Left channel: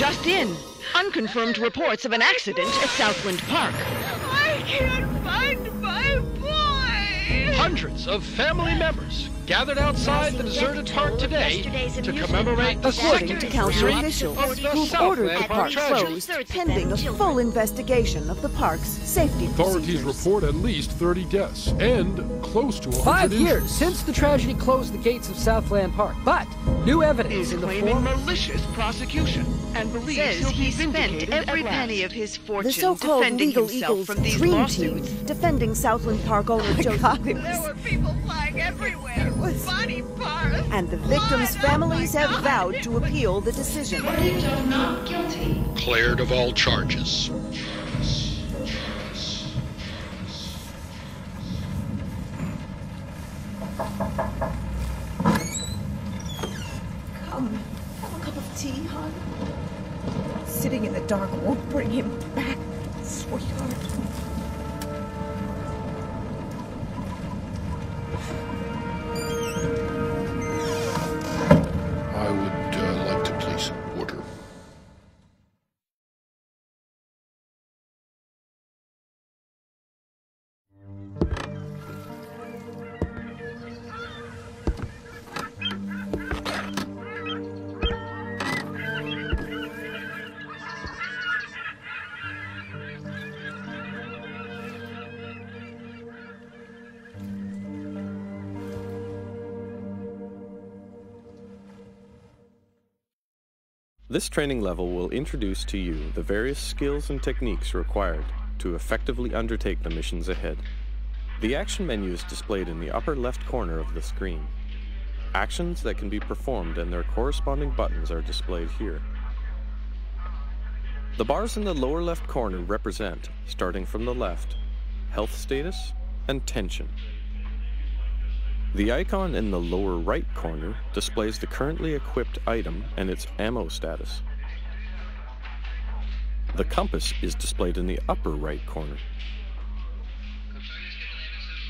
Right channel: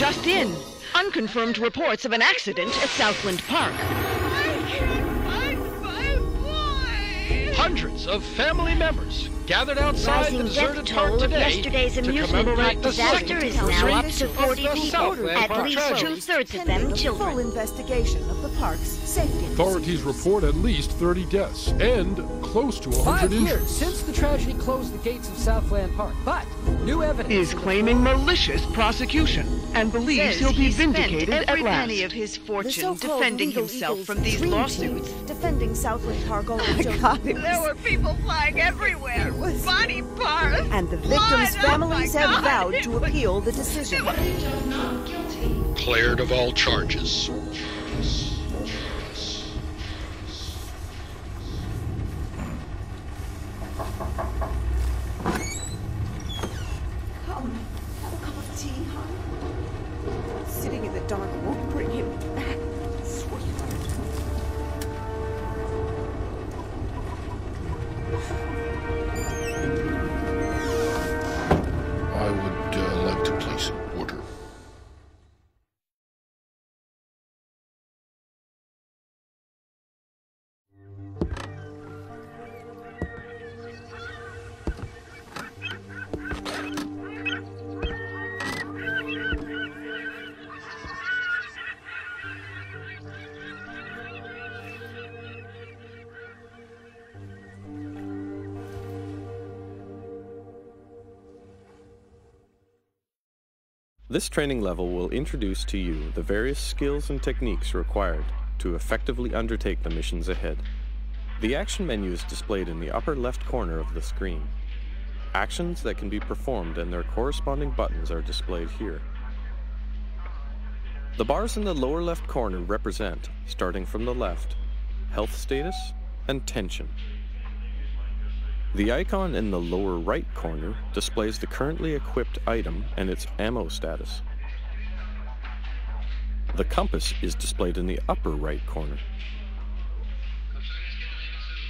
Just in. Unconfirmed reports of an accident at Southland Park. I can't find my boy! Hundreds of family members gathered outside the deserted park today to commemorate the second anniversary of the Southland Park tragedy. Pending a full investigation of the park's safety Authorities report at least 30 deaths and close to 100 5 injuries. years since the tragedy closed the gates of Southland Park, but new evidence Is in the claiming form- malicious prosecution and believes he'll be vindicated every at last. penny of his The fortune so-called defending legal himself Eagles from these dream lawsuits. team defending Southland Park owner Joseph. There were people flying everywhere. Body parts. And the victims' blood. families Oh my have God. vowed to appeal the decision. Not guilty. Cleared of all charges. Come, have a cup of tea, hon. Sitting in the dark won't bring him back, sweetheart. I would like to place an order. This training level will introduce to you the various skills and techniques required to effectively undertake the missions ahead. The action menu is displayed in the upper left corner of the screen. Actions that can be performed and their corresponding buttons are displayed here. The bars in the lower left corner represent, starting from the left, health status and tension. The icon in the lower right corner displays the currently equipped item and its ammo status. The compass is displayed in the upper right corner.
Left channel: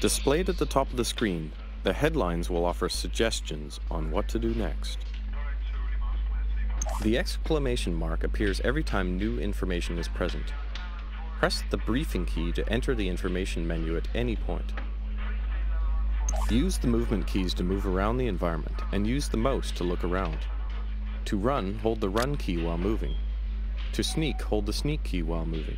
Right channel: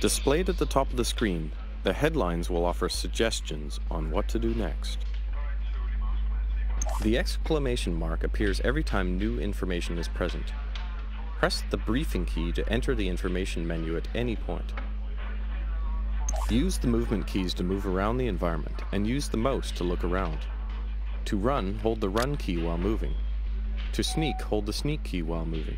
Displayed at the top of the screen, the headlines will offer suggestions on what to do next. The exclamation mark appears every time new information is present. Press the briefing key to enter the information menu at any point. Use the movement keys to move around the environment and use the mouse to look around. To run, hold the run key while moving. To sneak, hold the sneak key while moving.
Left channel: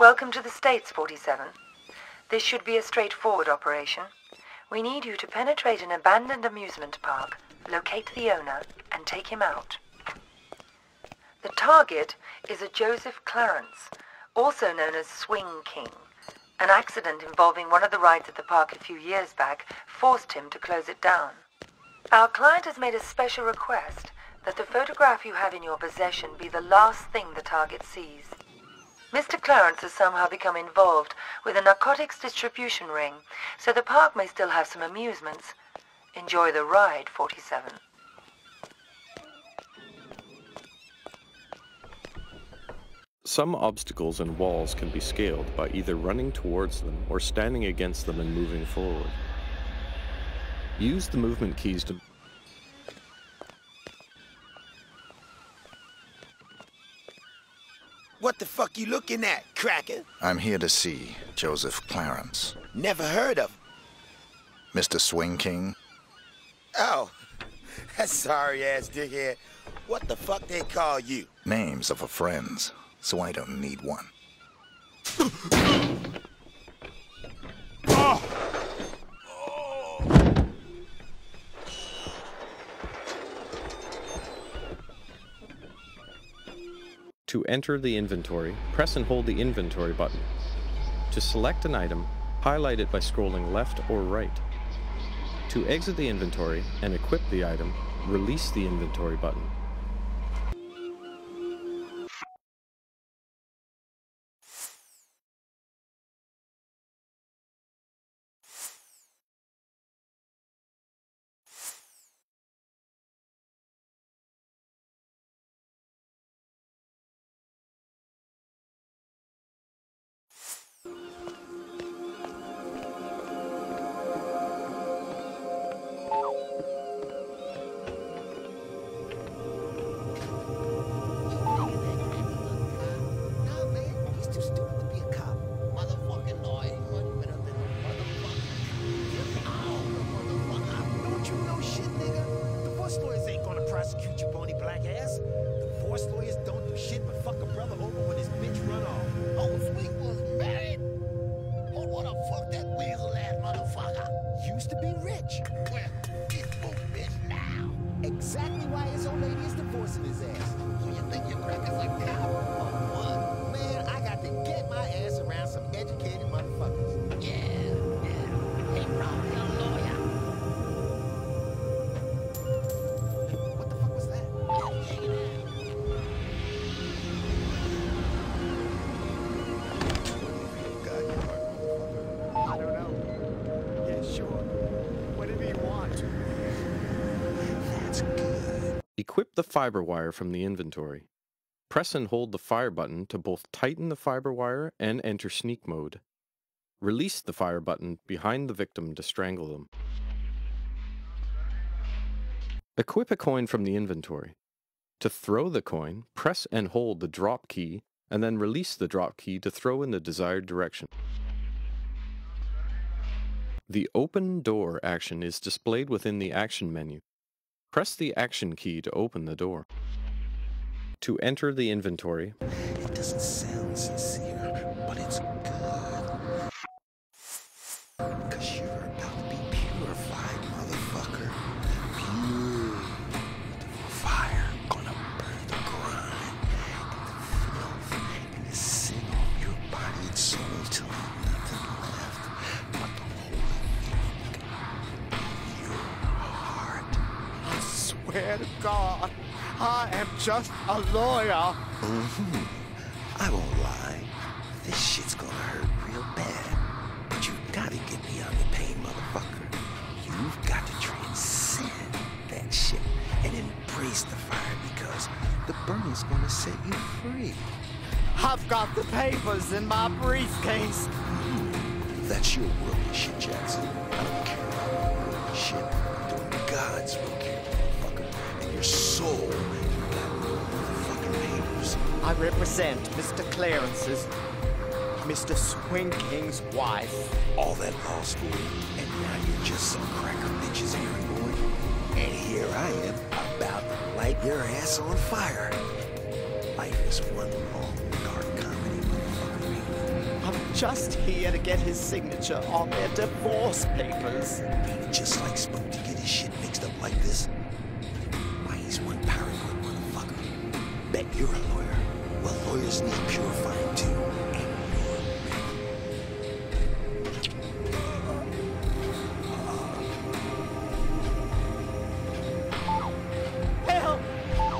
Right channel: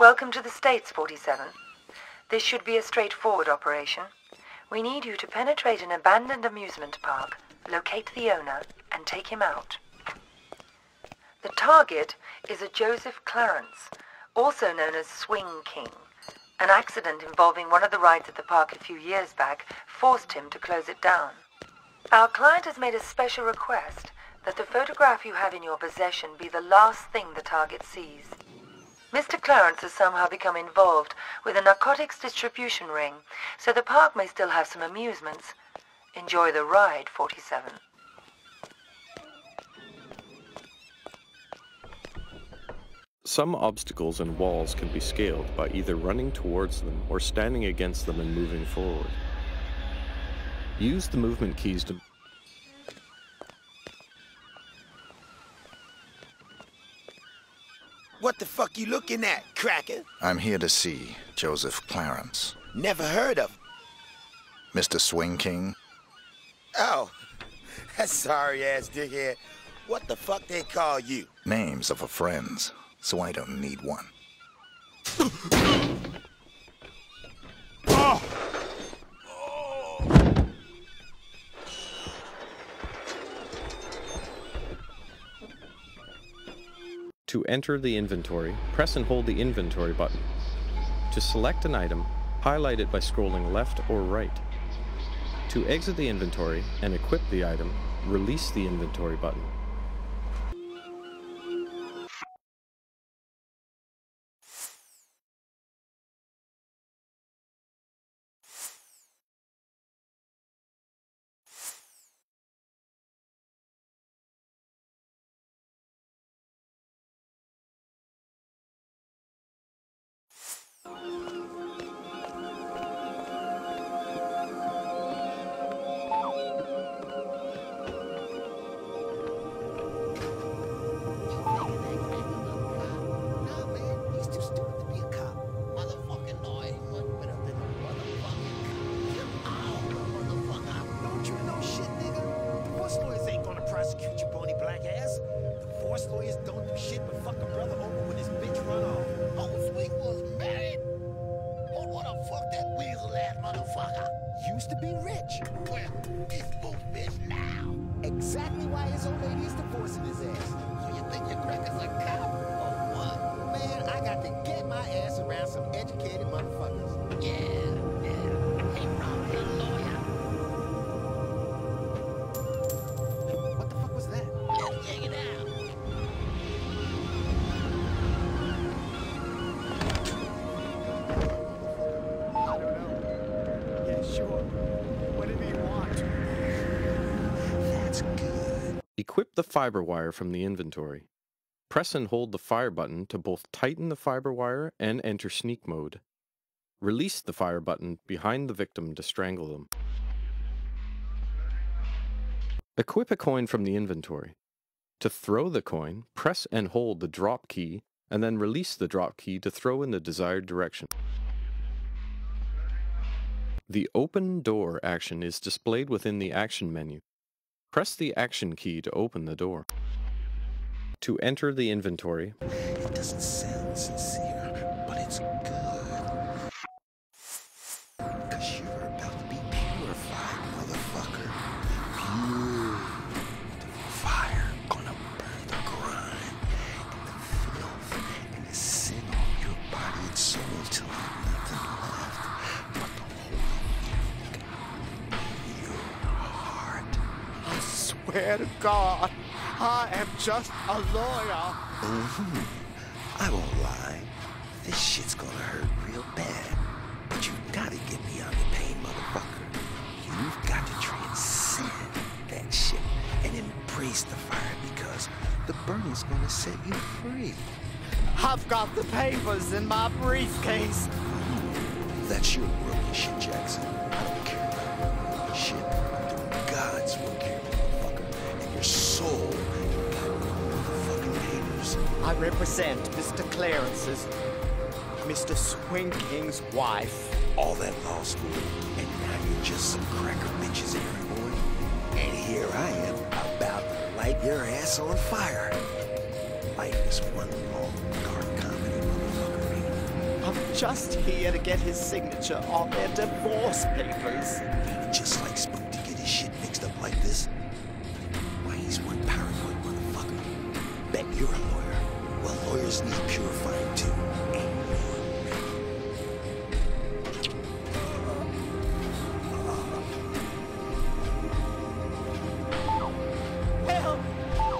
Welcome to the States, 47. This should be a straightforward operation. We need you to penetrate an abandoned amusement park, locate the owner, and take him out. The target is a Joseph Clarence, also known as Swing King. An accident involving one of the rides at the park a few years back forced him to close it down. Our client has made a special request that the photograph you have in your possession be the last thing the target sees. Mr. Clarence has somehow become involved with a narcotics distribution ring, so the park may still have some amusements. Enjoy the ride, 47. Some obstacles and walls can be scaled by either running towards them or standing against them and moving forward. Use the movement keys to What the fuck you looking at, cracker? I'm here to see Joseph Clarence. Never heard of him. Mr. Swing King? Oh, that sorry-ass dickhead. What the fuck they call you? Names are for friends, so I don't need one. To enter the inventory, press and hold the inventory button. To select an item, highlight it by scrolling left or right. To exit the inventory and equip the item, release the inventory button. educated motherfuckers. Yeah. Hey, probably a lawyer. What the fuck was that? Just check it out. I don't know. Yeah, sure. What did he want? That's good. Equip the fiber wire from the inventory. Press and hold the fire button to both tighten the fiber wire and enter sneak mode. Release the fire button behind the victim to strangle them. Equip a coin from the inventory. To throw the coin, press and hold the drop key, and then release the drop key to throw in the desired direction. The open door action is displayed within the action menu. Press the action key to open the door. To enter the inventory, It doesn't sound sincere, but it's good. 'Cause you're about to be purified, motherfucker. Beautiful fire gonna burn the grime and the filth and the sin off your body and soul till there's nothing left but the holy God in your heart. I swear to God, I am just a lawyer. I won't lie. This shit's gonna hurt real bad. But you gotta get beyond the pain, motherfucker. You've got to transcend that shit and embrace the fire because the burning's gonna set you free. I've got the papers in my briefcase. That's your worldly shit, Jackson. I don't care about your worldly shit. I'm doing God's work here, motherfucker. And your soul, you got no motherfucking papers. I represent Mr. Clarence's, Mr. Swing King's wife. All that law school, and now you're just some cracker bitch's errand boy. And here I am, about to light your ass on fire. Life is one long, dark comedy, motherfucker. I'm just here to get his signature on their divorce papers. Ain't it just like Spook to get his shit mixed up like this? Why, he's one paranoid motherfucker. Bet you're a lawyer. Well, lawyers need purifying too. And you're ready. Help!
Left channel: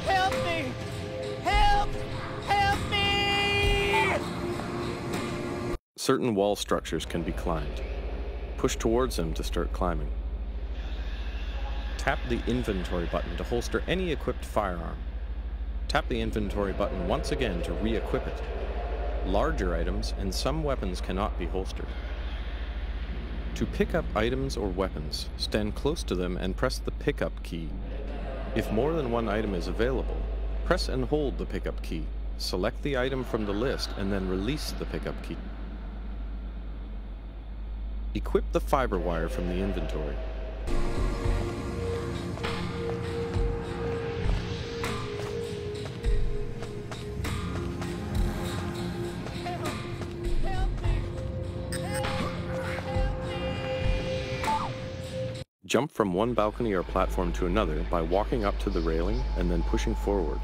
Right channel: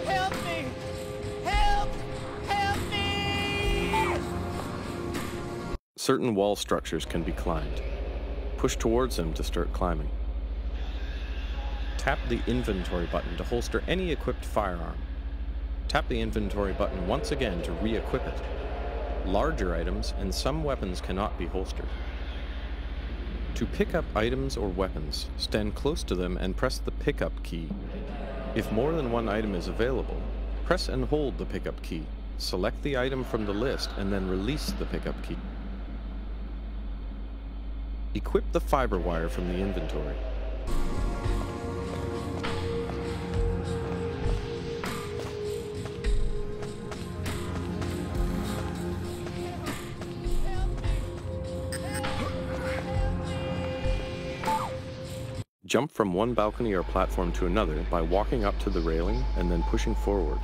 Help me! Help! Help me! certain wall structures can be climbed. Push towards them to start climbing. Tap the inventory button to holster any equipped firearm. Tap the inventory button once again to re-equip it. Larger items and some weapons cannot be holstered. To pick up items or weapons, stand close to them and press the pickup key. If more than one item is available, press and hold the pickup key. Select the item from the list and then release the pickup key. Equip the fiber wire from the inventory. Jump from one balcony or platform to another by walking up to the railing and then pushing forward.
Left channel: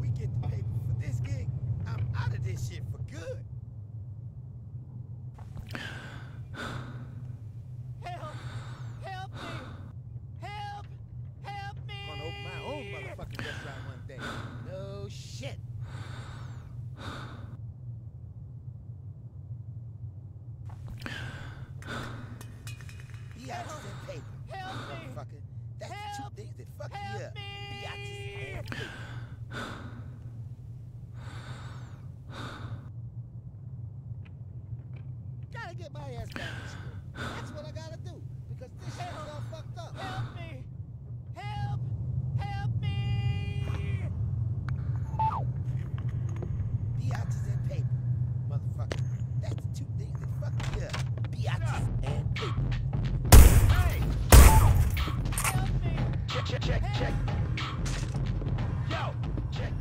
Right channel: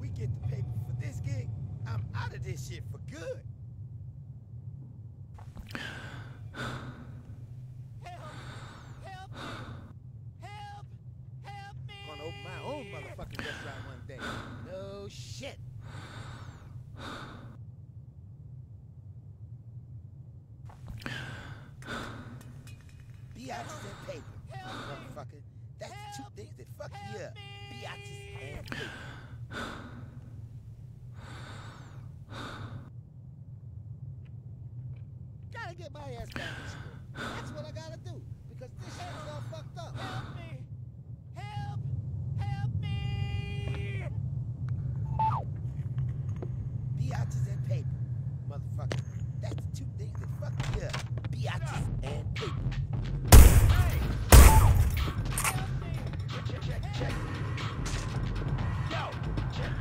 We get the paper for this gig, I'm out of this shit for good. Gonna open my own motherfucking restaurant one day. No shit. Biatches and paper, motherfucker. That's the two things that fuck you up. Biatches and paper. Gotta get my ass back to school. That's what I gotta do. Because this shit is all fucked up. Help me! Help! Help me! Biatches and paper, motherfucker. That's the two things that fuck you up. Biatches and paper. Hey! Help me! Check. Yo! Check.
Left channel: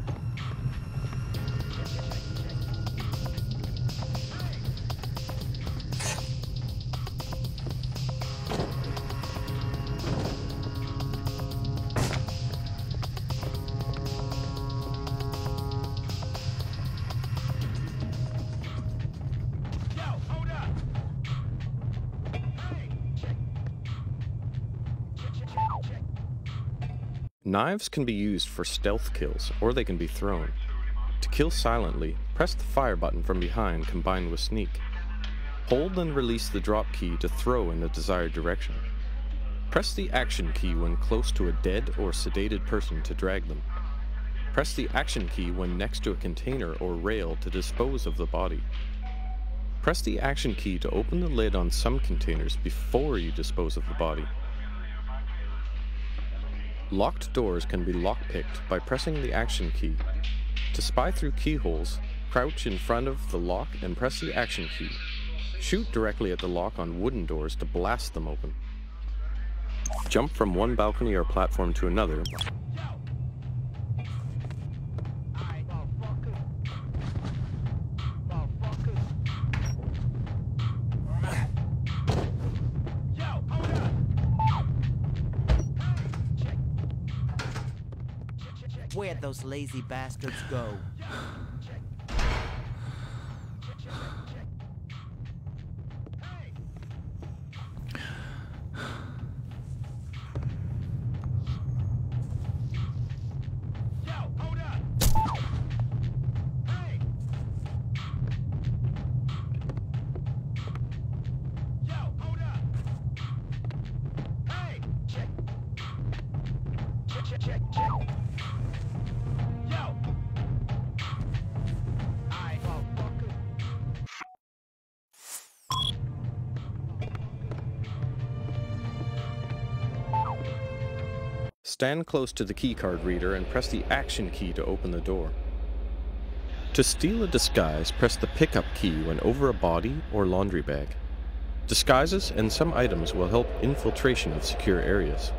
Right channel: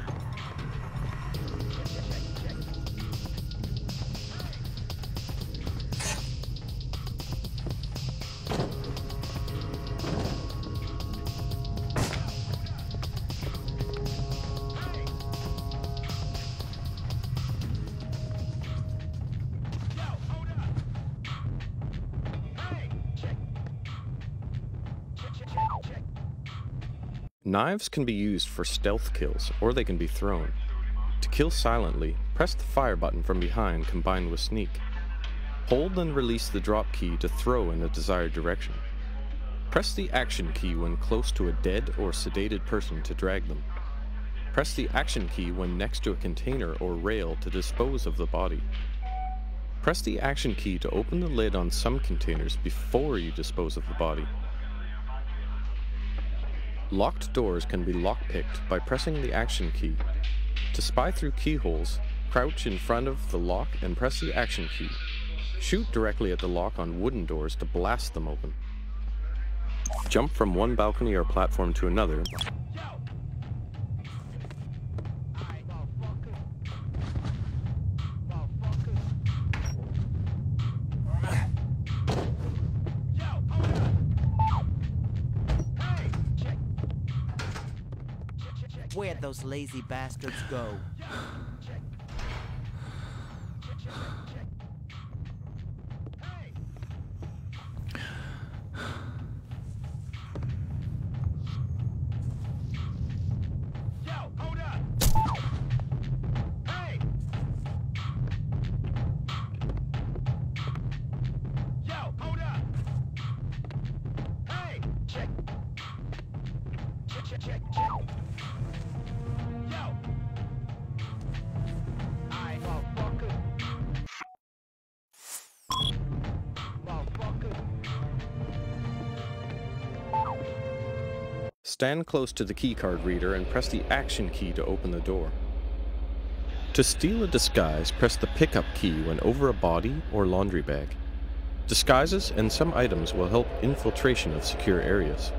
Knives can be used for stealth kills, or they can be thrown. To kill silently, press the fire button from behind combined with sneak. Hold and release the drop key to throw in the desired direction. Press the action key when close to a dead or sedated person to drag them. Press the action key when next to a container or rail to dispose of the body. Press the action key to open the lid on some containers before you dispose of the body. Locked doors can be lockpicked by pressing the action key. To spy through keyholes, crouch in front of the lock and press the action key. Shoot directly at the lock on wooden doors to blast them open. Jump from one balcony or platform to another. Where'd those lazy bastards go? Stand close to the keycard reader and press the action key to open the door. To steal a disguise, press the pickup key when over a body or laundry bag. Disguises and some items will help infiltration of secure areas.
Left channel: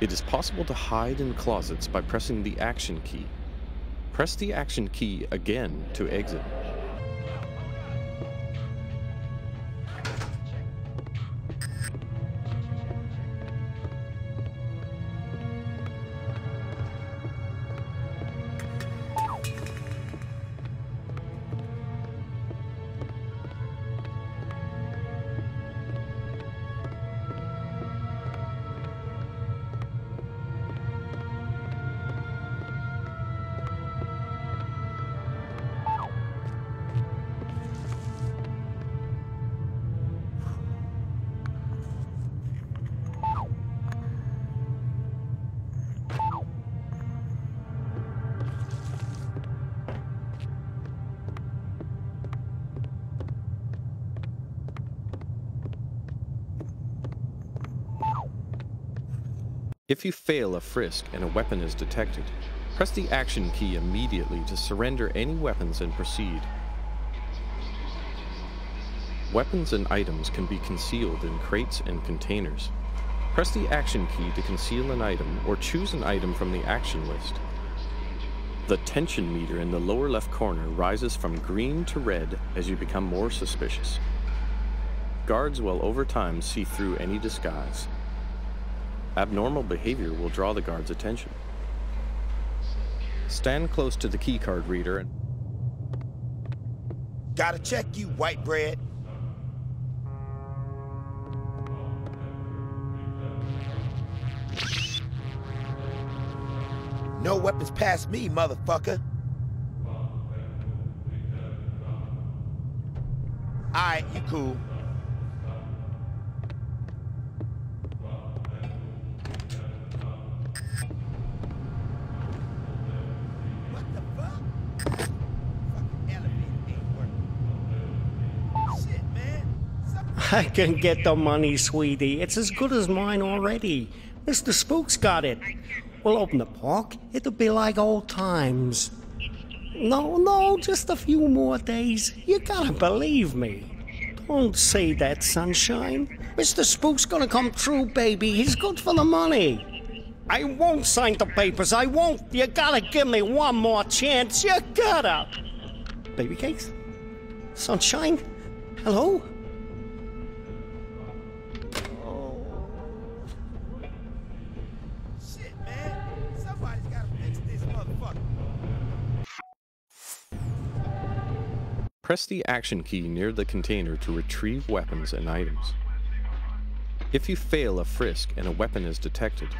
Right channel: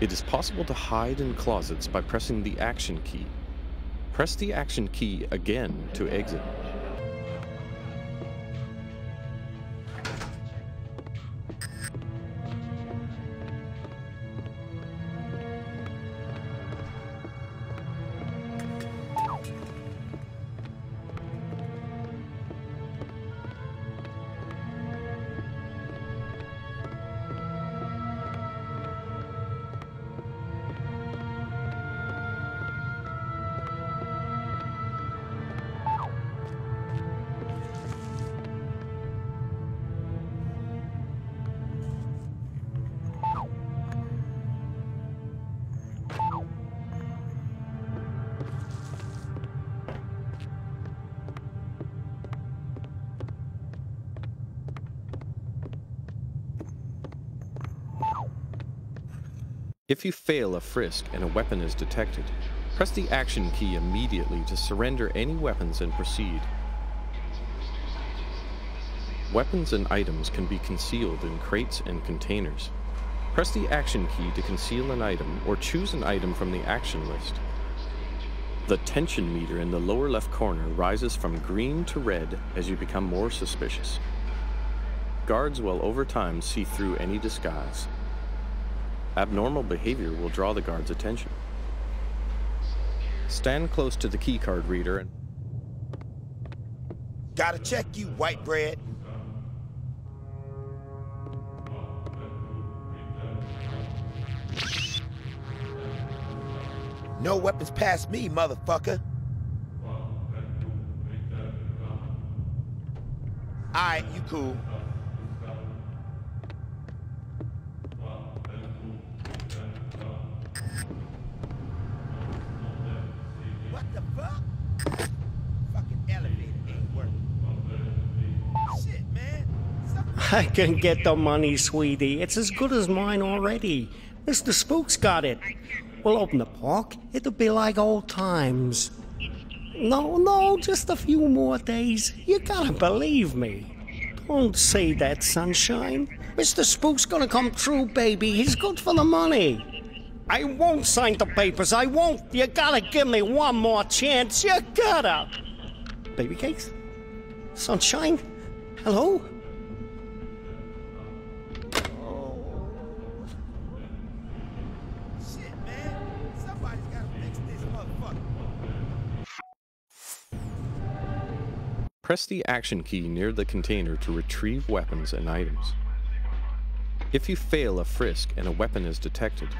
It is possible to hide in closets by pressing the action key. Press the action key again to exit. If you fail a frisk and a weapon is detected, press the action key immediately to surrender any weapons and proceed. Weapons and items can be concealed in crates and containers. Press the action key to conceal an item or choose an item from the action list. The tension meter in the lower left corner rises from green to red as you become more suspicious. Guards will over time see through any disguise. Abnormal behavior will draw the guard's attention. Stand close to the keycard reader and... Gotta check you, white bread. No weapons past me, motherfucker. Alright, you cool. I can get the money, sweetie. It's as good as mine already. Mr. Spook's got it. We'll open the park. It'll be like old times. No, just a few more days. You gotta believe me. Don't say that, sunshine. Mr. Spook's gonna come through, baby. He's good for the money. I won't sign the papers. I won't. You gotta give me one more chance. You gotta. Baby cakes? Sunshine? Hello? Press the action key near the container to retrieve weapons and items. If you fail a frisk and a weapon is detected,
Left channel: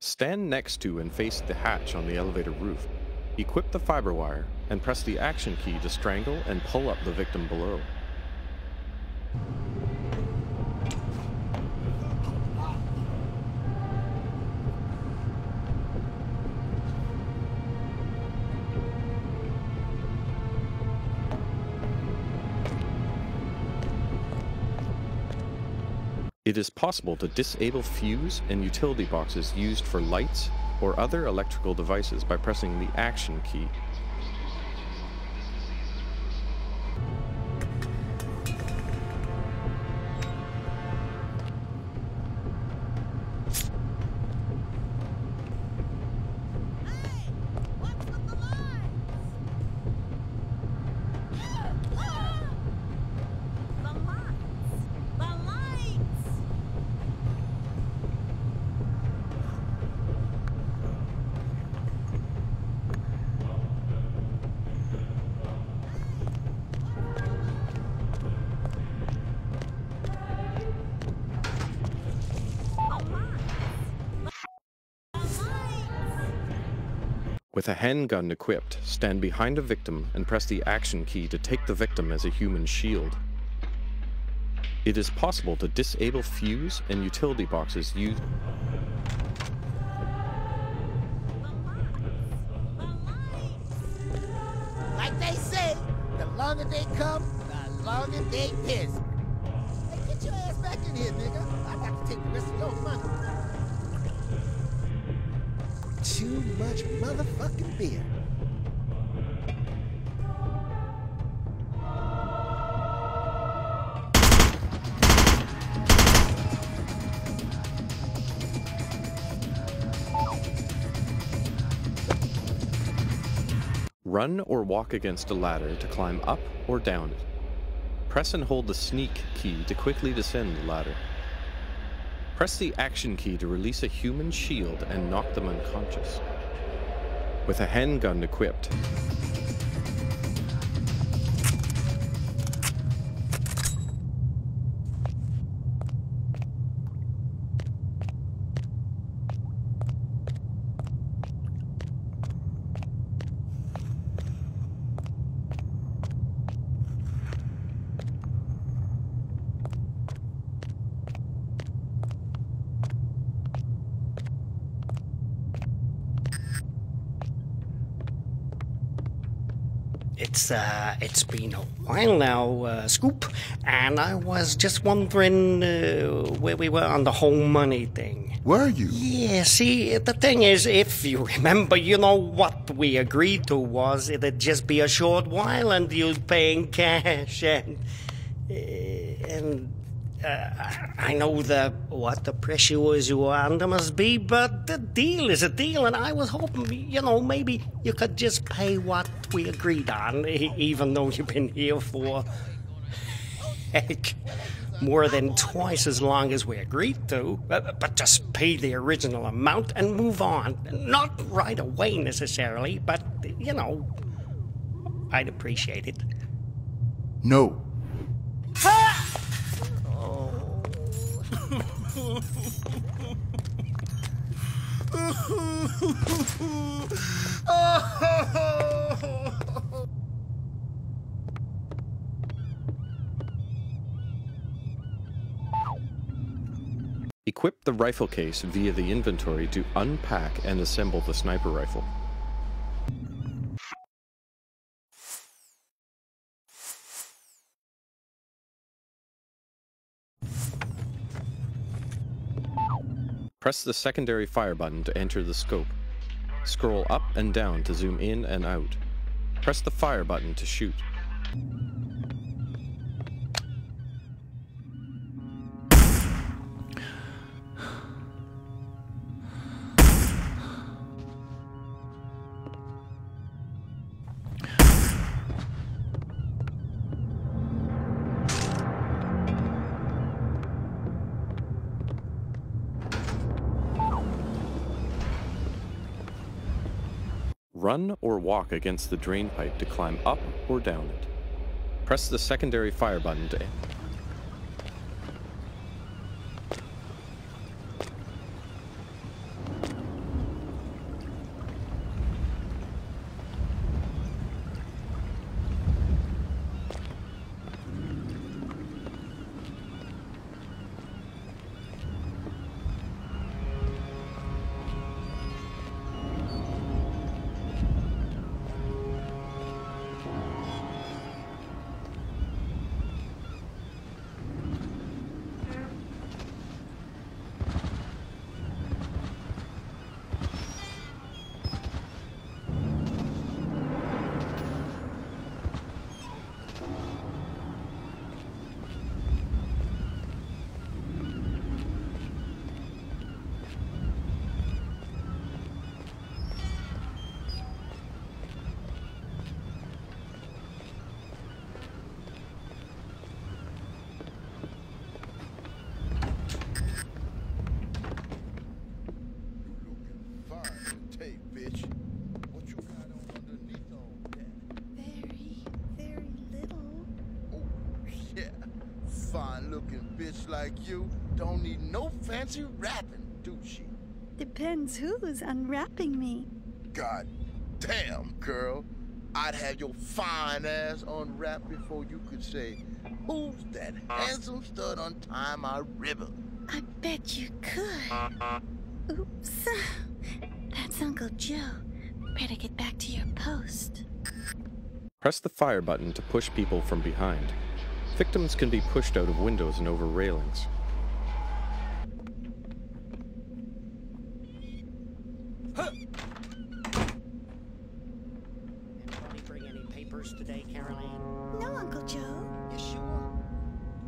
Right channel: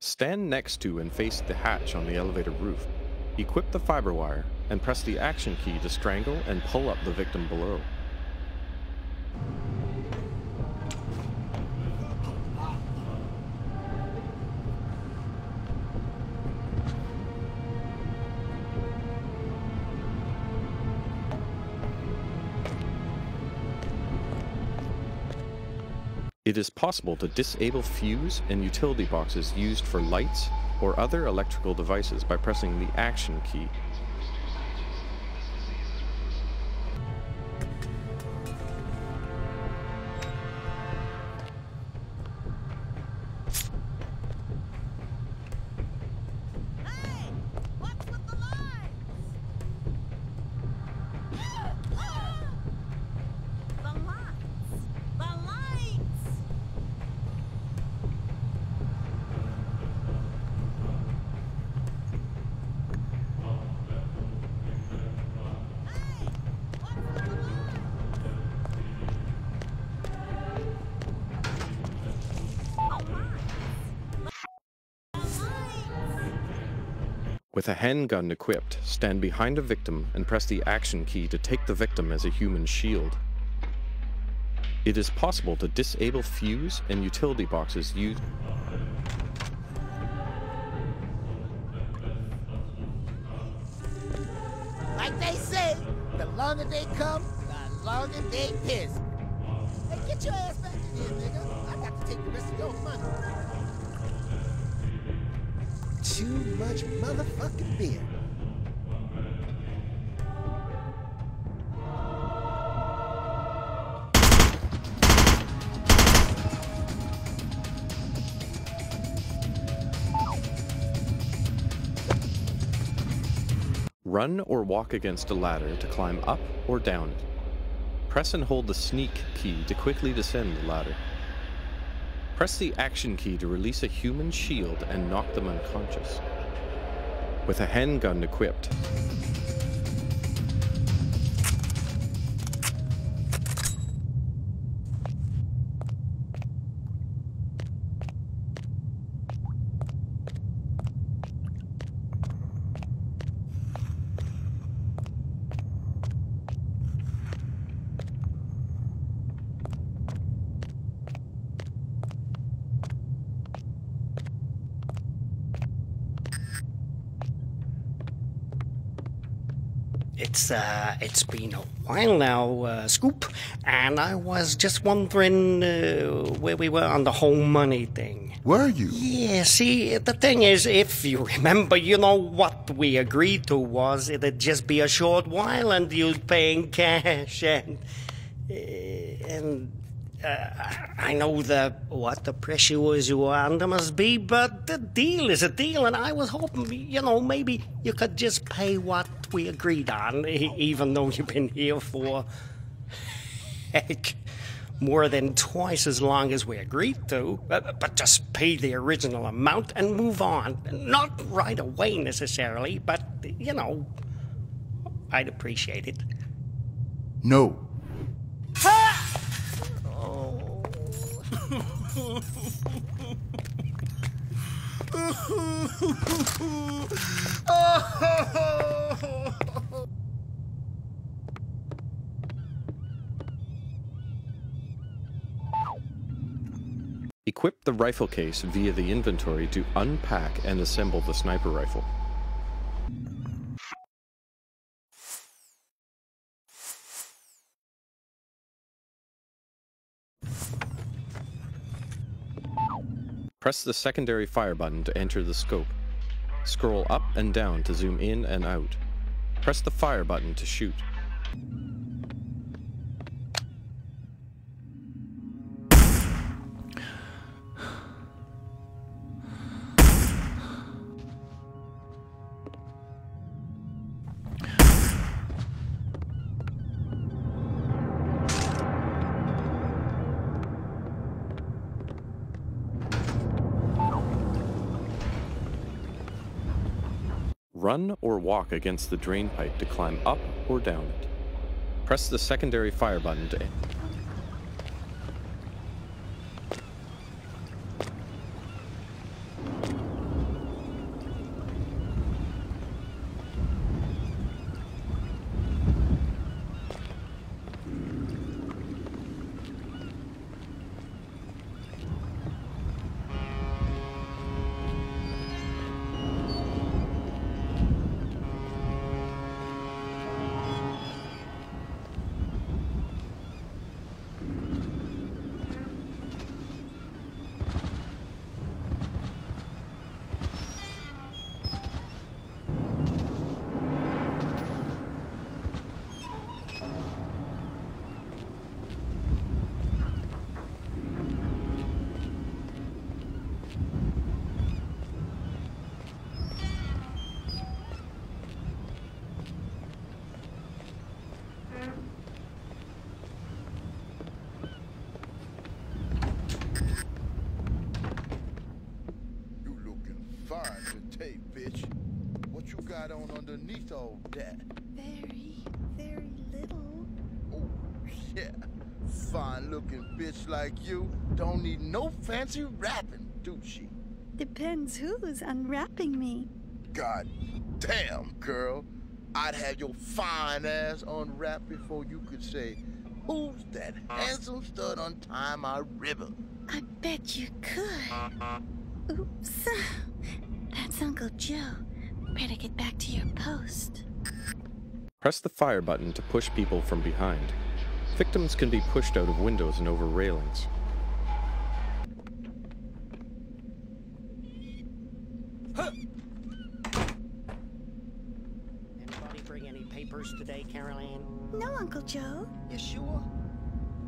stand next to and face the hatch on the elevator roof. Equip the fiber wire and press the action key to strangle and pull up the victim below. It is possible to disable fuse and utility boxes used for lights or other electrical devices by pressing the action key. With a handgun equipped, stand behind a victim and press the action key to take the victim as a human shield. It is possible to disable fuse and utility boxes used. Like they say, the longer they come, the longer they piss. Hey, get your ass back in here, nigga. I got to take the rest of your money. Too much motherfucking beer. Run or walk against a ladder to climb up or down it. Press and hold the sneak key to quickly descend the ladder. Press the action key to release a human shield and knock them unconscious. With a handgun equipped, It's been a while now, Scoop, and I was just wondering where we were on the whole money thing. Were you? Yeah, see, the thing is, if you remember, you know, what we agreed to was it'd just be a short while and you'd pay in cash, and I know what the pressure you were under must be, but the deal is a deal, and I was hoping, you know, maybe you could just pay what we agreed on, even though you've been here for, heck, more than twice as long as we agreed to. But just pay the original amount and move on. Not right away necessarily, but, you know, I'd appreciate it. No. equip the rifle case via the inventory to unpack and assemble the sniper rifle. Press the secondary fire button to enter the scope. Scroll up and down to zoom in and out. Press the fire button to shoot. Run or walk against the drain pipe to climb up or down it. Press the secondary fire button to end. fine today, bitch. What you got on underneath all that? Very, very little. Oh, yeah. Fine-looking bitch like you don't need no fancy wrapping, do she? Depends who's unwrapping me. God damn, girl. I'd have your fine ass unwrapped before you could say, "Who's that handsome stud untying my ribbon?" I bet you could. Oops. That's Uncle Joe. Better get back to your post. Press the fire button to push people from behind. Victims can be pushed out of windows and over railings. Anybody bring any papers today, Caroline? No, Uncle Joe. You sure?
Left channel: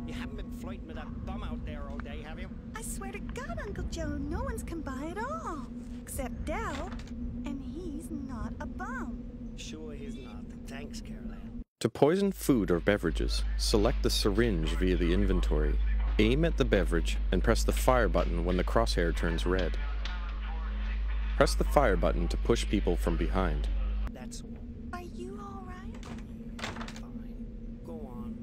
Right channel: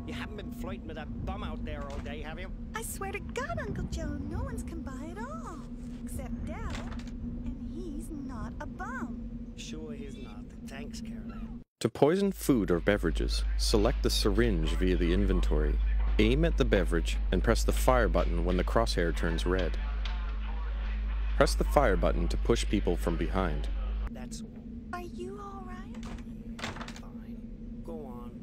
You haven't been flirting with that bum out there all day, have you? I swear to God, Uncle Joe, no one's come by at all. Except Dell. And he's not a bum. Sure he's not. Thanks, Caroline. To poison food or beverages, select the syringe via the inventory, aim at the beverage, and press the fire button when the crosshair turns red. Press the fire button to push people from behind. That's all. Are you all right? Fine. Go on.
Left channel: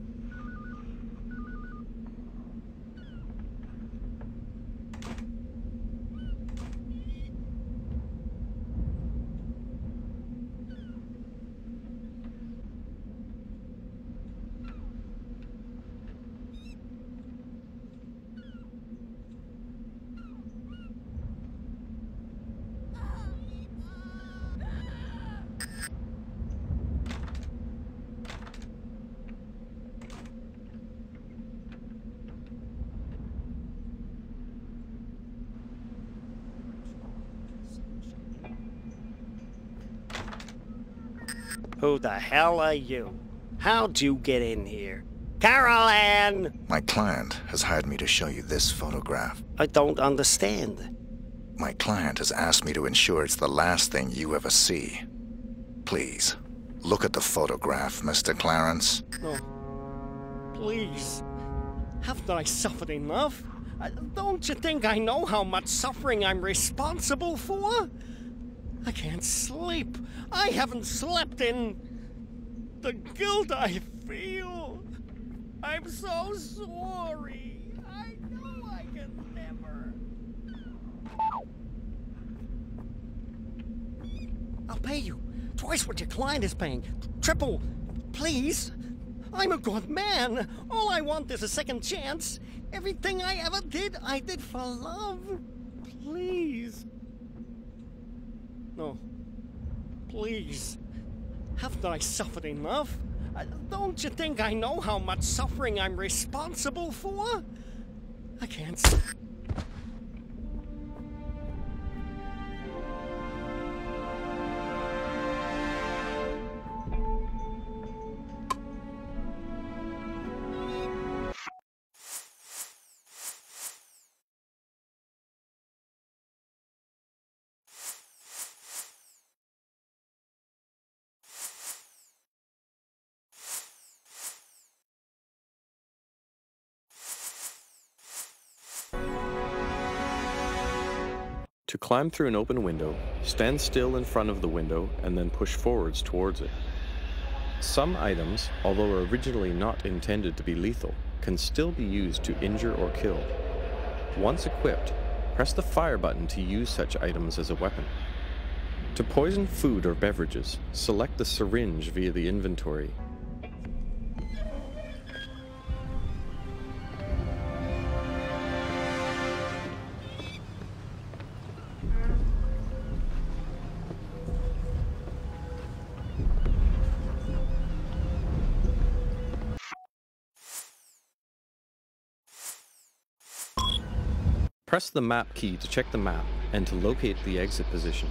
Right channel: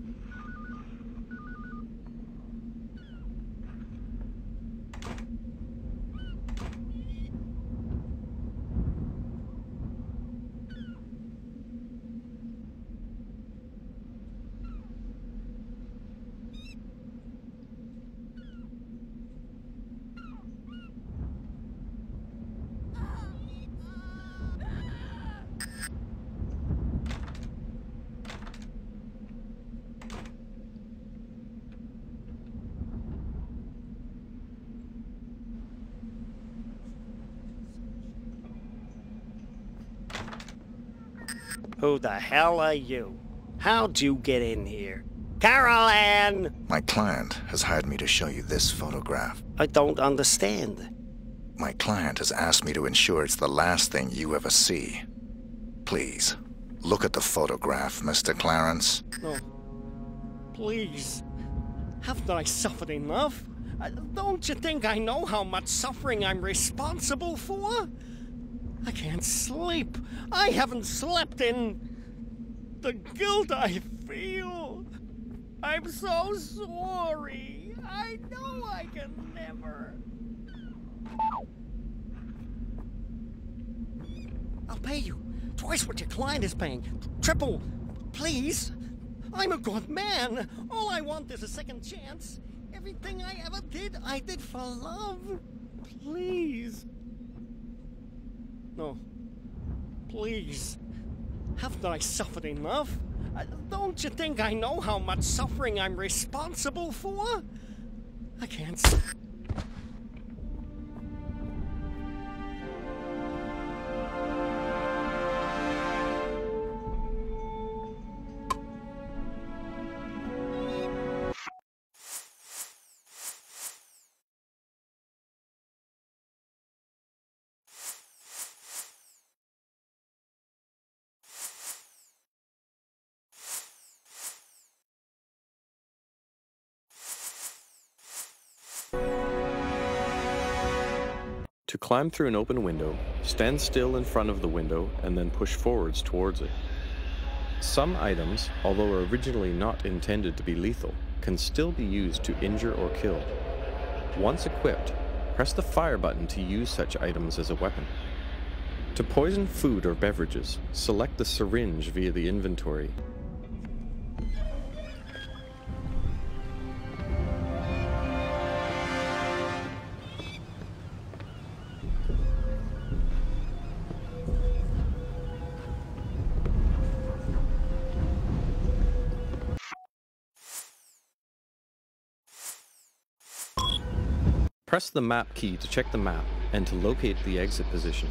Who the hell are you? How'd you get in here? Caroline! My client has hired me to show you this photograph. I don't understand. My client has asked me to ensure it's the last thing you ever see. Please, look at the photograph, Mr. Clarence. No. Please. Haven't I suffered enough? Don't you think I know how much suffering I'm responsible for? I can't sleep. I haven't slept in the guilt I feel. I'm so sorry. I know I can never. I'll pay you. Twice what your client is paying. Triple. Please. I'm a good man. All I want is a second chance. Everything I ever did, I did for love. Please. No. Please. Haven't I suffered enough? Don't you think I know how much suffering I'm responsible for? I can't. To climb through an open window, stand still in front of the window and then push forwards towards it. Some items, although originally not intended to be lethal, can still be used to injure or kill. Once equipped, press the fire button to use such items as a weapon. To poison food or beverages, select the syringe via the inventory. Press the map key to check the map and to locate the exit position.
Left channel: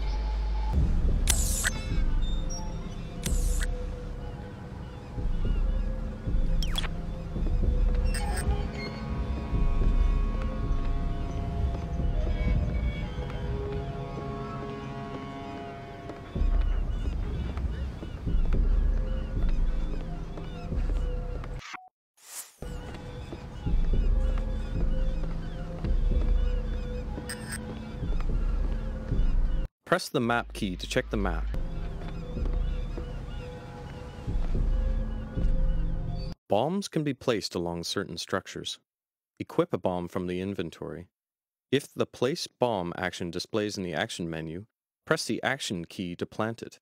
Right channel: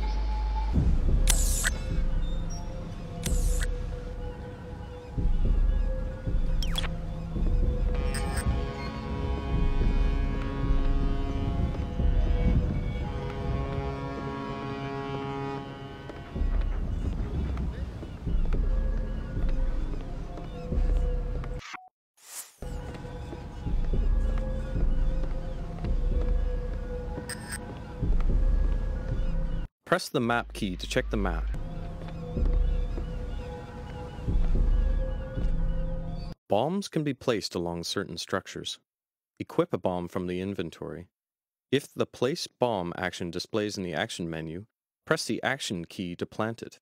Press the map key to check the map. Bombs can be placed along certain structures. Equip a bomb from the inventory. If the Place Bomb action displays in the action menu, press the action key to plant it.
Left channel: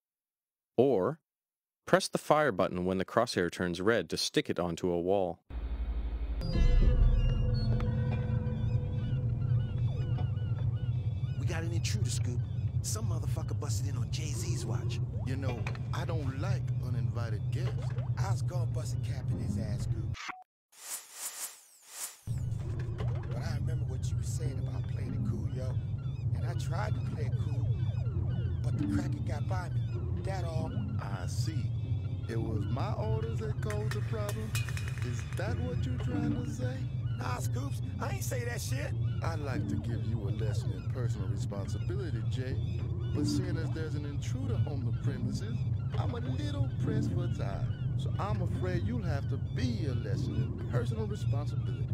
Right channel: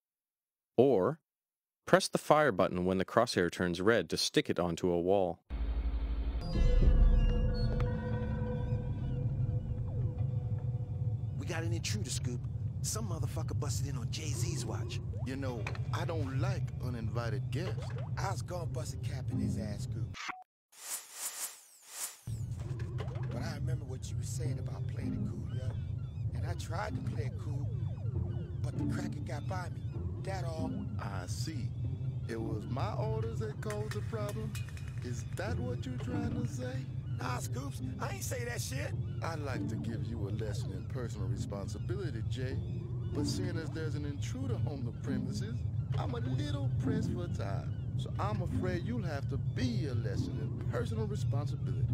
Or, press the fire button when the crosshair turns red to stick it onto a wall. We got an intruder, Scoop. Some motherfucker busted in on Jay-Z's watch. You know, I don't like uninvited guests. I was gonna bust a cap in his ass, Scoop. But I remember what you were saying about playing it cool, yo. And I tried to play it cool, but the cracker got by me. That all. I see. It was my orders that caused the problem? Is that what you're trying to say? Nah, Scoops, I ain't say that shit. I'd like to give you a lesson in personal responsibility, Jay. But seeing as there's an intruder on the premises, I'm a little pressed for time. So I'm afraid you'll have to be a lesson in personal responsibility.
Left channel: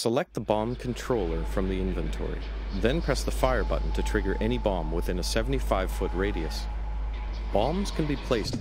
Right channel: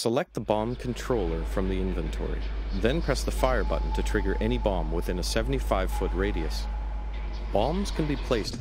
Select the bomb controller from the inventory. Then press the fire button to trigger any bomb within a 75-foot radius. Bombs can be placed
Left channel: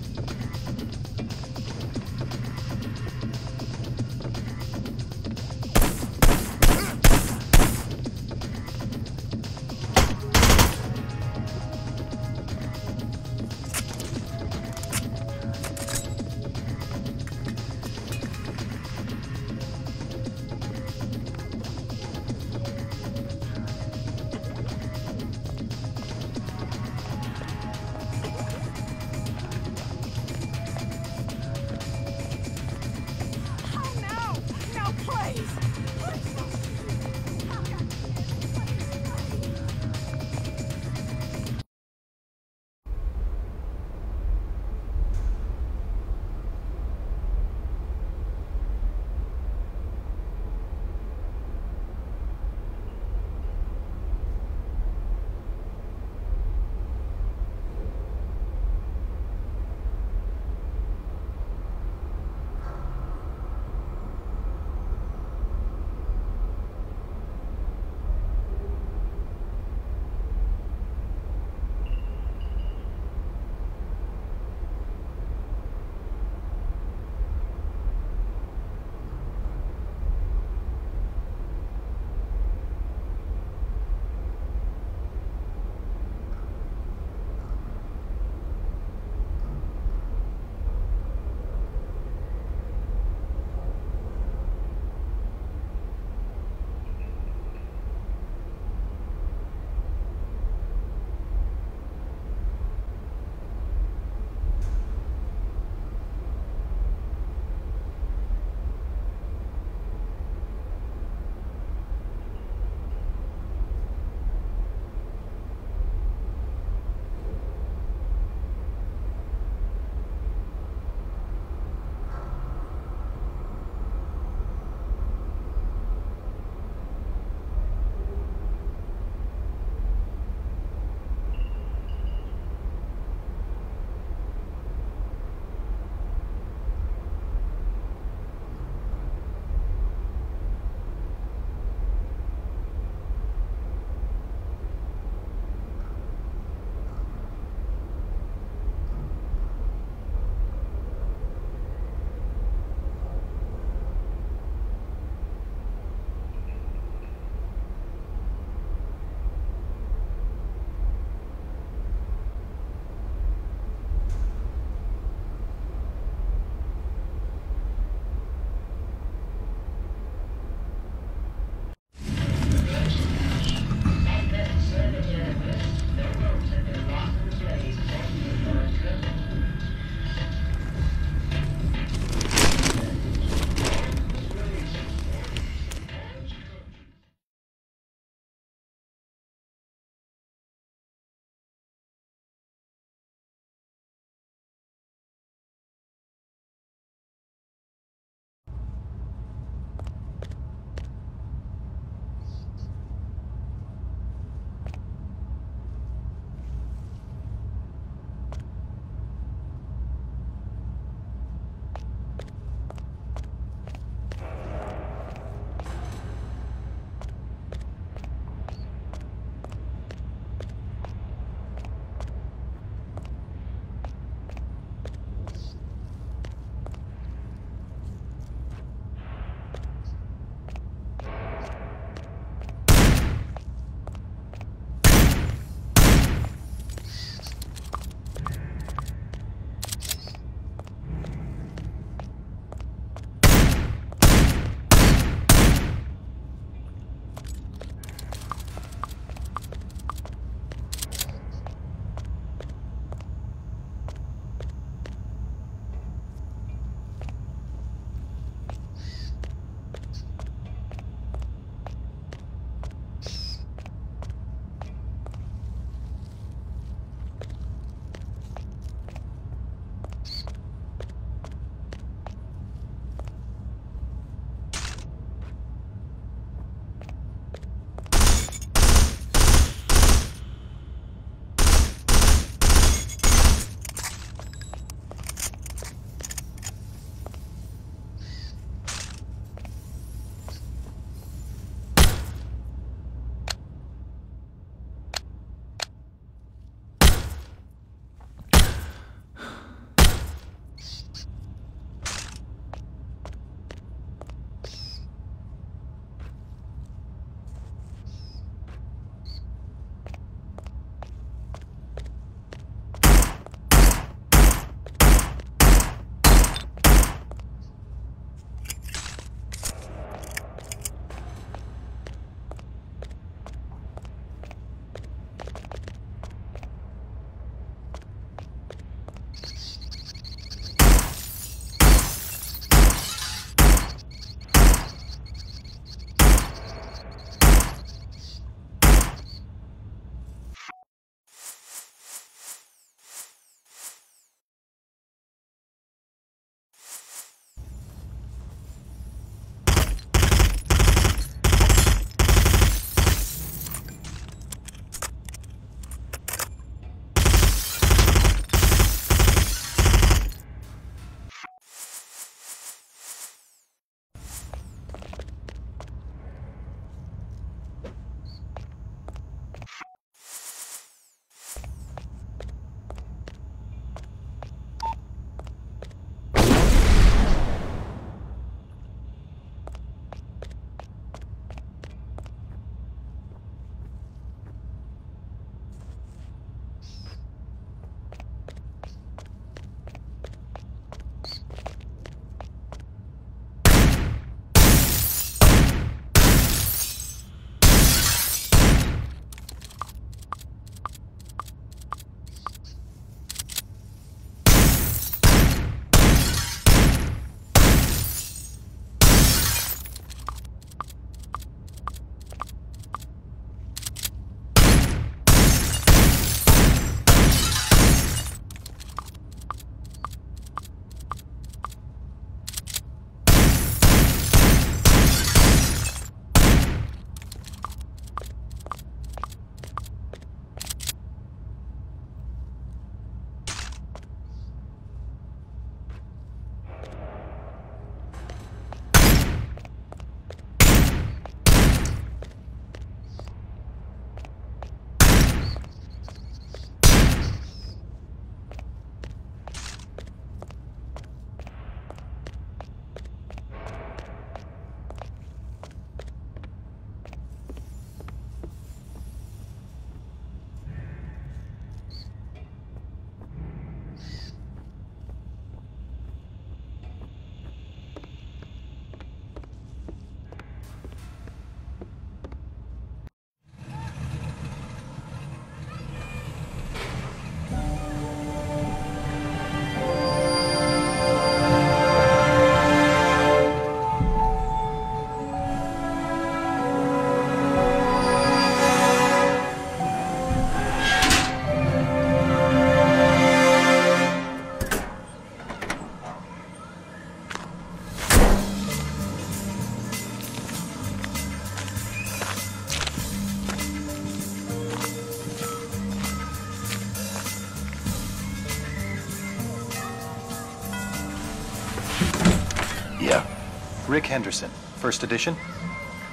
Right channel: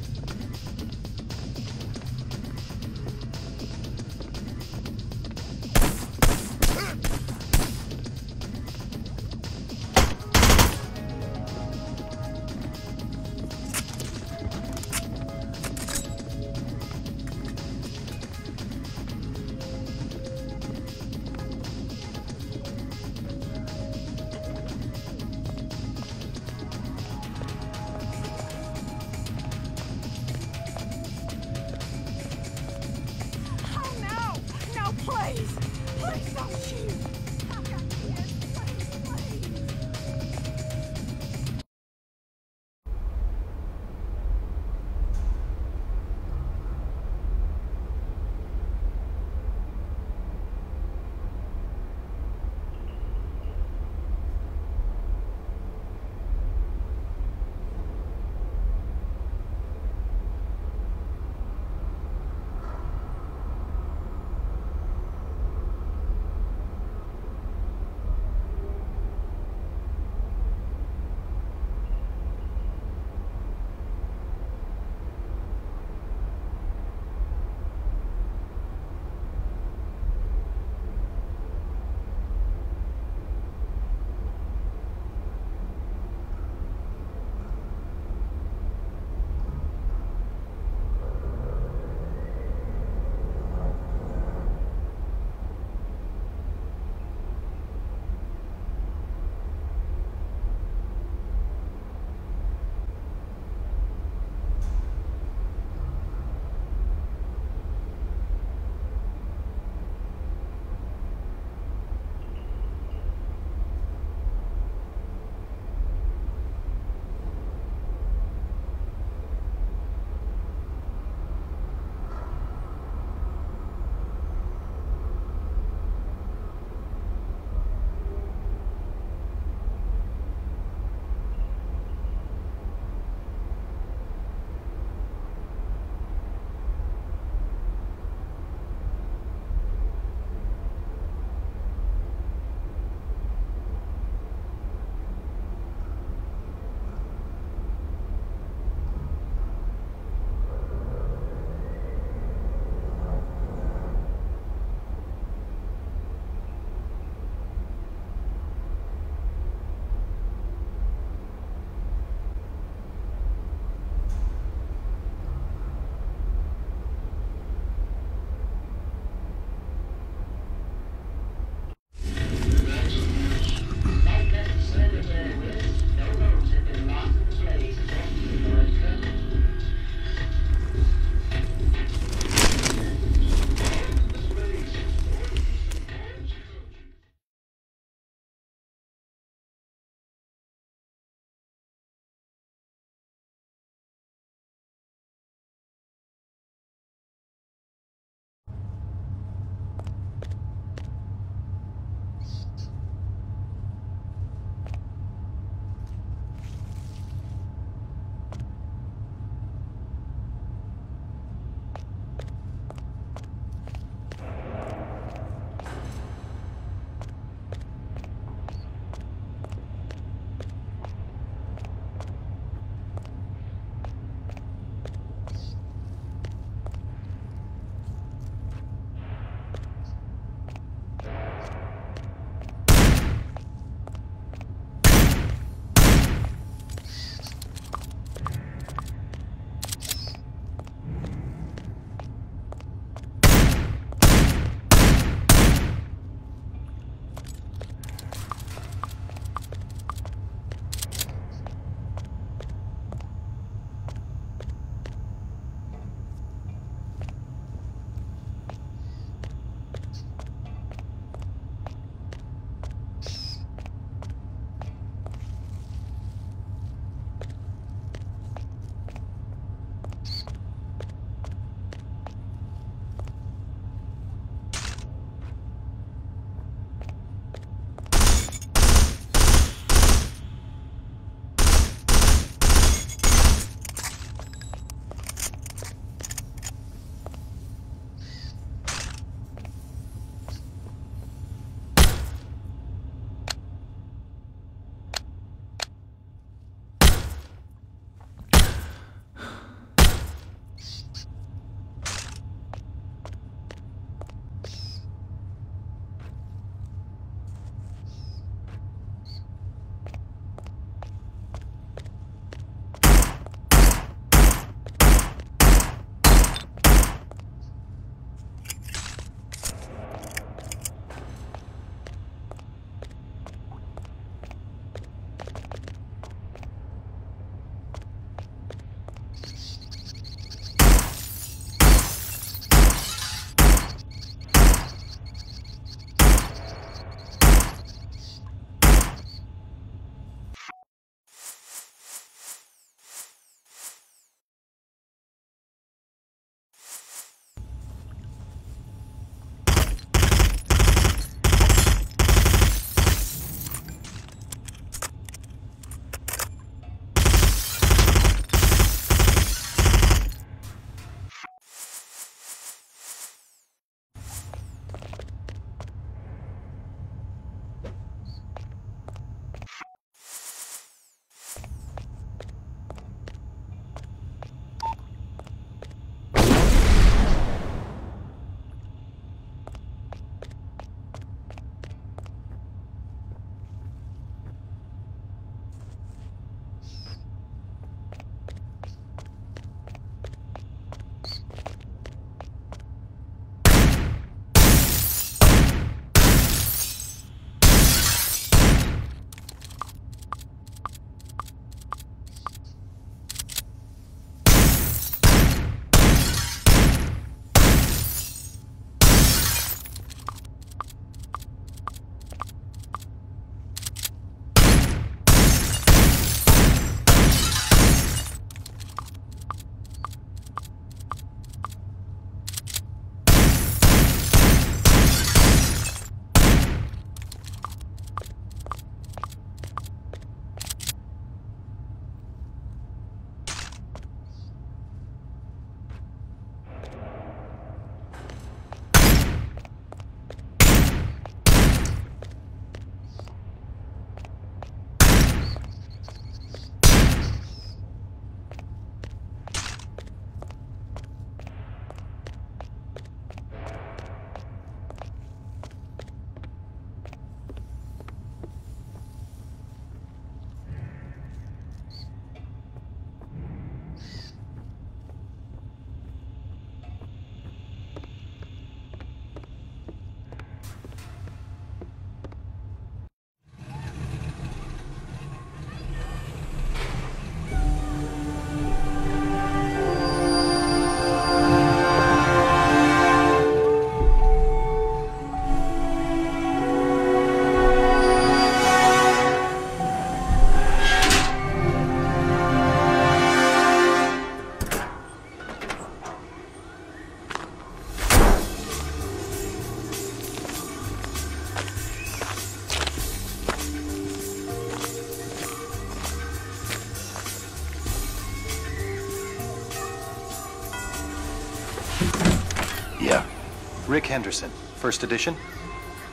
Rick Henderson, first edition.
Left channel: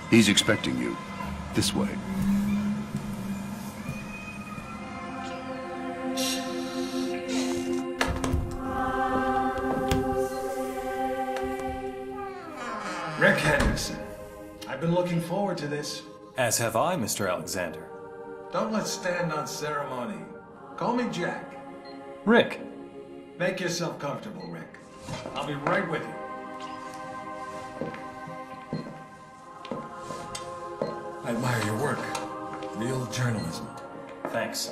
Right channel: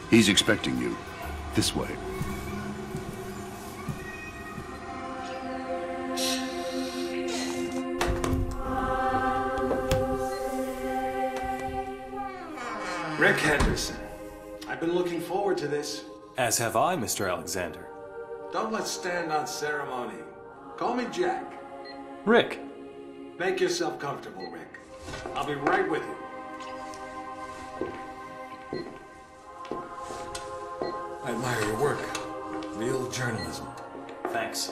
He's expecting you. This way. Rick Henderson. I've been looking forward to this. As have I, Mr. Alexander. Don't let's stand on ceremony. Call me Jack. Rick. Make yourself comfortable, Rick. I'll be right with you. I admire your work. Real journalism. Thanks.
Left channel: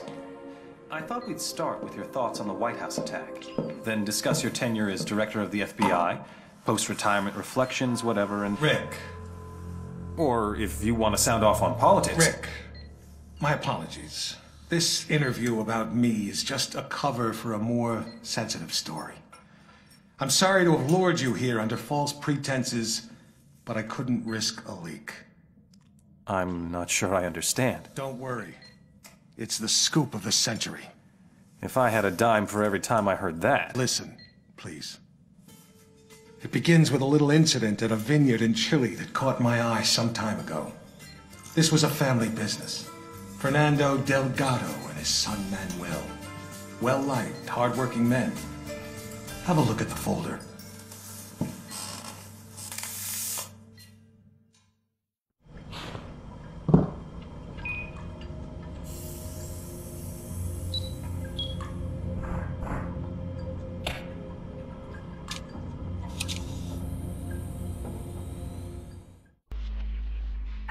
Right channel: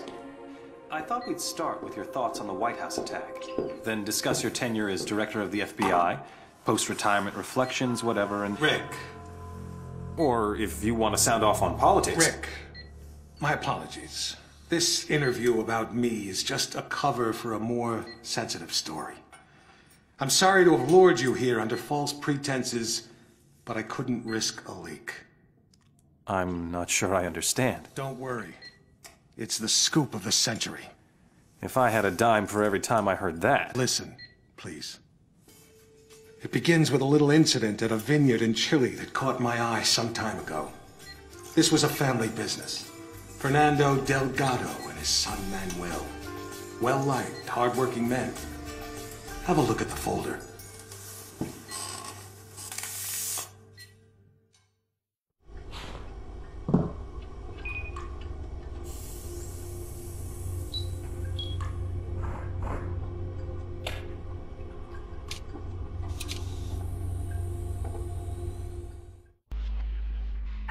I thought we'd start with your thoughts on the White House attack. Then discuss your tenure as director of the FBI, post-retirement reflections, whatever, and... Rick. Or if you want to sound off on politics... Rick, my apologies. This interview about me is just a cover for a more sensitive story. I'm sorry to have lured you here under false pretenses, but I couldn't risk a leak. I'm not sure I understand. Don't worry. It's the scoop of the century. If I had a dime for every time I heard that... Listen, please. It begins with a little incident at a vineyard in Chile that caught my eye some time ago. This was a family business. Fernando Delgado and his son Manuel. Well-liked, hard-working men. Have a look at the folder.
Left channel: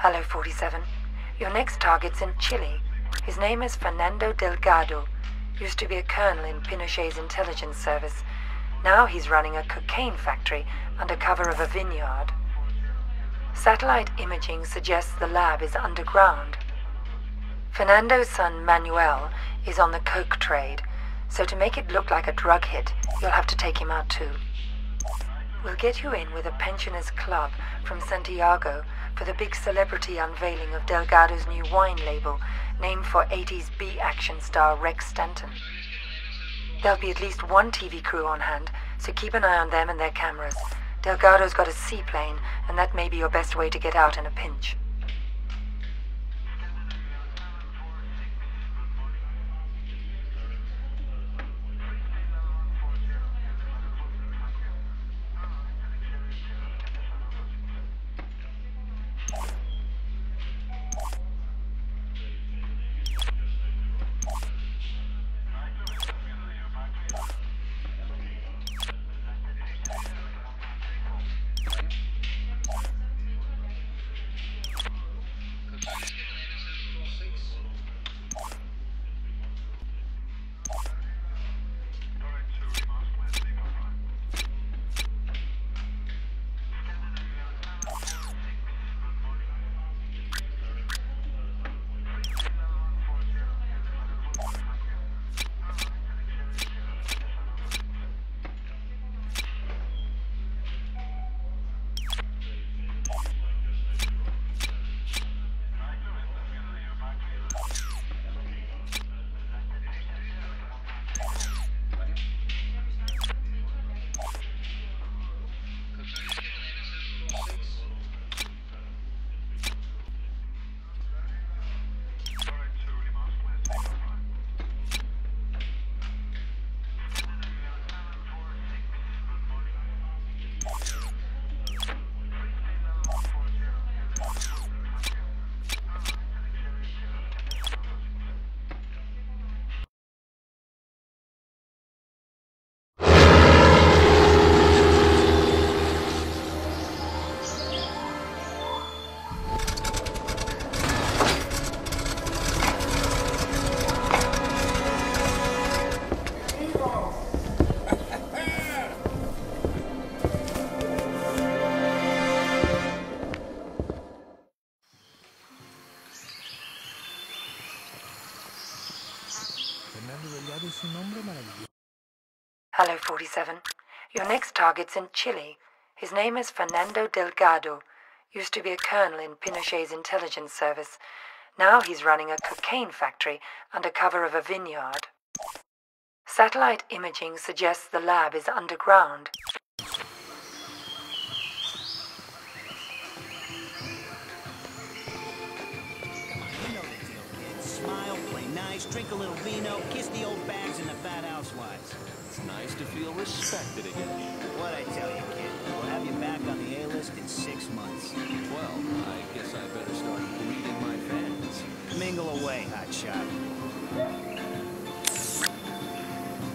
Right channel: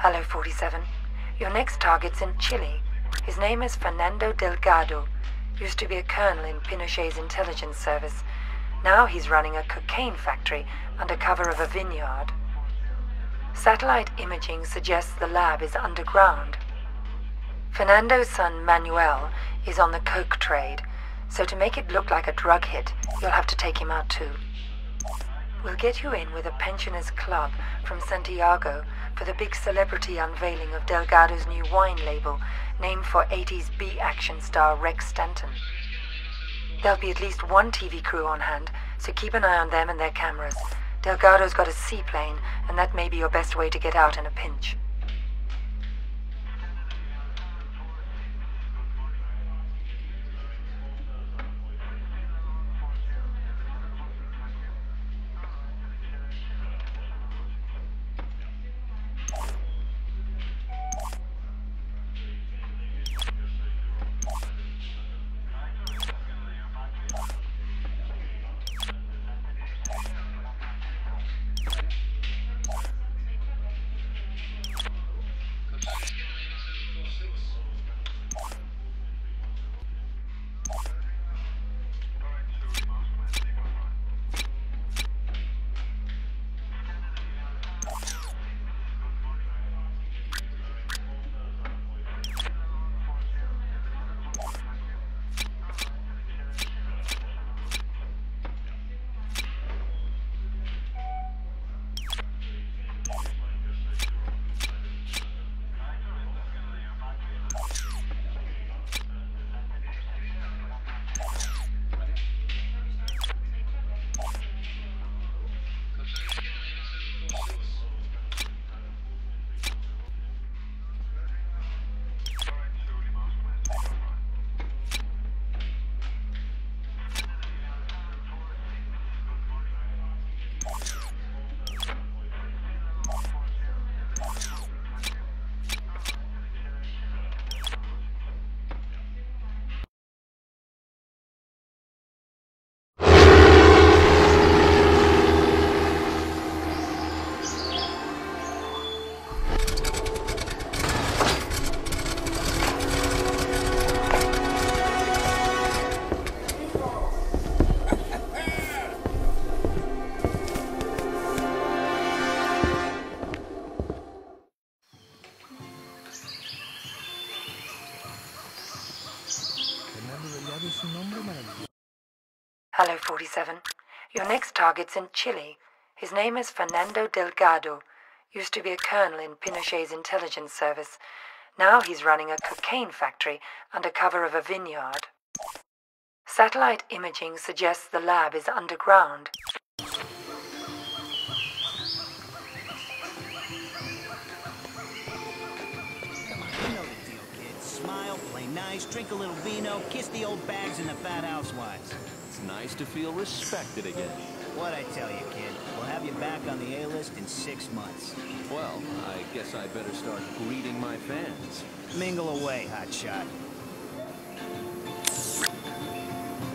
Hello, 47. Your next target's in Chile. His name is Fernando Delgado. Used to be a colonel in Pinochet's intelligence service. Now he's running a cocaine factory under cover of a vineyard. Satellite imaging suggests the lab is underground. Fernando's son Manuel is on the coke trade, so to make it look like a drug hit, you'll have to take him out too. We'll get you in with a pensioners club from Santiago for the big celebrity unveiling of Delgado's new wine label, named for 80s B-action star Rex Stanton. There'll be at least one TV crew on hand, so keep an eye on them and their cameras. Delgado's got a seaplane, and that may be your best way to get out in a pinch. Hello, 47. Your next target's in Chile. His name is Fernando Delgado. Used to be a colonel in Pinochet's intelligence service. Now he's running a cocaine factory under cover of a vineyard. Satellite imaging suggests the lab is underground. smile, play nice, drink a little vino, kiss the old bags and the fat housewives. It's nice to feel respected again. What'd I tell you, kid? We'll have you back on the A-list in 6 months. Well, I guess I better start greeting my fans. Mingle away, hotshot.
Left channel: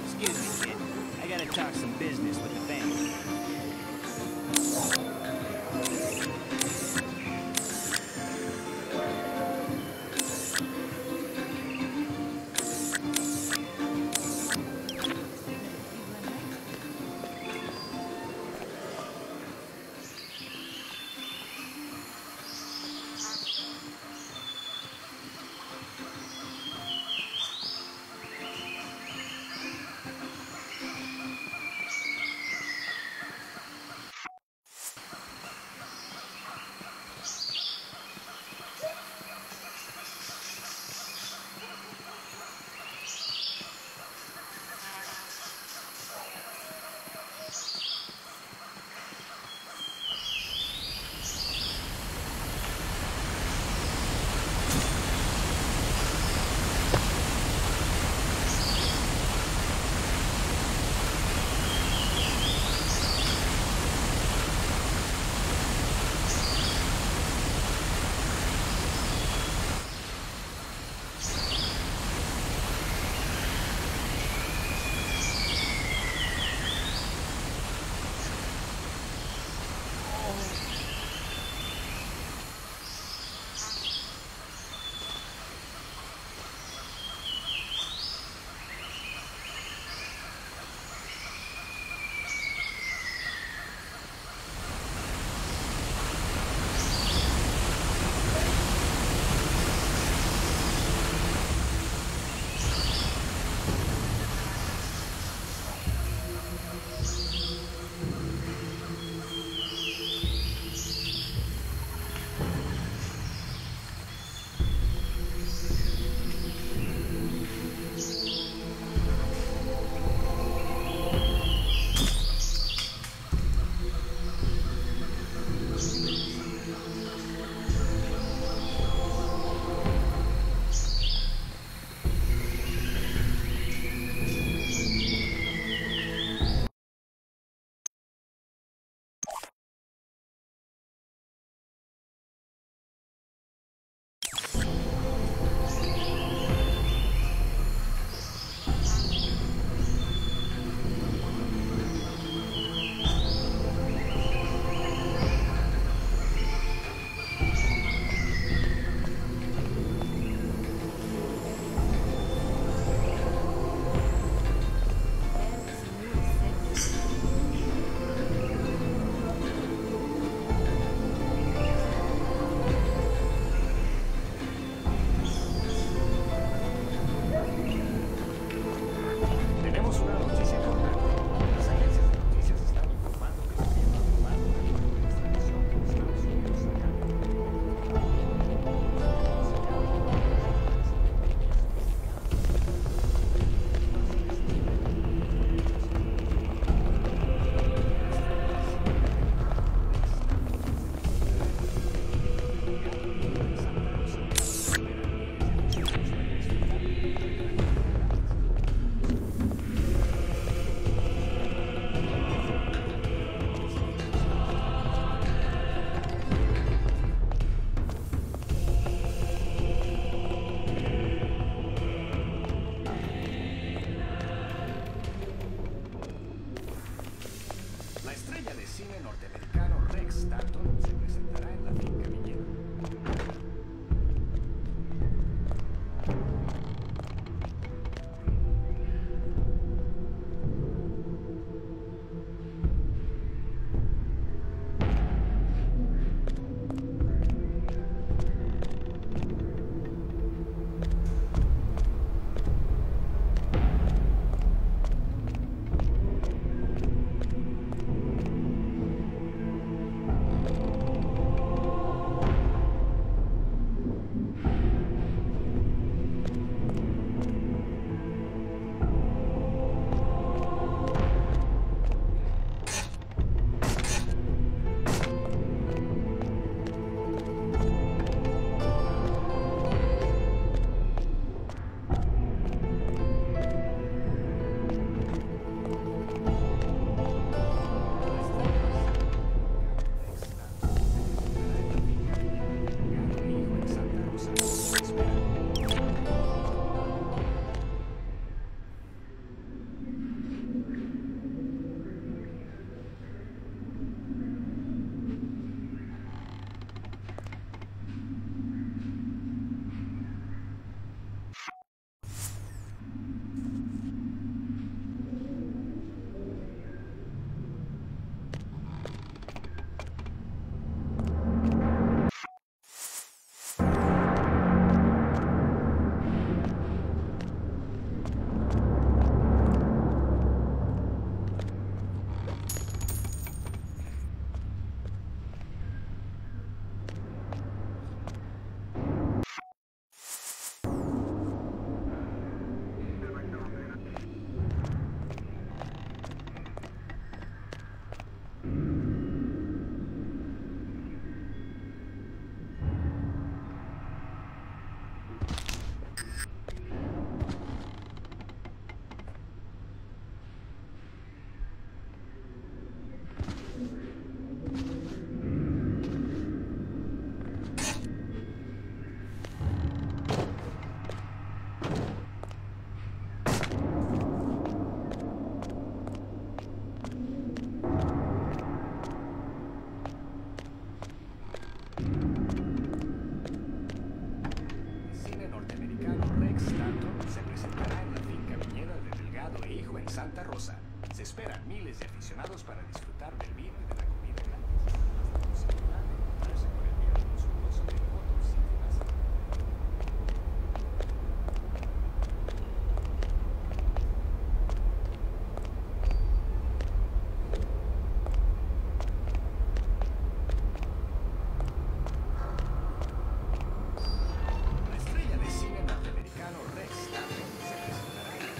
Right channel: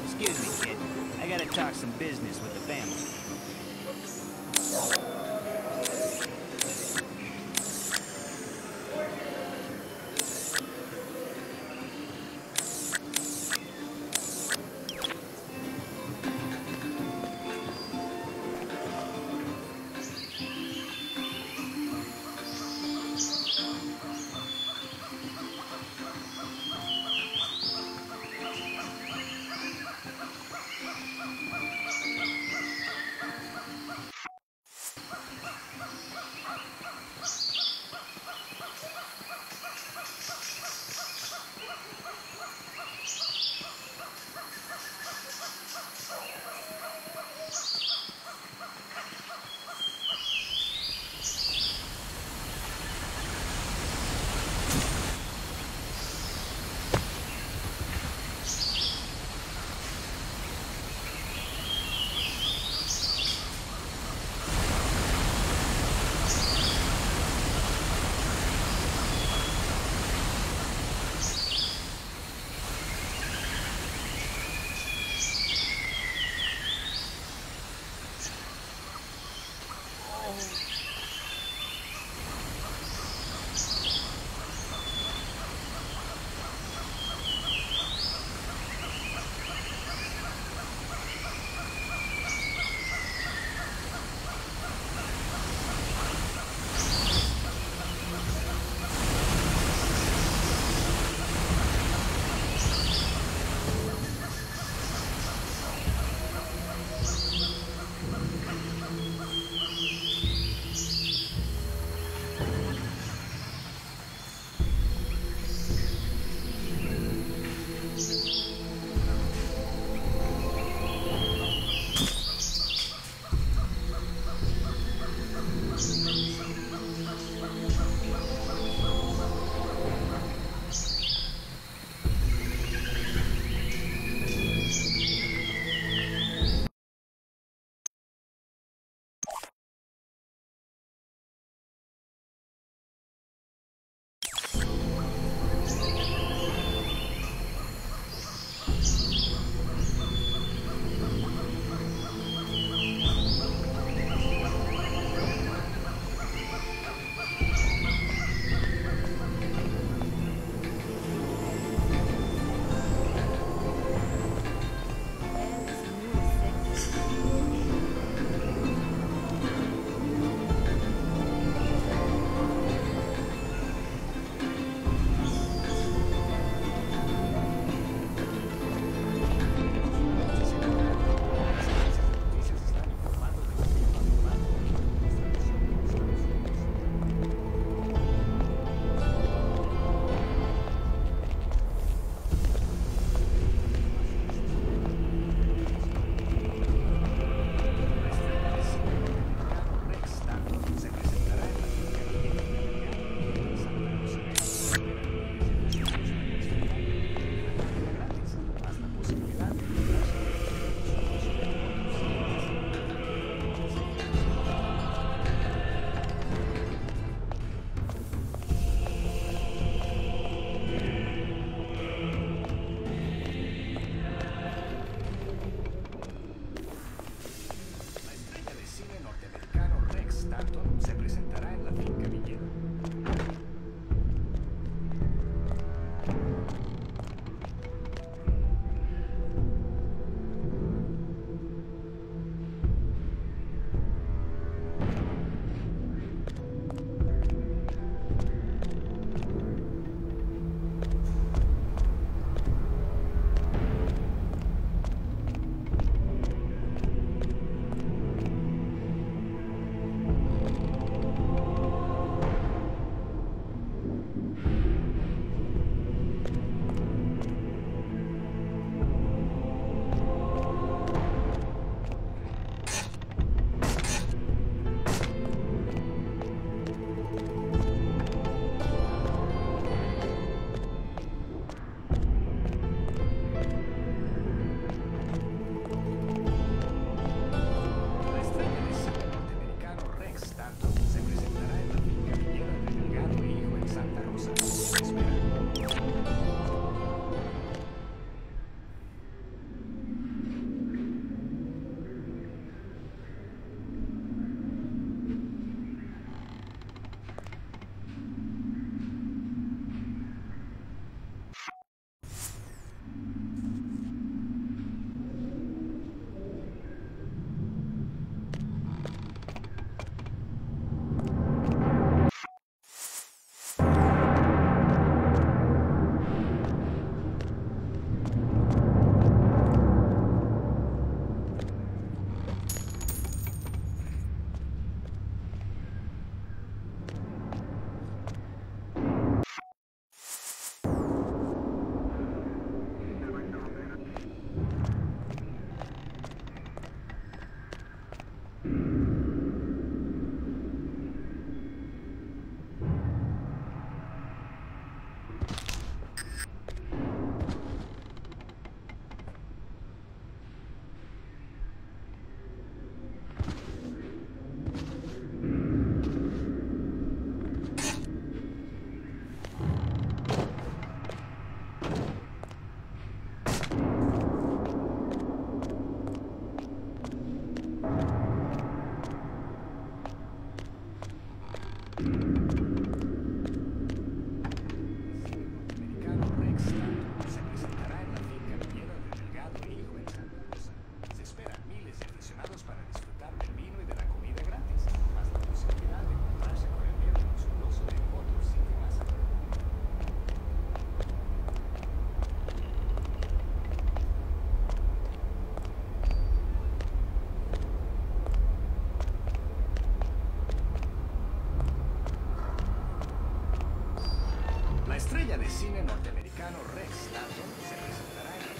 Excuse me, kid. I gotta talk some business with the family. esperan miles de aficionados para disfrutar del vino y de la comida gratis, más la posibilidad de encontrarse con el miedo monstruoso de Motor City Massacre. La estrella de cine norteamericano Rex Stanton se presentará en la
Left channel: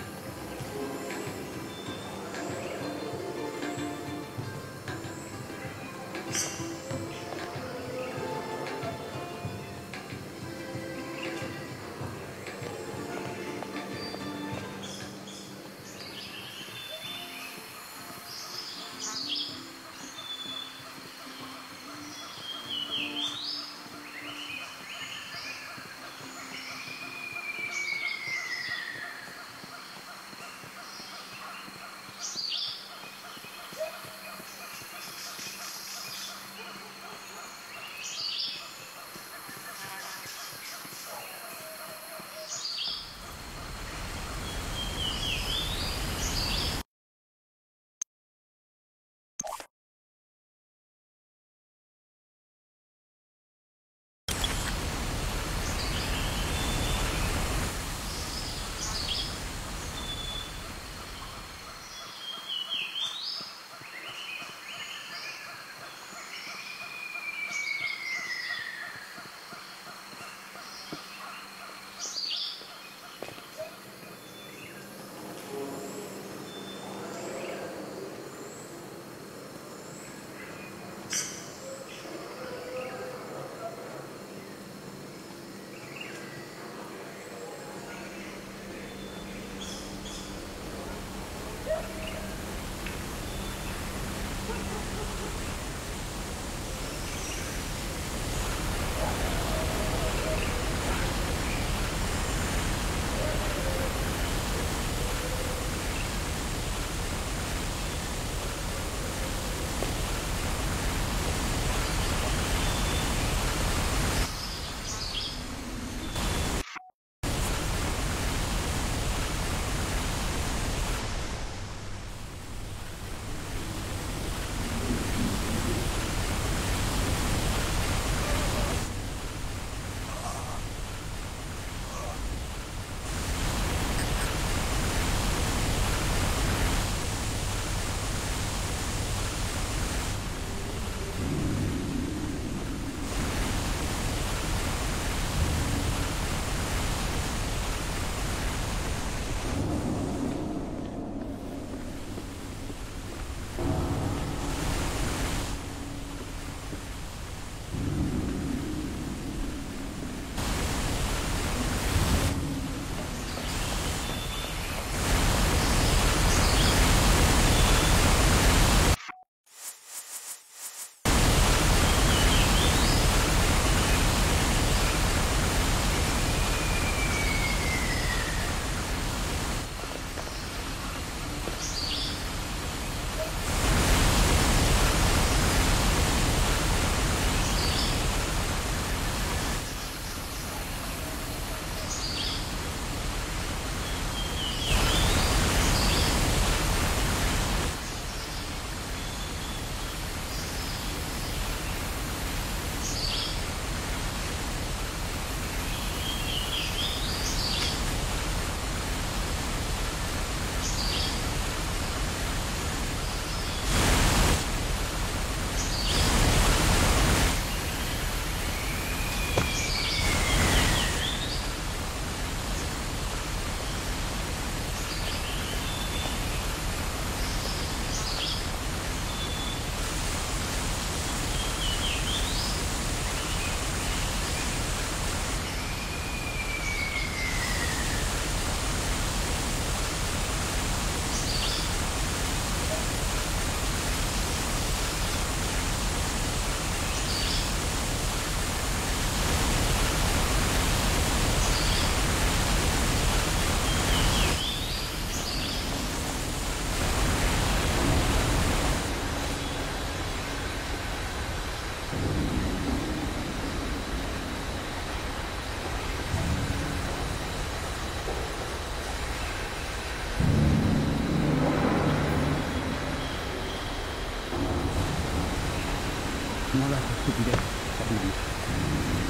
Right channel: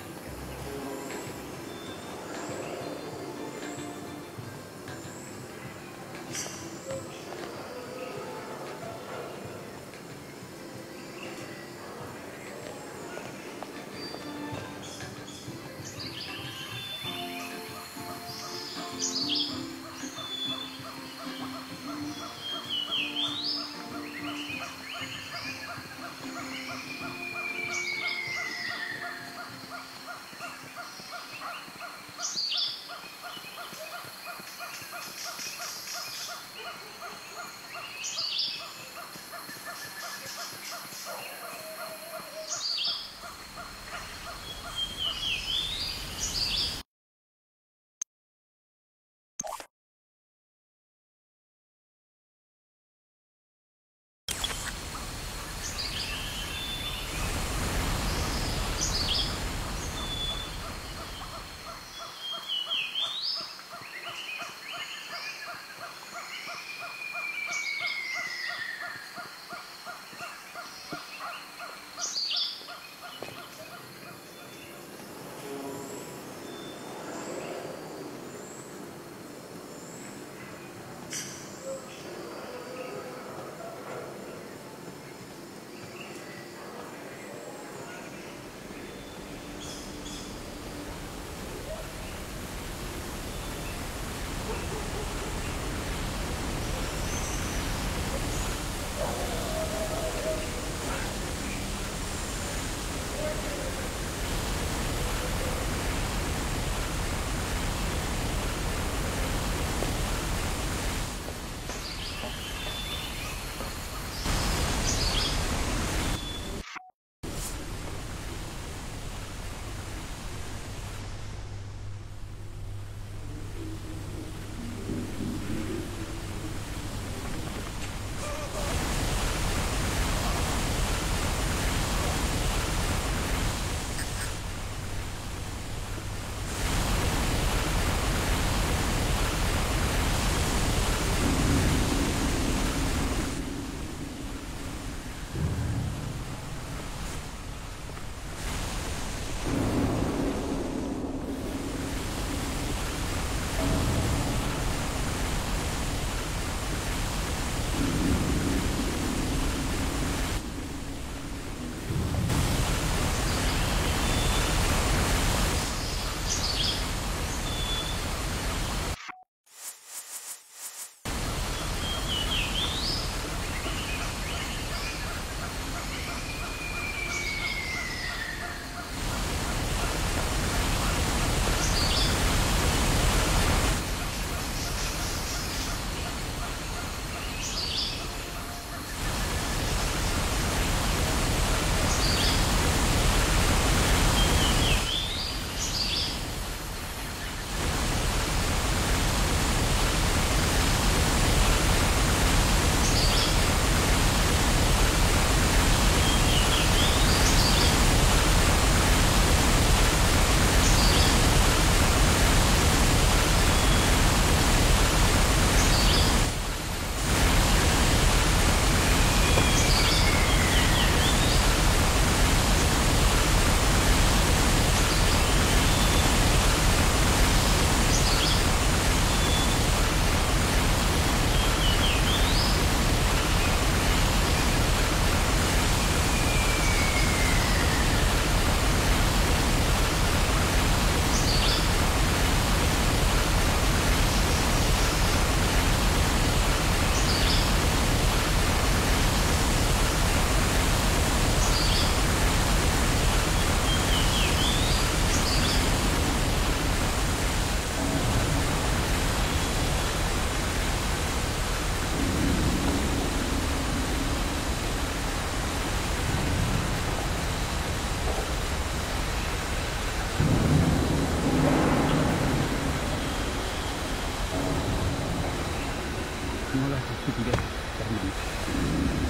toda esa estupidez, Herman.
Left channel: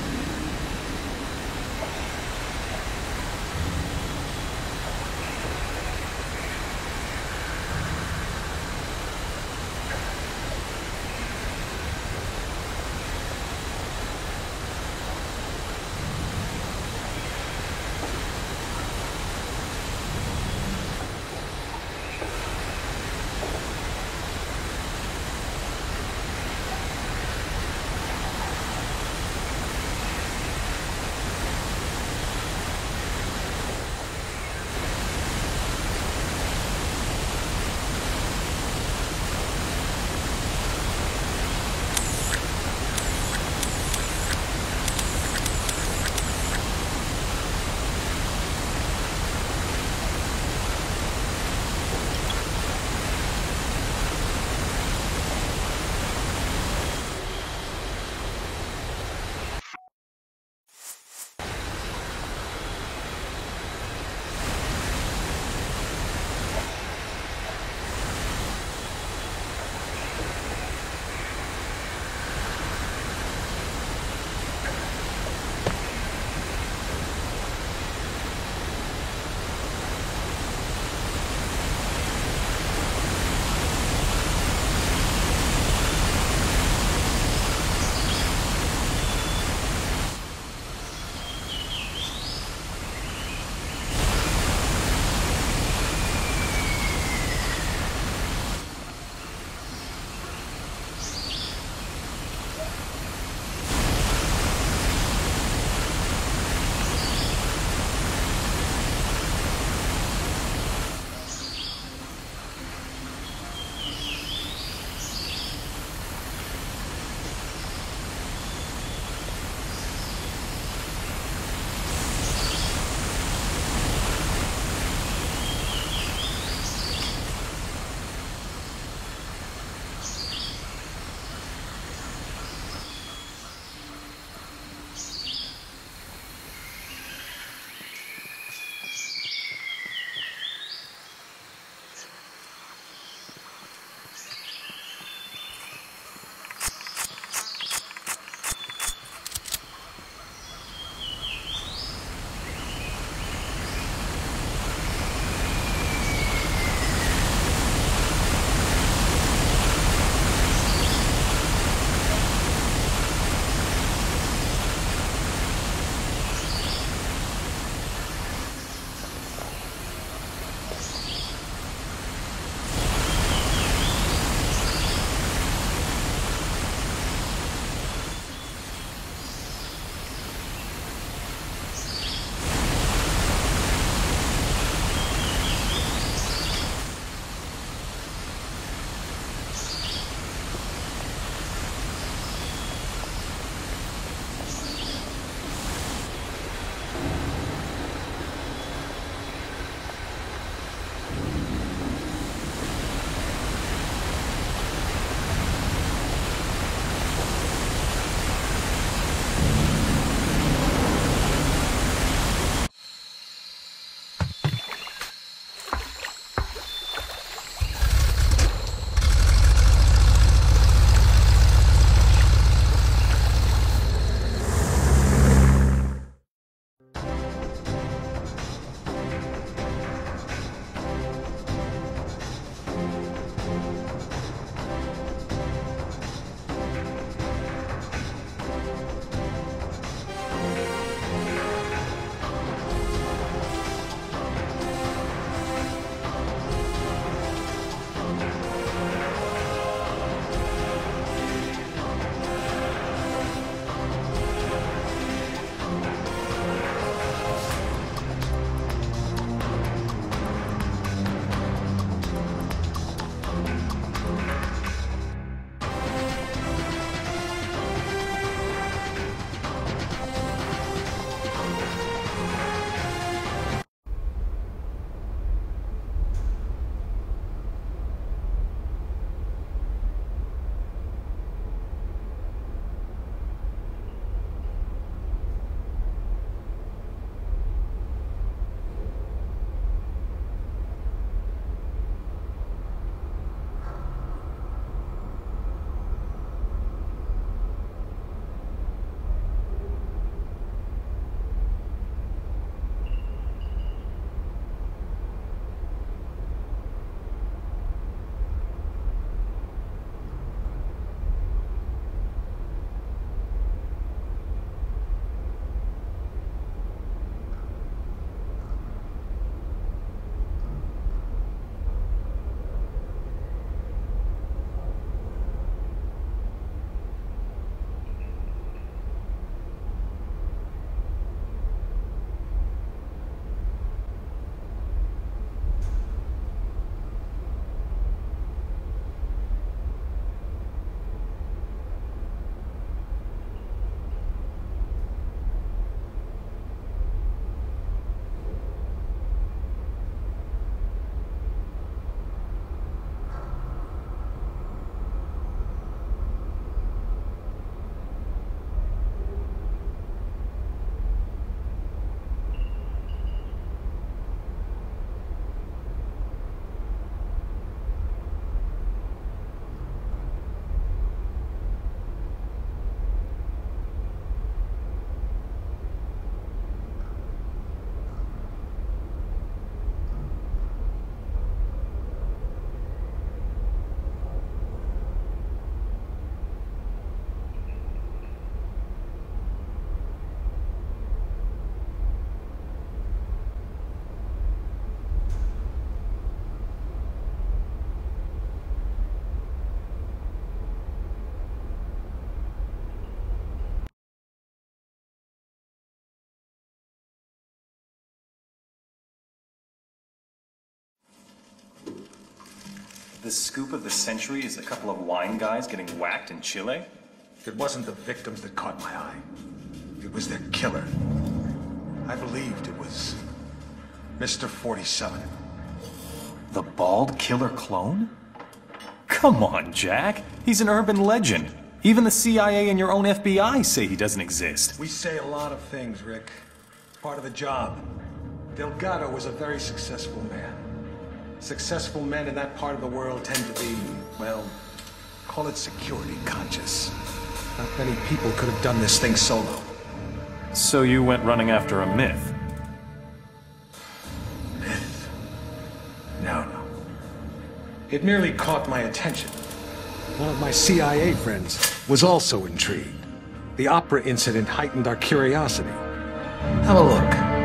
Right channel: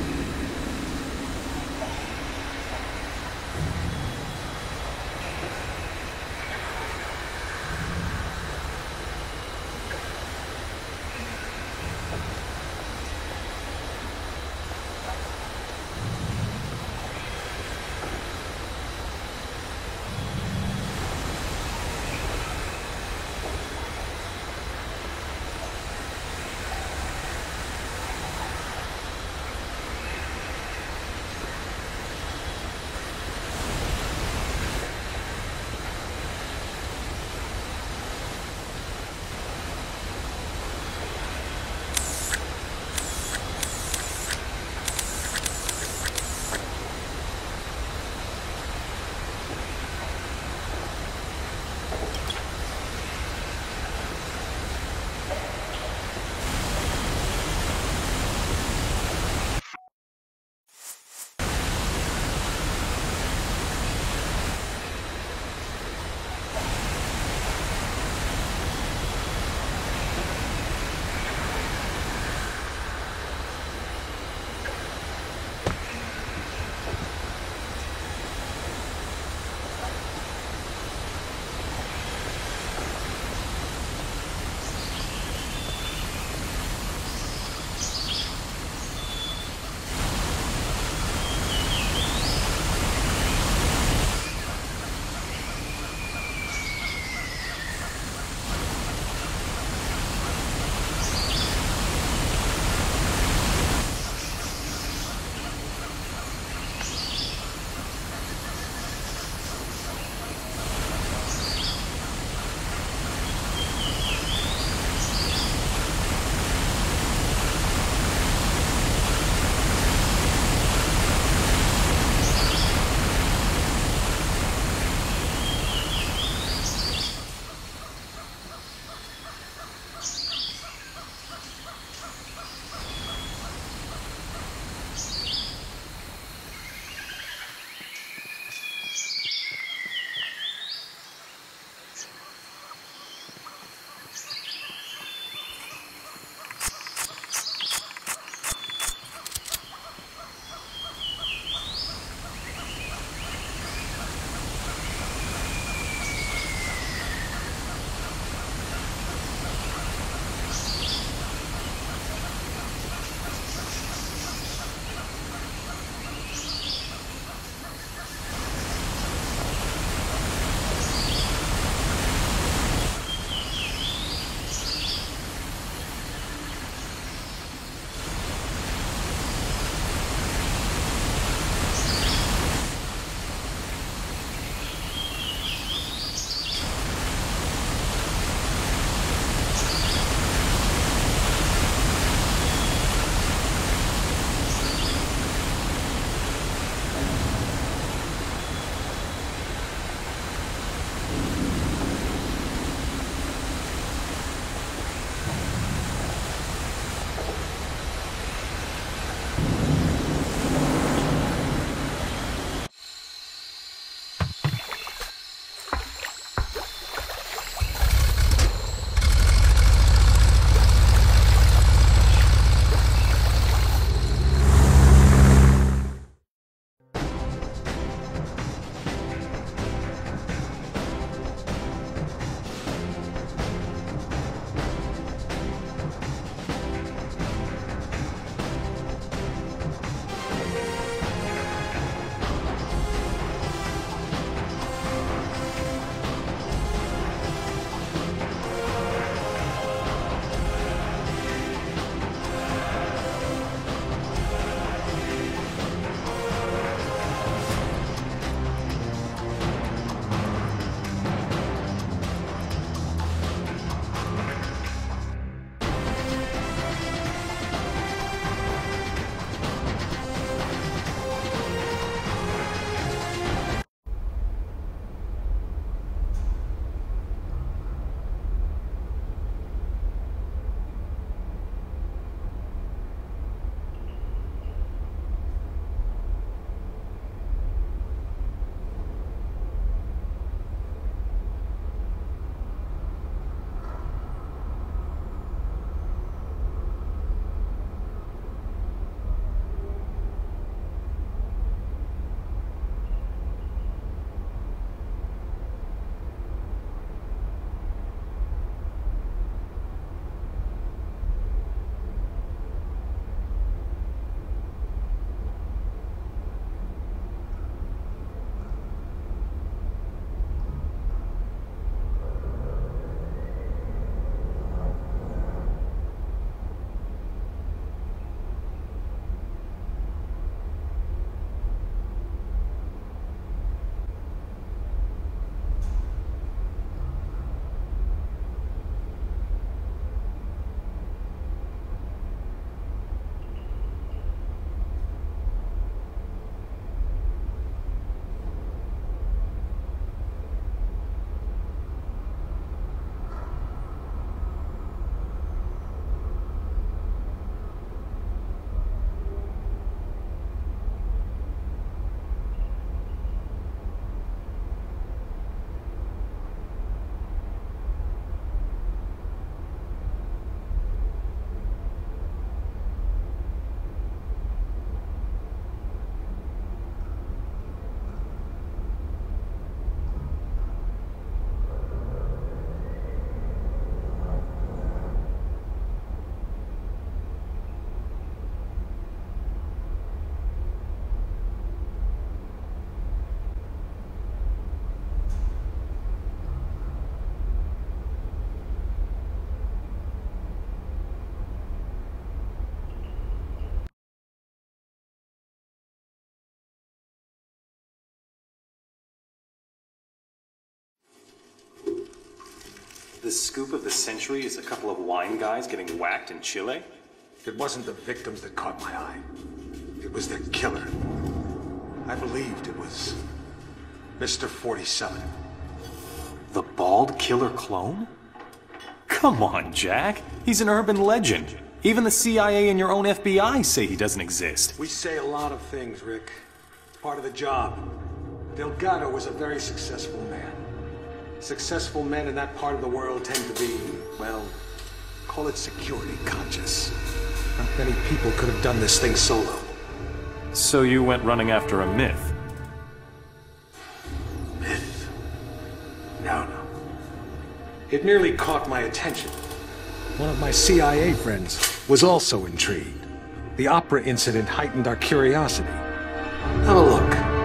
The scoop of the century is a couple of wine guys getting whacked in Chile? It wasn't the victims that caught my eye. It was their killer. I believed it was Mr. 47. The bald killer clone? Come on, Jack. He's an urban legend. Even the CIA and your own FBI say he doesn't exist. We say a lot of things, Rick. It's part of the job. Delgado was a very successful man. Successful men in that part of the world tend to be, well, call it security conscious. Not many people could have done this thing solo. So you went running after a myth? Myth? No. It merely caught my attention. One of my CIA friends was also intrigued. The opera incident heightened our curiosity. Have a look.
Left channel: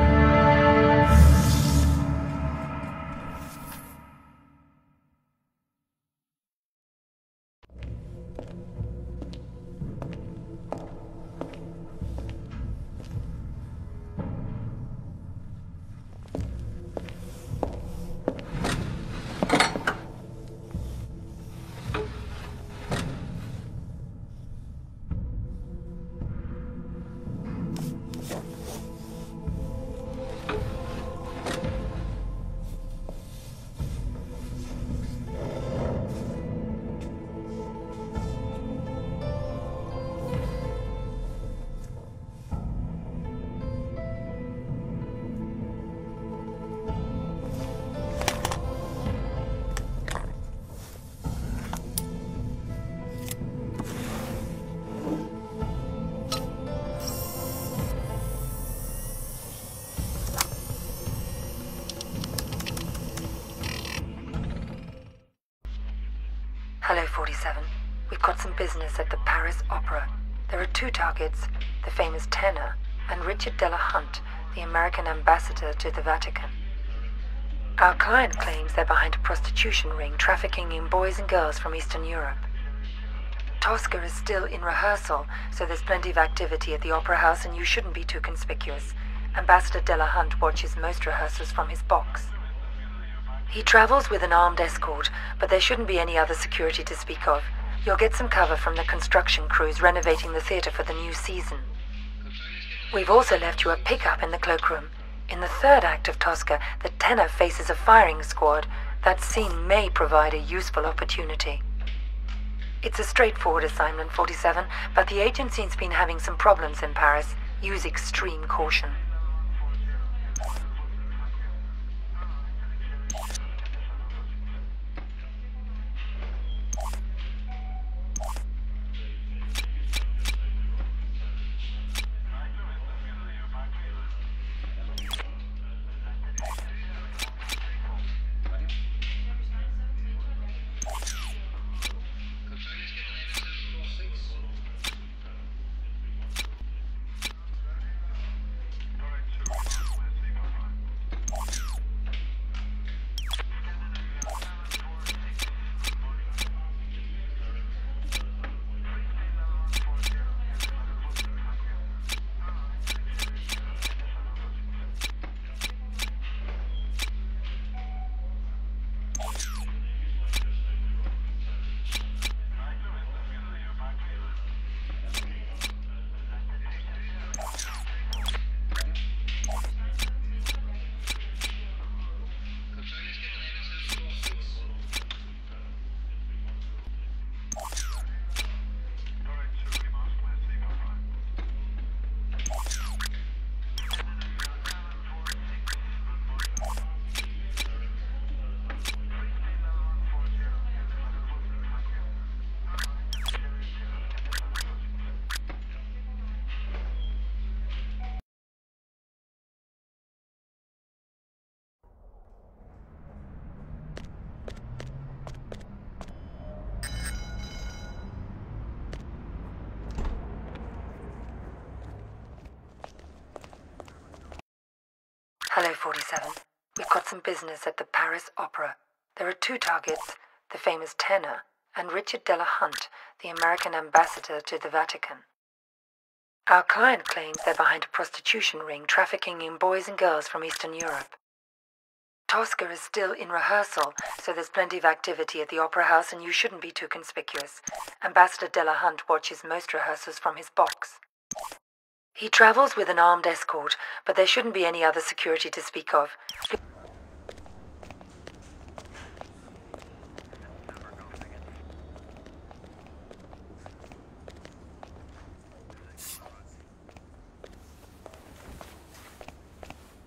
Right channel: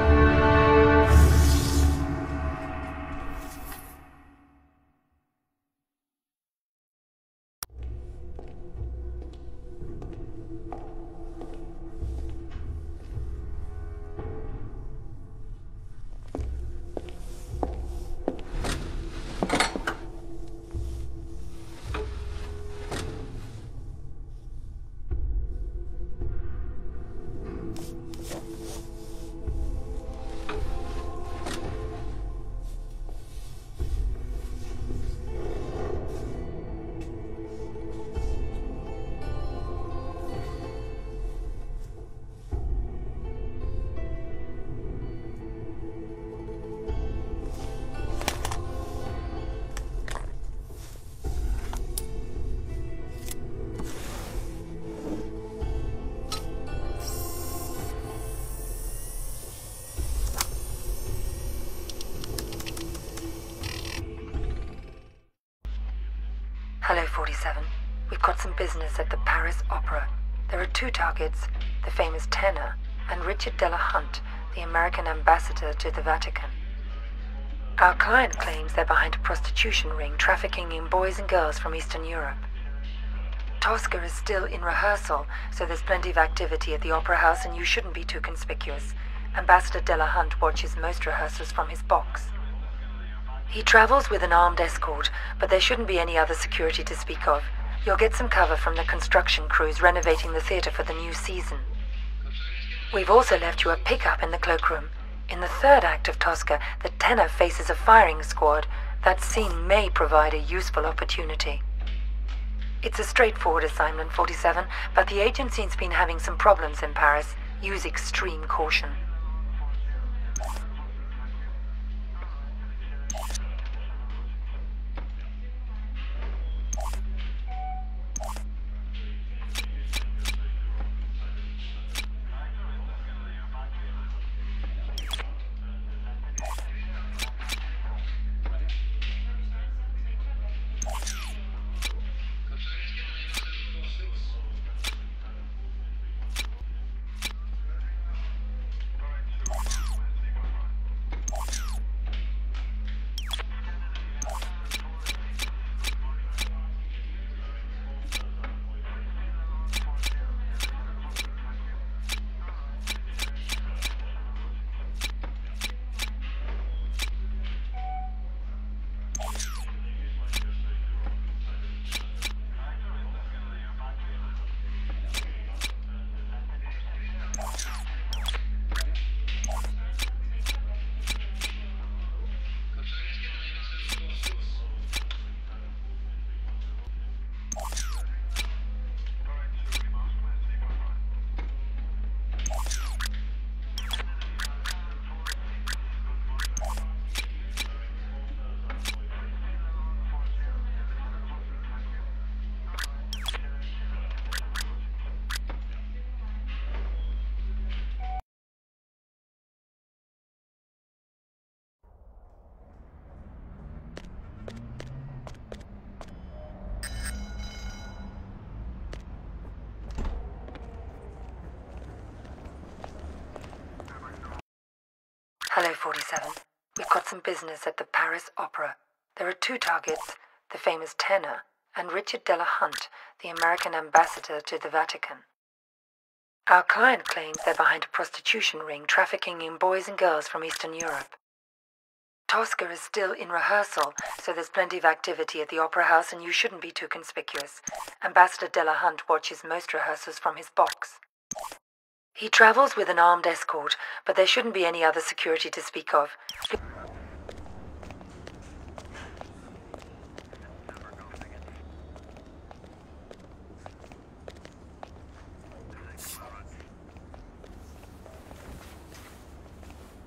Hello, 47. We've got some business at the Paris Opera. There are two targets, the famous tenor and Richard Delahunt, the American ambassador to the Vatican. Our client claims they're behind a prostitution ring trafficking in boys and girls from Eastern Europe. Tosca is still in rehearsal, so there's plenty of activity at the Opera House and you shouldn't be too conspicuous. Ambassador Delahunt watches most rehearsals from his box. He travels with an armed escort, but there shouldn't be any other security to speak of. You'll get some cover from the construction crews renovating the theater for the new season. We've also left you a pickup in the cloakroom. In the third act of Tosca, the tenor faces a firing squad. That scene may provide a useful opportunity. It's a straightforward assignment, 47, but the agency's been having some problems in Paris. Use extreme caution. Hello, 47. We've got some business at the Paris Opera. There are two targets, the famous tenor and Richard Delahunt, the American ambassador to the Vatican. Our client claims they're behind a prostitution ring trafficking in boys and girls from Eastern Europe. Tosca is still in rehearsal, so there's plenty of activity at the Opera House and you shouldn't be too conspicuous. Ambassador Delahunt watches most rehearsals from his box. He travels with an armed escort, but there shouldn't be any other security to speak of.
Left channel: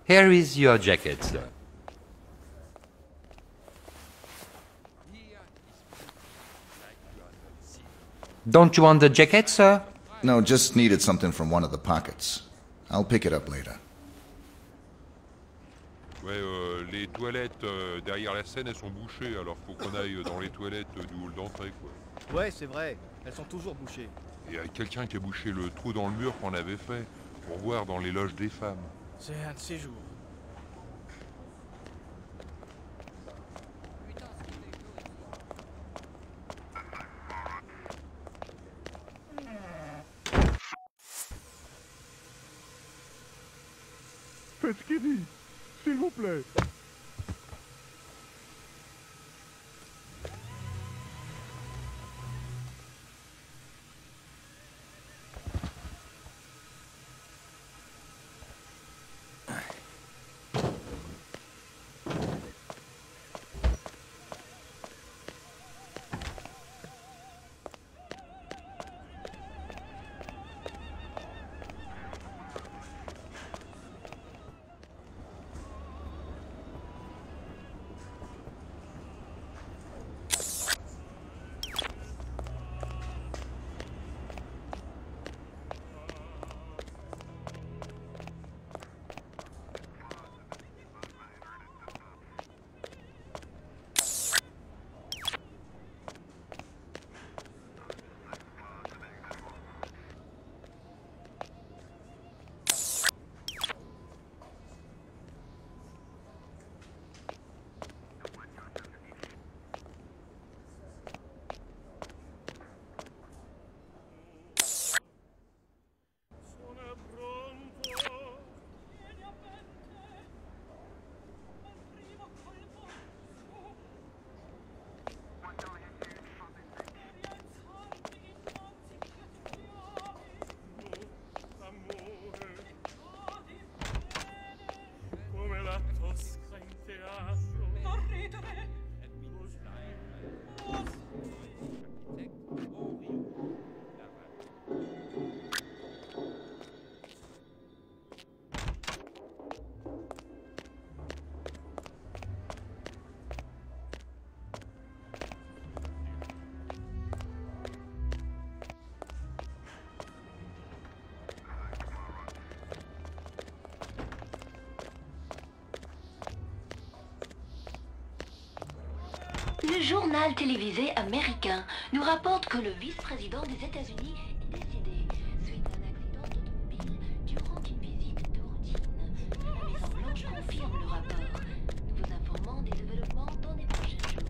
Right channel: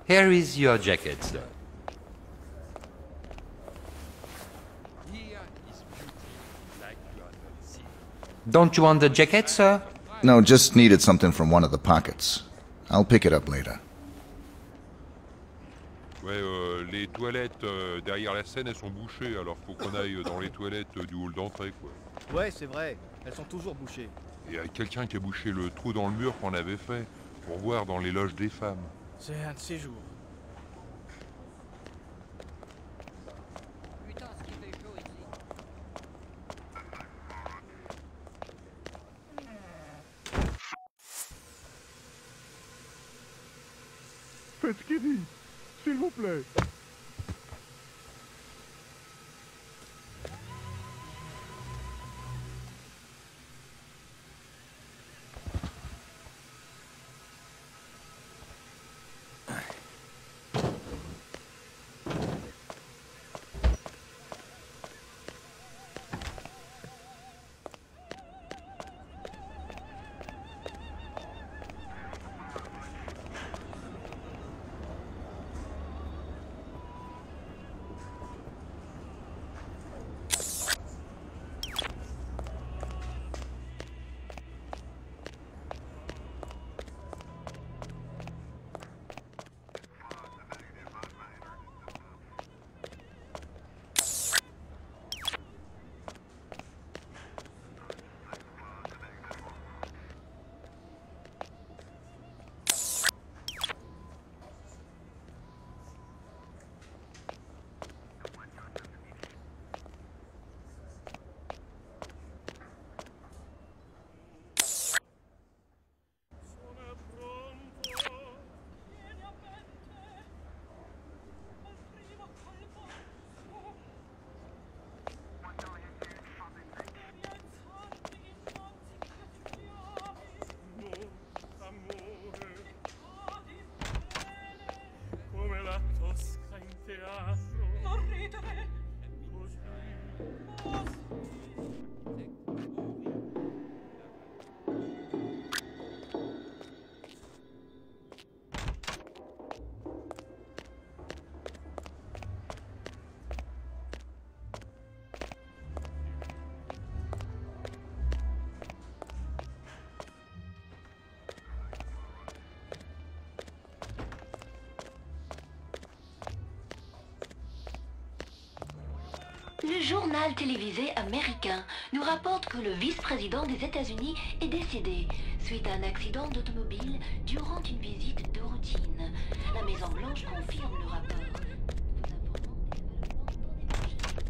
Here is your jacket, sir. Don't you want the jacket, sir? No, just needed something from one of the pockets. I'll pick it up later. Ouais, les toilettes derrière la scène, elles sont bouchées, alors faut qu'on aille dans les toilettes du hall d'entrée, quoi. Ouais, c'est vrai. Elles sont toujours bouchées. Et il y a quelqu'un qui a bouché le trou dans le mur qu'on avait fait pour voir dans les loges des femmes. C'est un de ces jours. Faites ce qu'il dit, s'il vous plaît. Le journal télévisé américain nous rapporte que le vice-président des États-Unis est décédé suite à un accident d'automobile durant une visite de routine. La Maison-Blanche confirme le rapport. Nous vous informons des développements dans les prochains jours.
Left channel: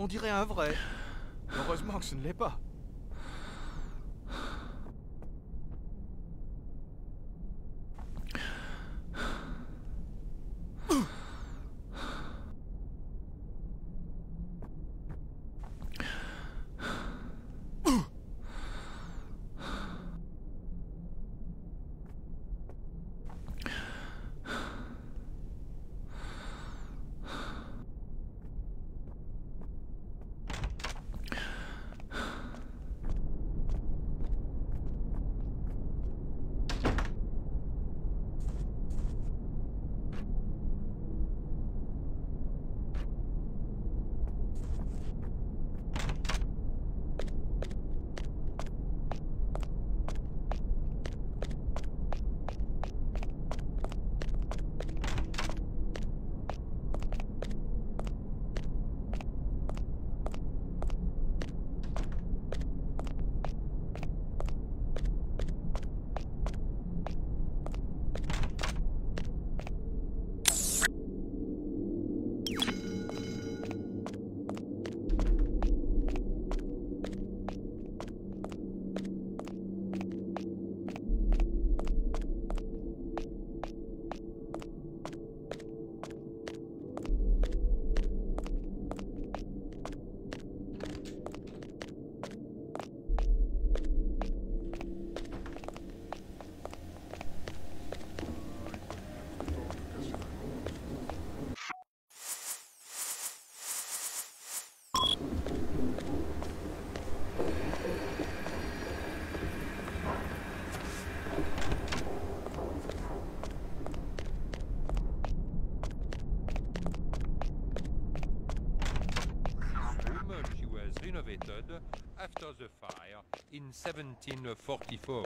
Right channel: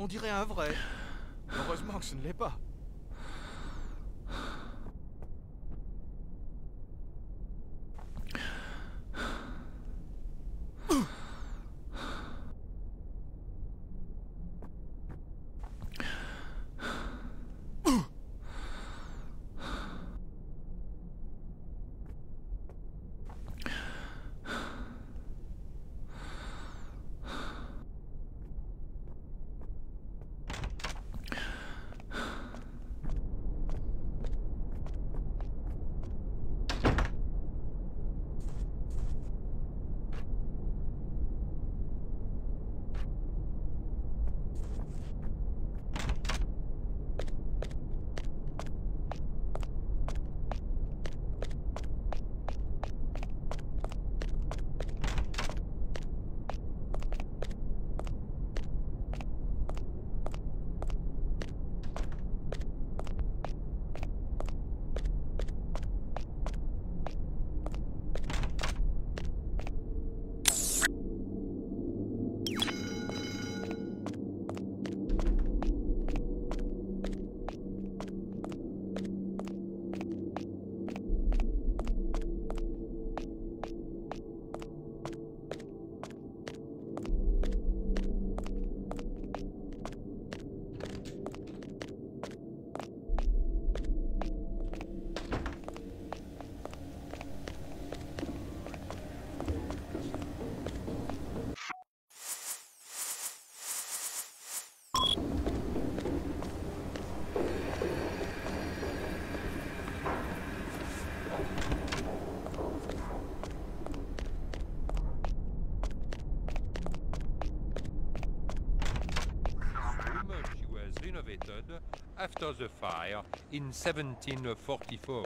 On dirait un vrai. Heureusement que ce ne l'est pas. Renovated after the fire in 1744.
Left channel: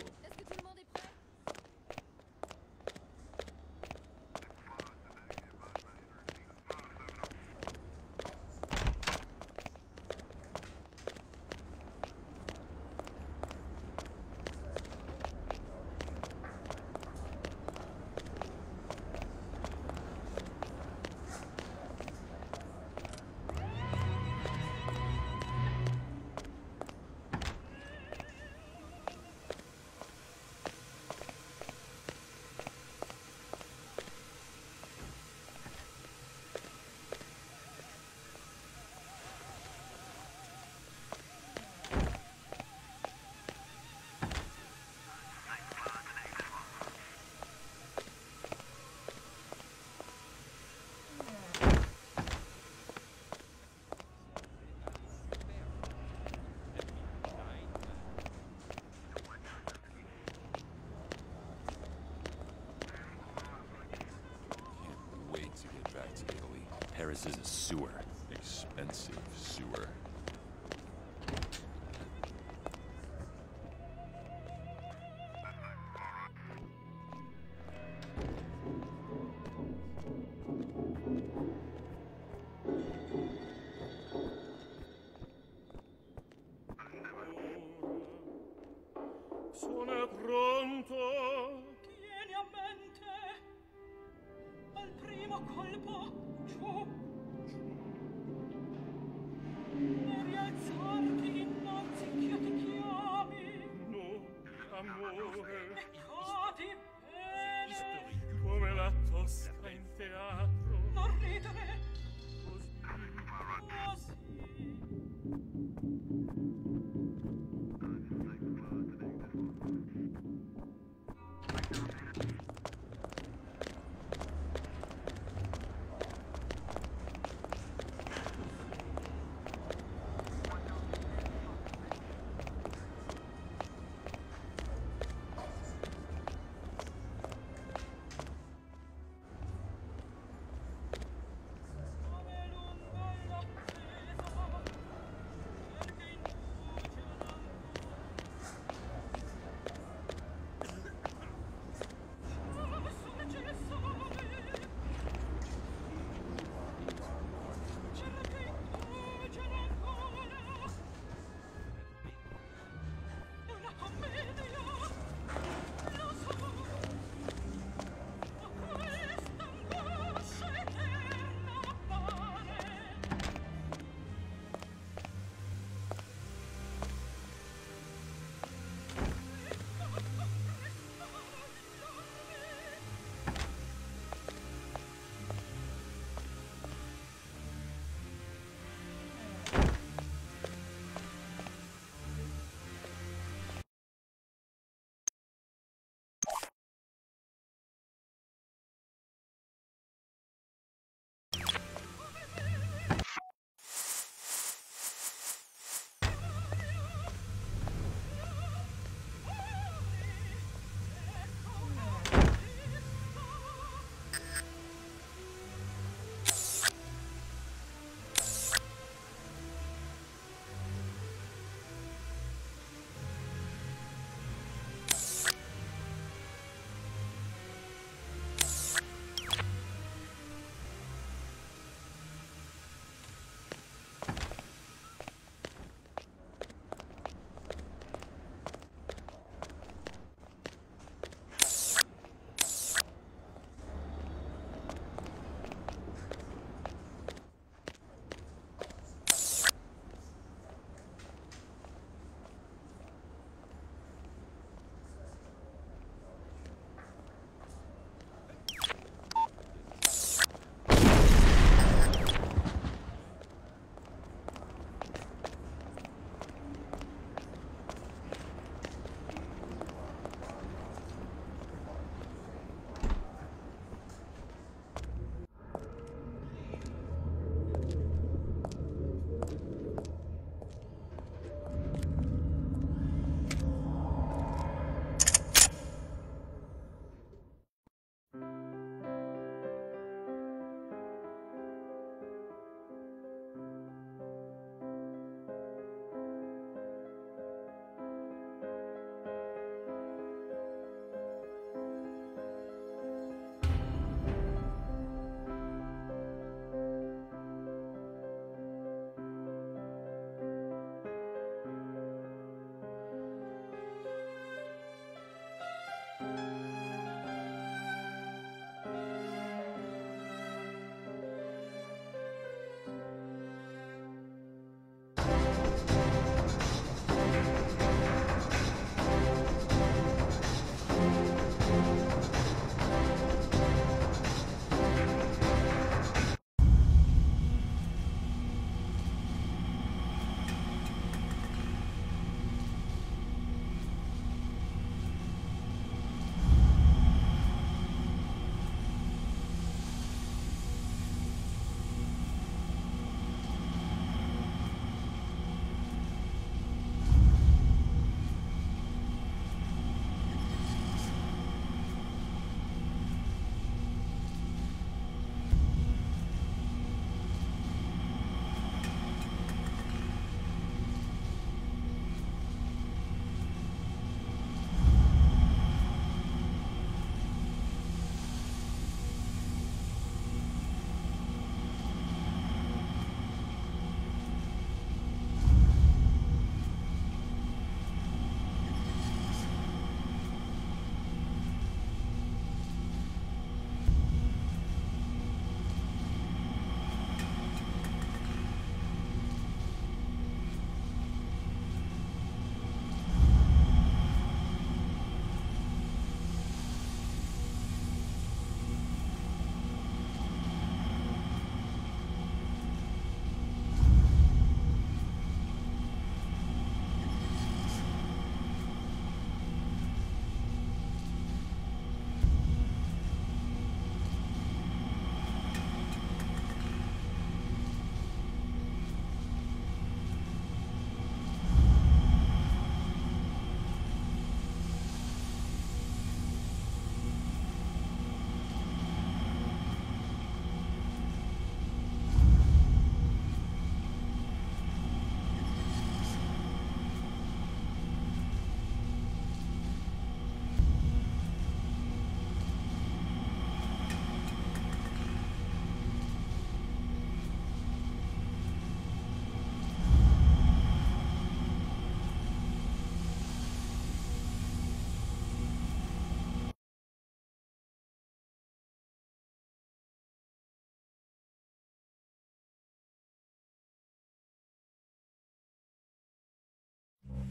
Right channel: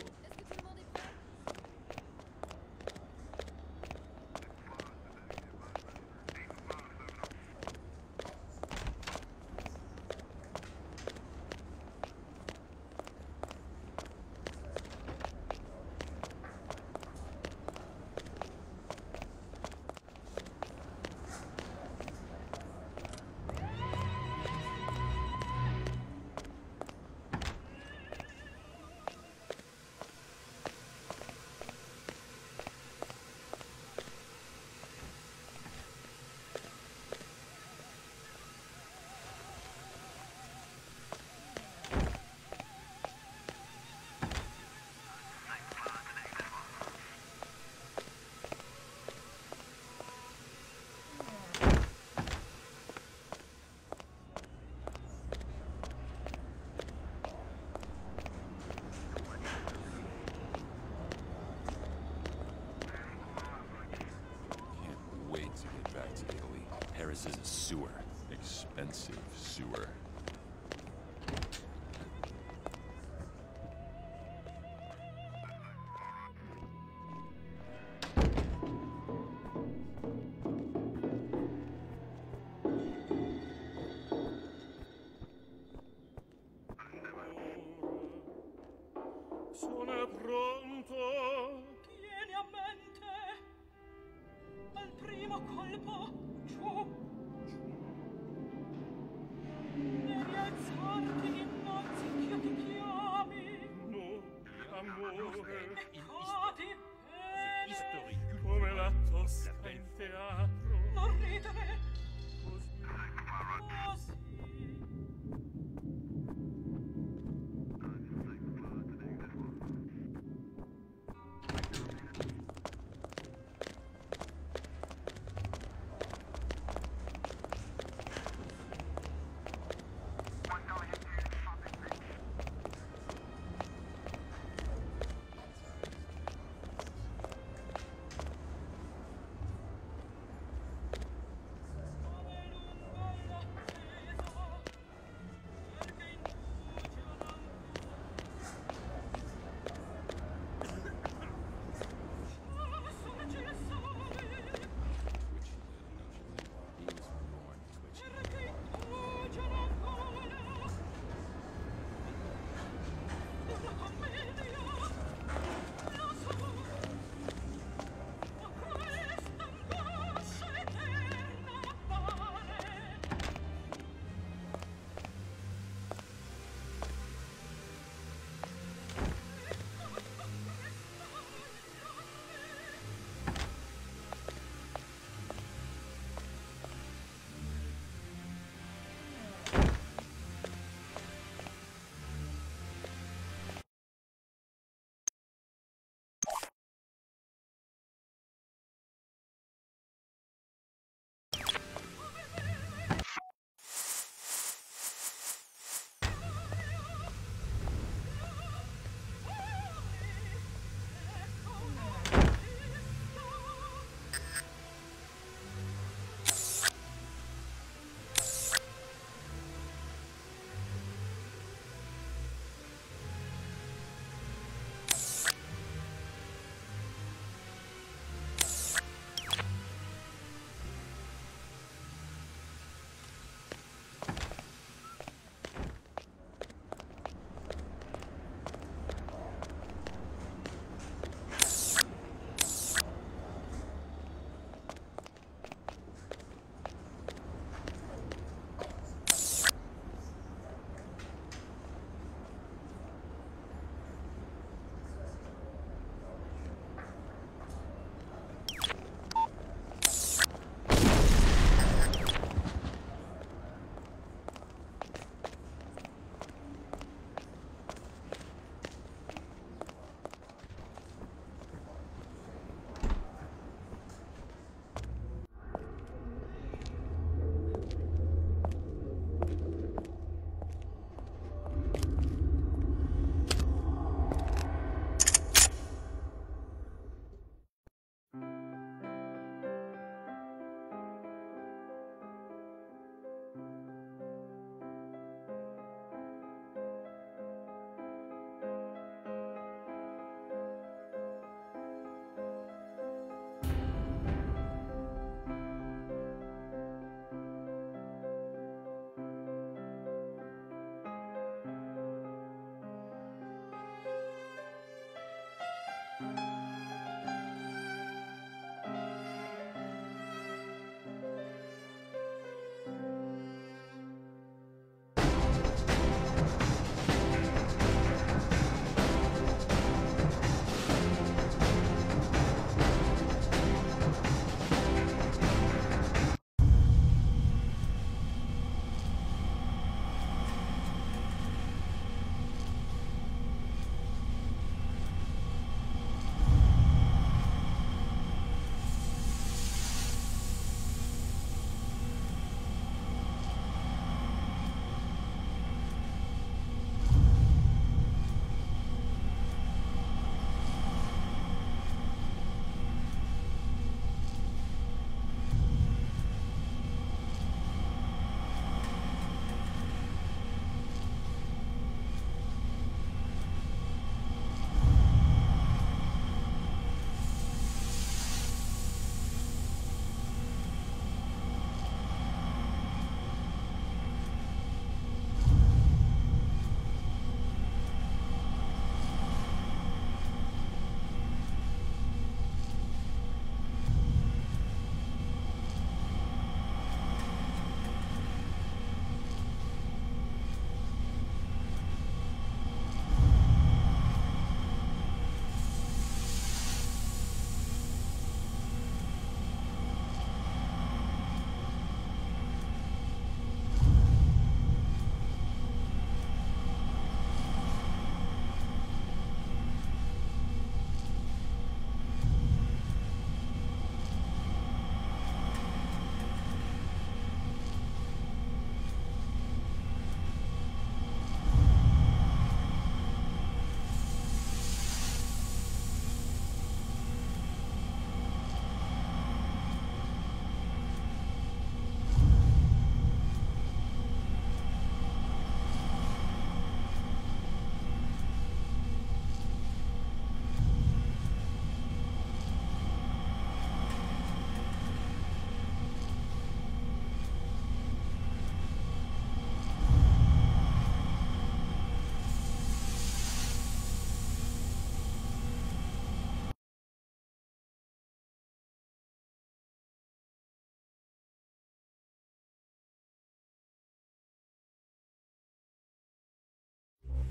Paris is a sewer. Expensive sewer. Sono pronto. Tieni a mente. Al primo colpo, giù. E rialzarti innanzi ch'io ti chiami. No, amore. E cadi bene. Come la tosca in teatro. Non ridere. Così.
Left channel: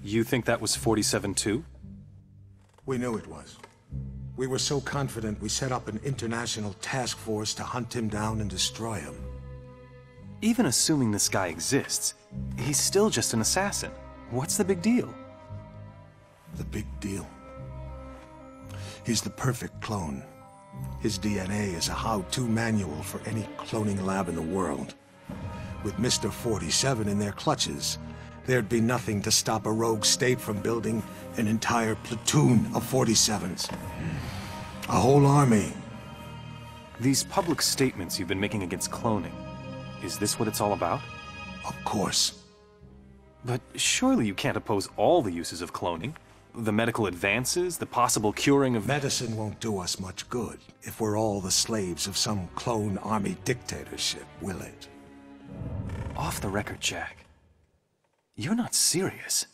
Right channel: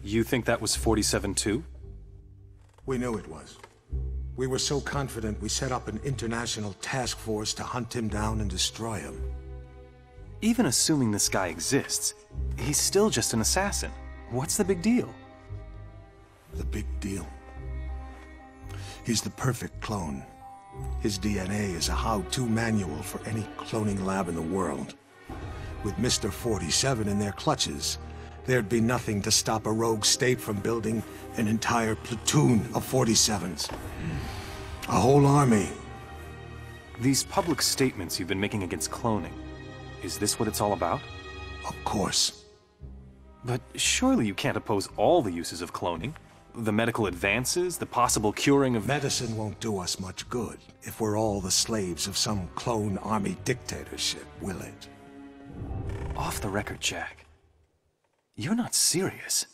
You think that was 47 too? We knew it was. We were so confident we set up an international task force to hunt him down and destroy him. Even assuming this guy exists, he's still just an assassin. What's the big deal? The big deal? He's the perfect clone. His DNA is a how-to manual for any cloning lab in the world. With Mr. 47 in their clutches, there'd be nothing to stop a rogue state from building an entire platoon of 47s. A whole army. These public statements you've been making against cloning, is this what it's all about? Of course. But surely you can't oppose all the uses of cloning? The medical advances, the possible curing of... Medicine won't do us much good if we're all the slaves of some clone army dictatorship, will it? Off the record, Jack. You're not serious.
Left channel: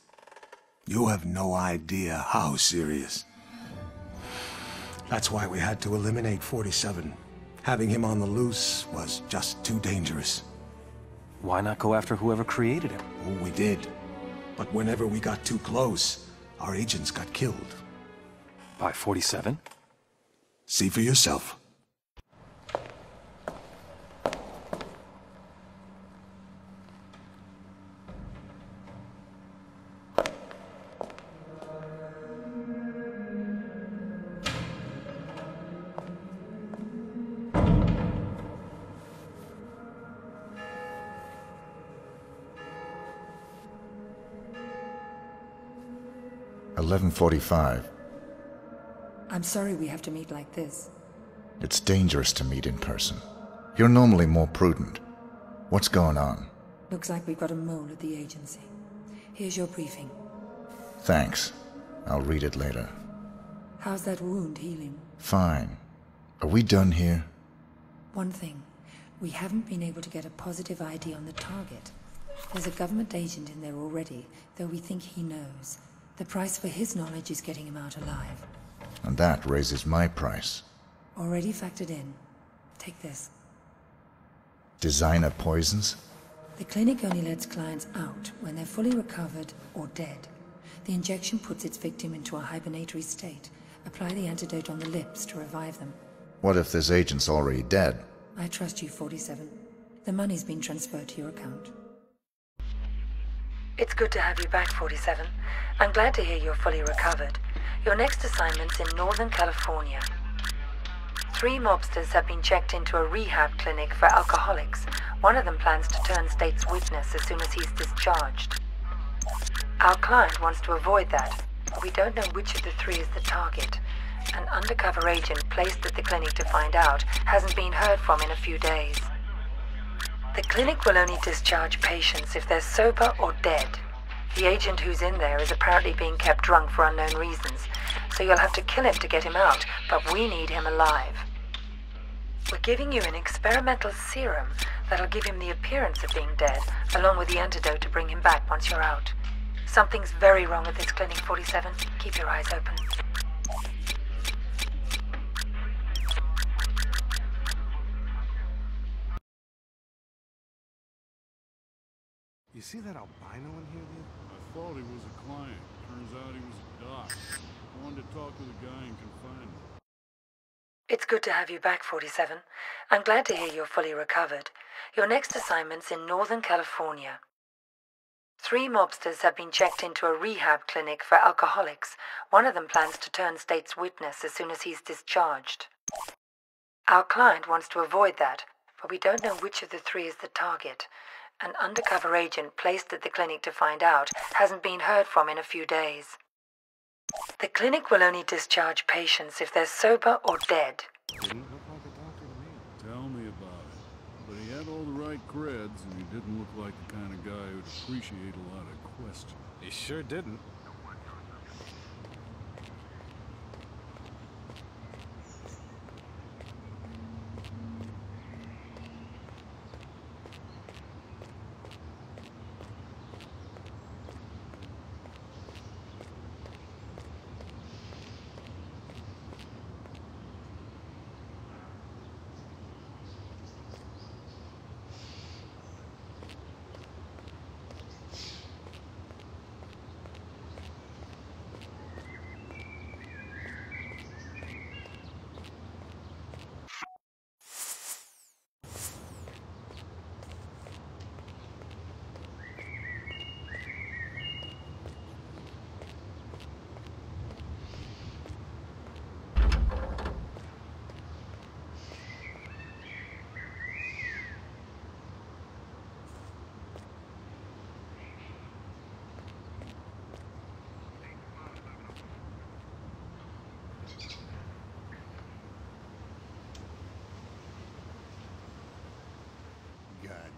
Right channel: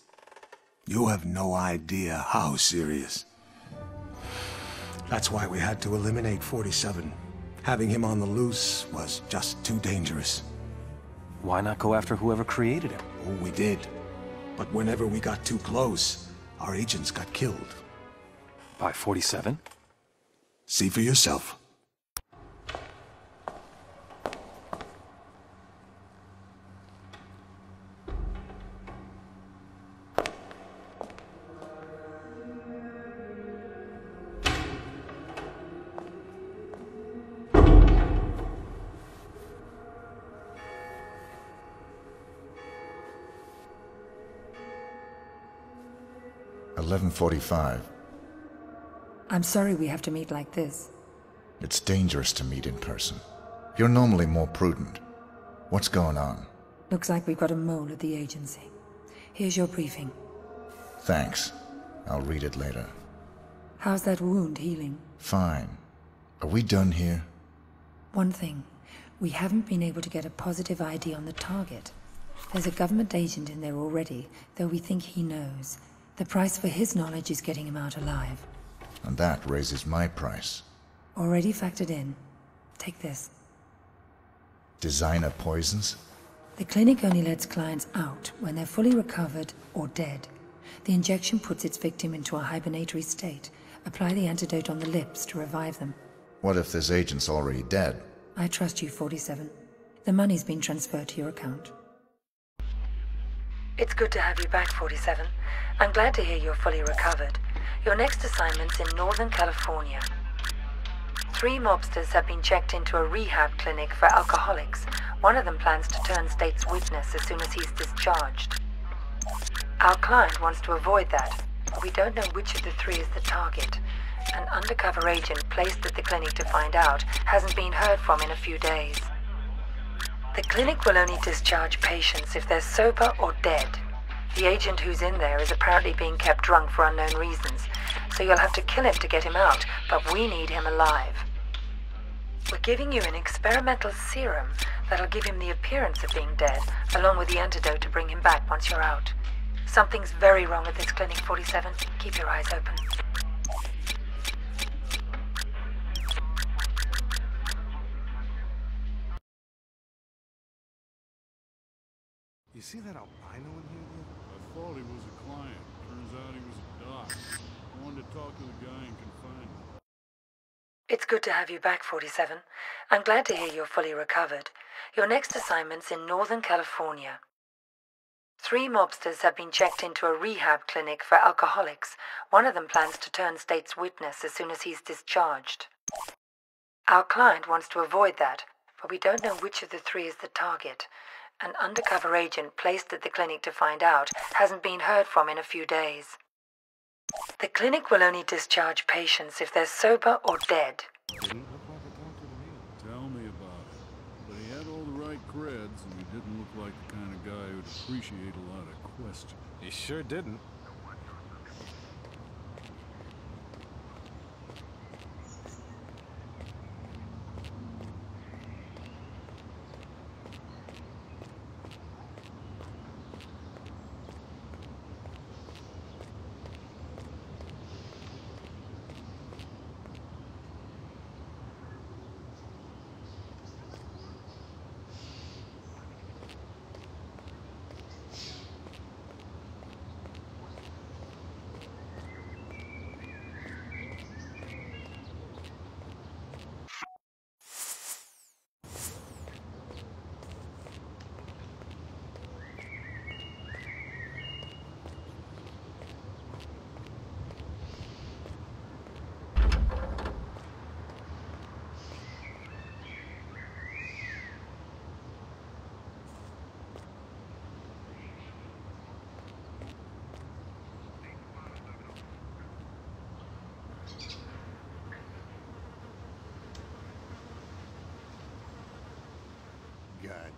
You have no idea how serious. That's why we had to eliminate 47. Having him on the loose was just too dangerous. Why not go after whoever created him? Oh, we did. But whenever we got too close, our agents got killed. By 47? See for yourself. $11:45. I'm sorry we have to meet like this. It's dangerous to meet in person. You're normally more prudent. What's going on? Looks like we've got a mole at the agency. Here's your briefing. Thanks. I'll read it later. How's that wound healing? Fine. Are we done here? One thing. We haven't been able to get a positive ID on the target. There's a government agent in there already, though we think he knows. The price for his knowledge is getting him out alive. And that raises my price. Already factored in. Take this. Designer poisons? The clinic only lets clients out when they're fully recovered or dead. The injection puts its victim into a hibernatory state. Apply the antidote on the lips to revive them. What if this agent's already dead? I trust you, 47. The money's been transferred to your account. It's good to have you back, 47. I'm glad to hear you're fully recovered. Your next assignment's in Northern California. 3 mobsters have been checked into a rehab clinic for alcoholics. One of them plans to turn state's witness as soon as he's discharged. Our client wants to avoid that, but we don't know which of the 3 is the target. An undercover agent placed at the clinic to find out hasn't been heard from in a few days. The clinic will only discharge patients if they're sober or dead. The agent who's in there is apparently being kept drunk for unknown reasons, so you'll have to kill him to get him out, but we need him alive. We're giving you an experimental serum that'll give him the appearance of being dead, along with the antidote to bring him back once you're out. Something's very wrong at this clinic, 47. Keep your eyes open. You see that albino in here, dude? I thought he was a client. Turns out he was a doc. I wanted to talk to the guy in confinement. It's good to have you back, 47. I'm glad to hear you're fully recovered. Your next assignment's in Northern California. 3 mobsters have been checked into a rehab clinic for alcoholics. One of them plans to turn state's witness as soon as he's discharged. Our client wants to avoid that, but we don't know which of the 3 is the target. An undercover agent placed at the clinic to find out hasn't been heard from in a few days. The clinic will only discharge patients if they're sober or dead. Didn't look like a doctor to me. Tell me about it. But he had all the right creds, and he didn't look like the kind of guy who'd appreciate a lot of questions. He sure didn't.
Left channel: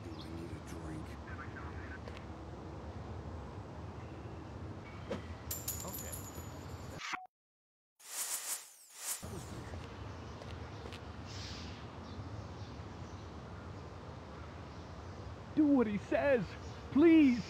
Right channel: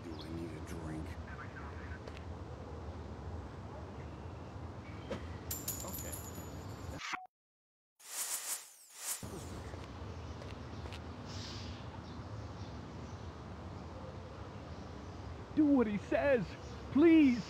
Do I need a drink? Okay. That was weird. Do what he says, please.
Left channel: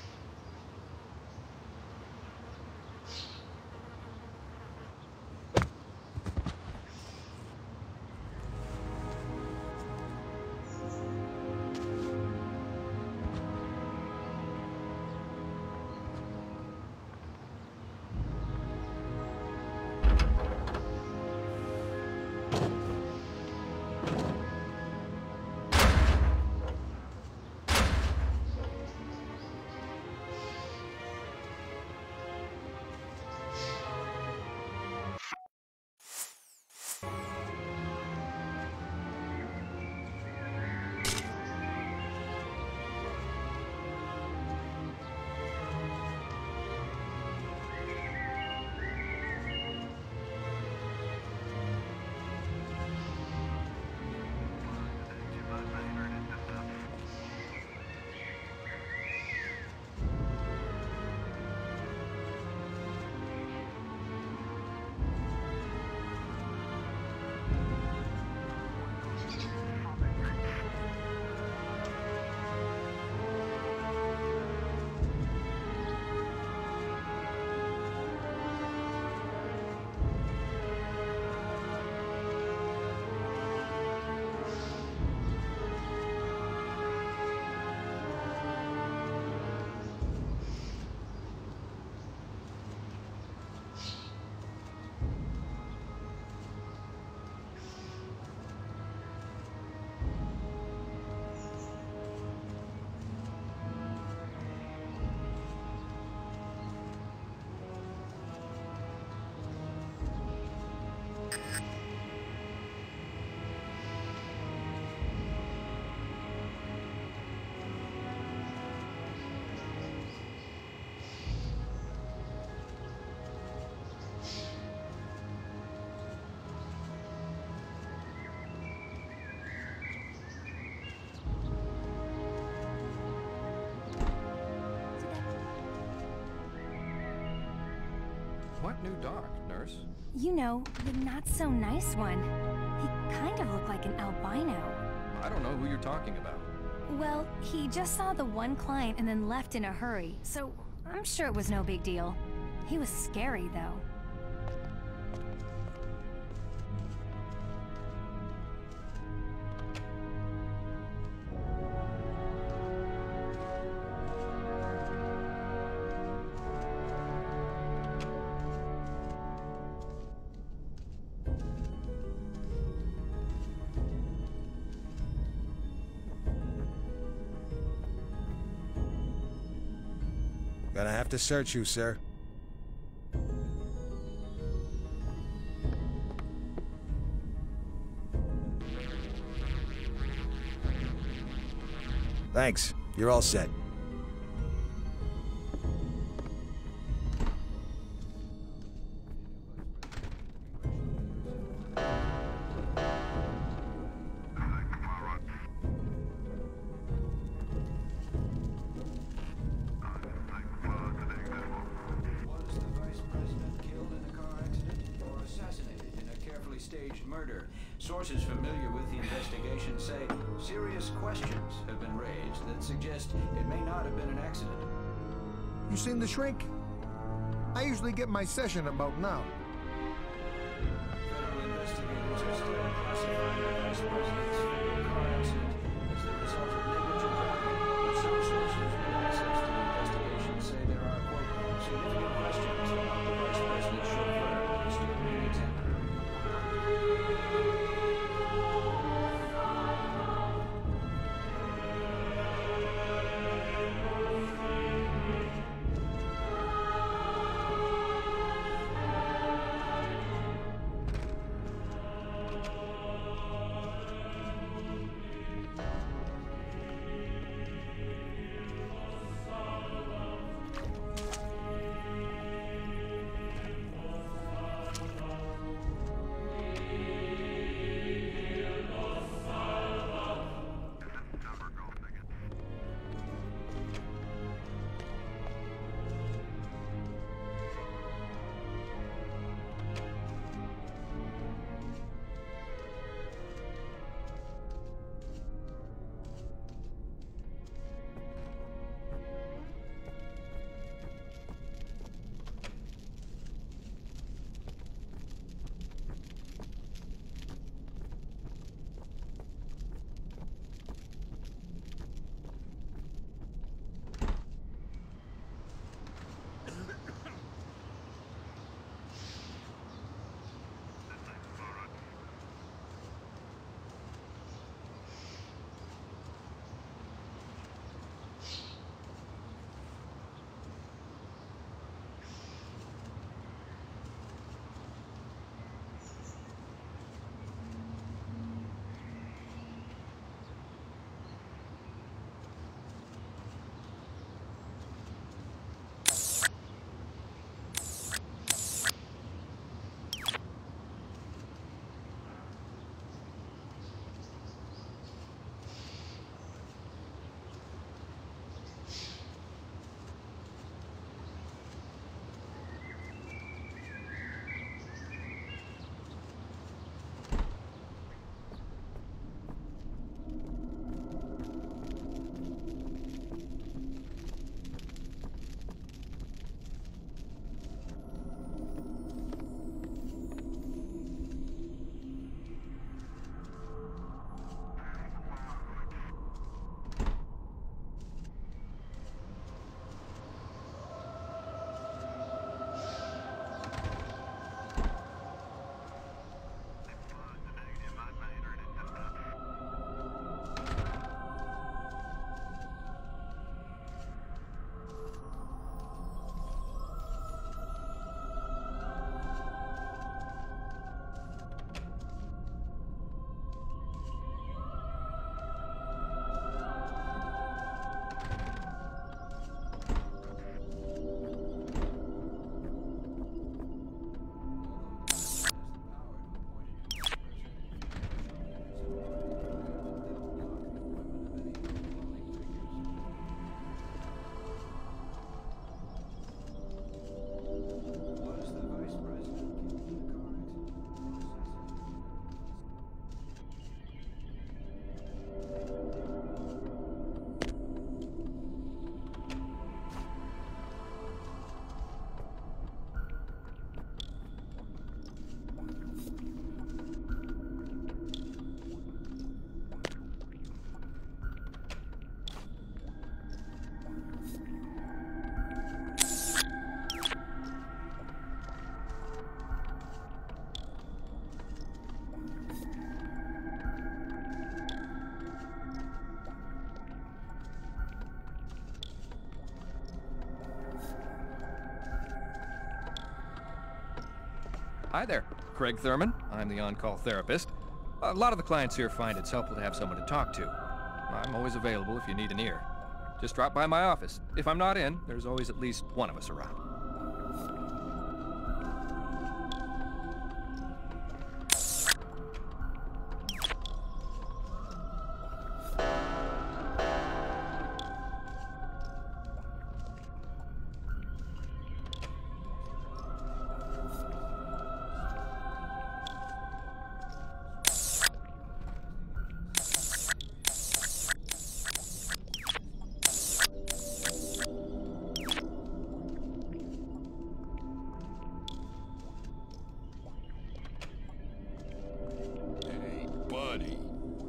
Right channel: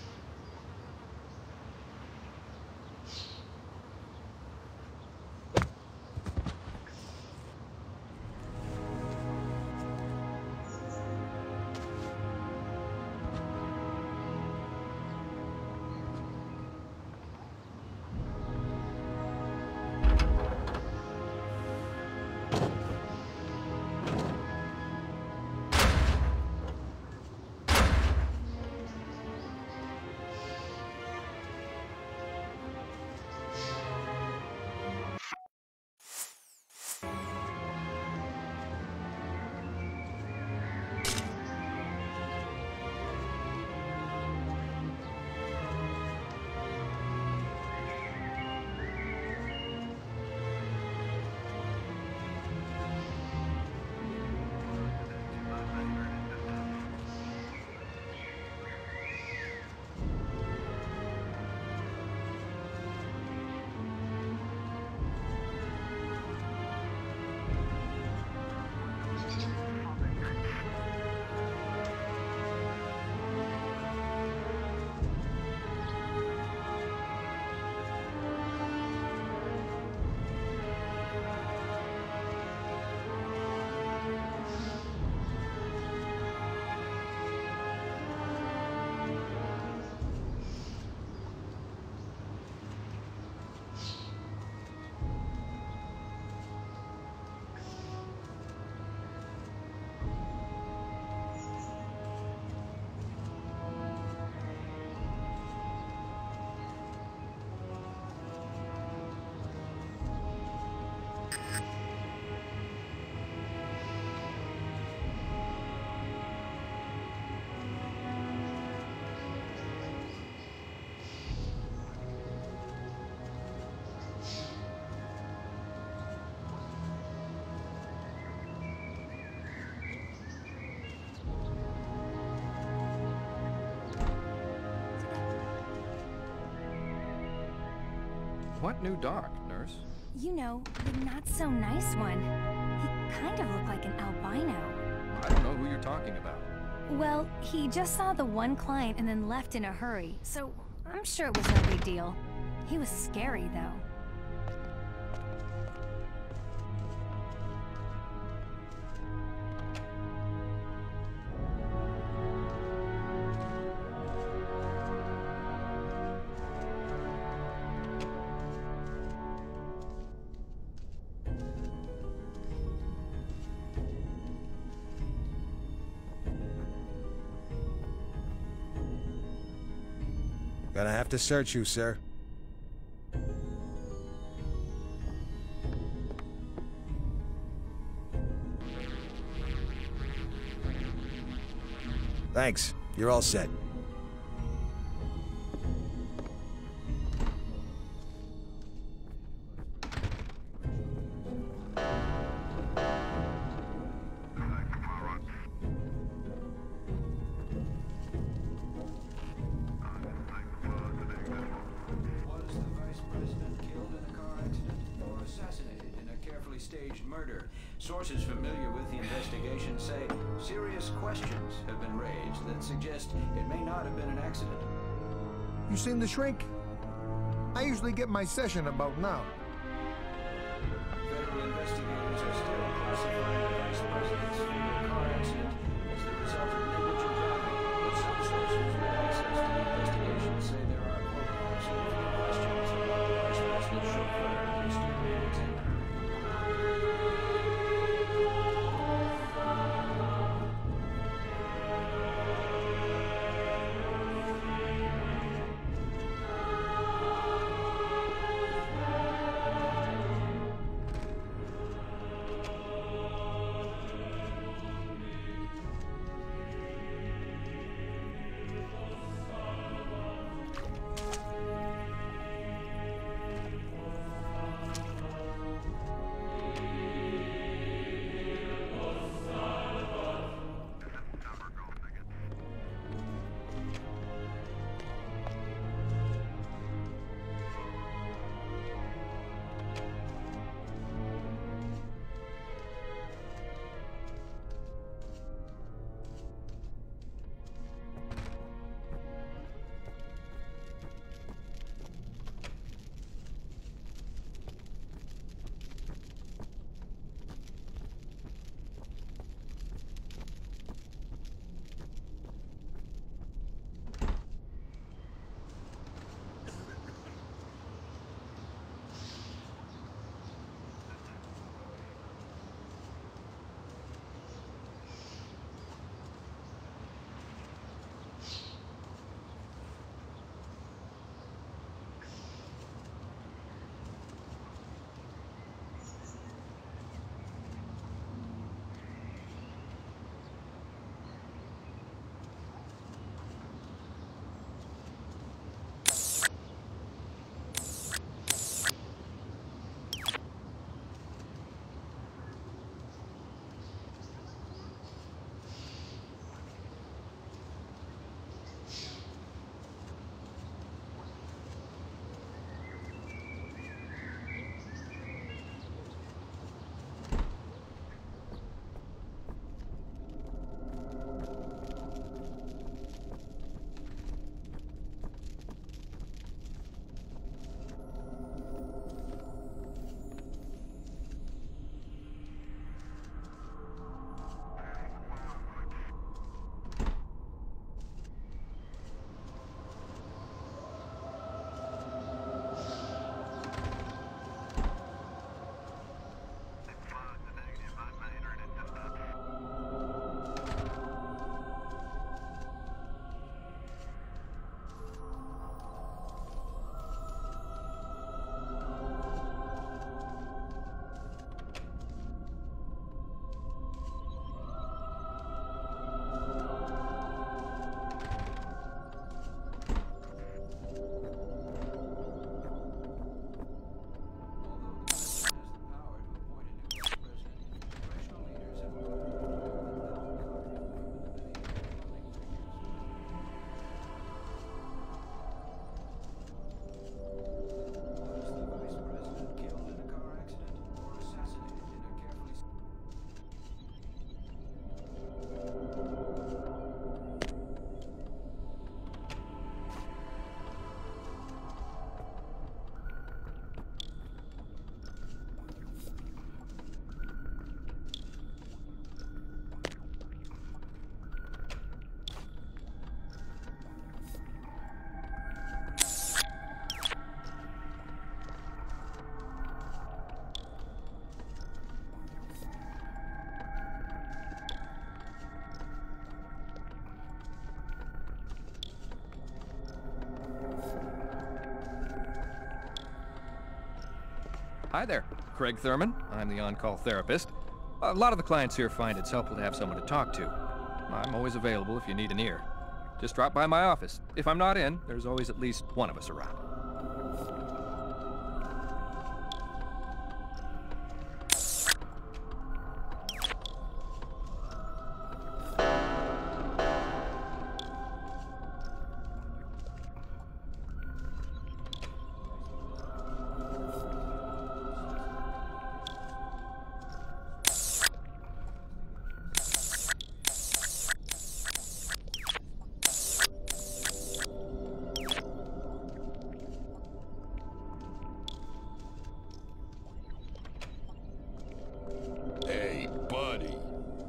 What new dark, nurse? You know, the not-so-nice one. He kind of looked like an albino. I don't know who you're talking about. Well, he just saw the one client and then left in a hurry, so I'm sure it was no big deal. He was scary, though. Gonna have to search you, sir. Thanks. You're all set. Staged murder. Sources familiar with the investigation say serious questions have been raised that suggest it may not have been an accident. You seen the shrink? I usually get my session about now. Federal investigators are still classifying the vice president's fatal car accident as the result of negligent driving, but some sources with access to the investigation say there are, quote, significant questions about the vice president's chauffeur still being examined. Hi there. Craig Thurman. I'm the on-call therapist. A lot of the clients here find it's helpful to have someone to talk to. I'm always available if you need an ear. Just drop by my office. If I'm not in, there's always at least one of us around.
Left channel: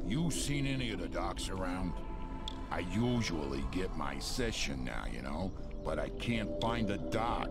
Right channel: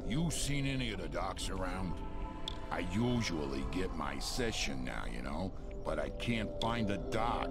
You seen any of the docs around? I usually get my session now, you know, but I can't find a doc.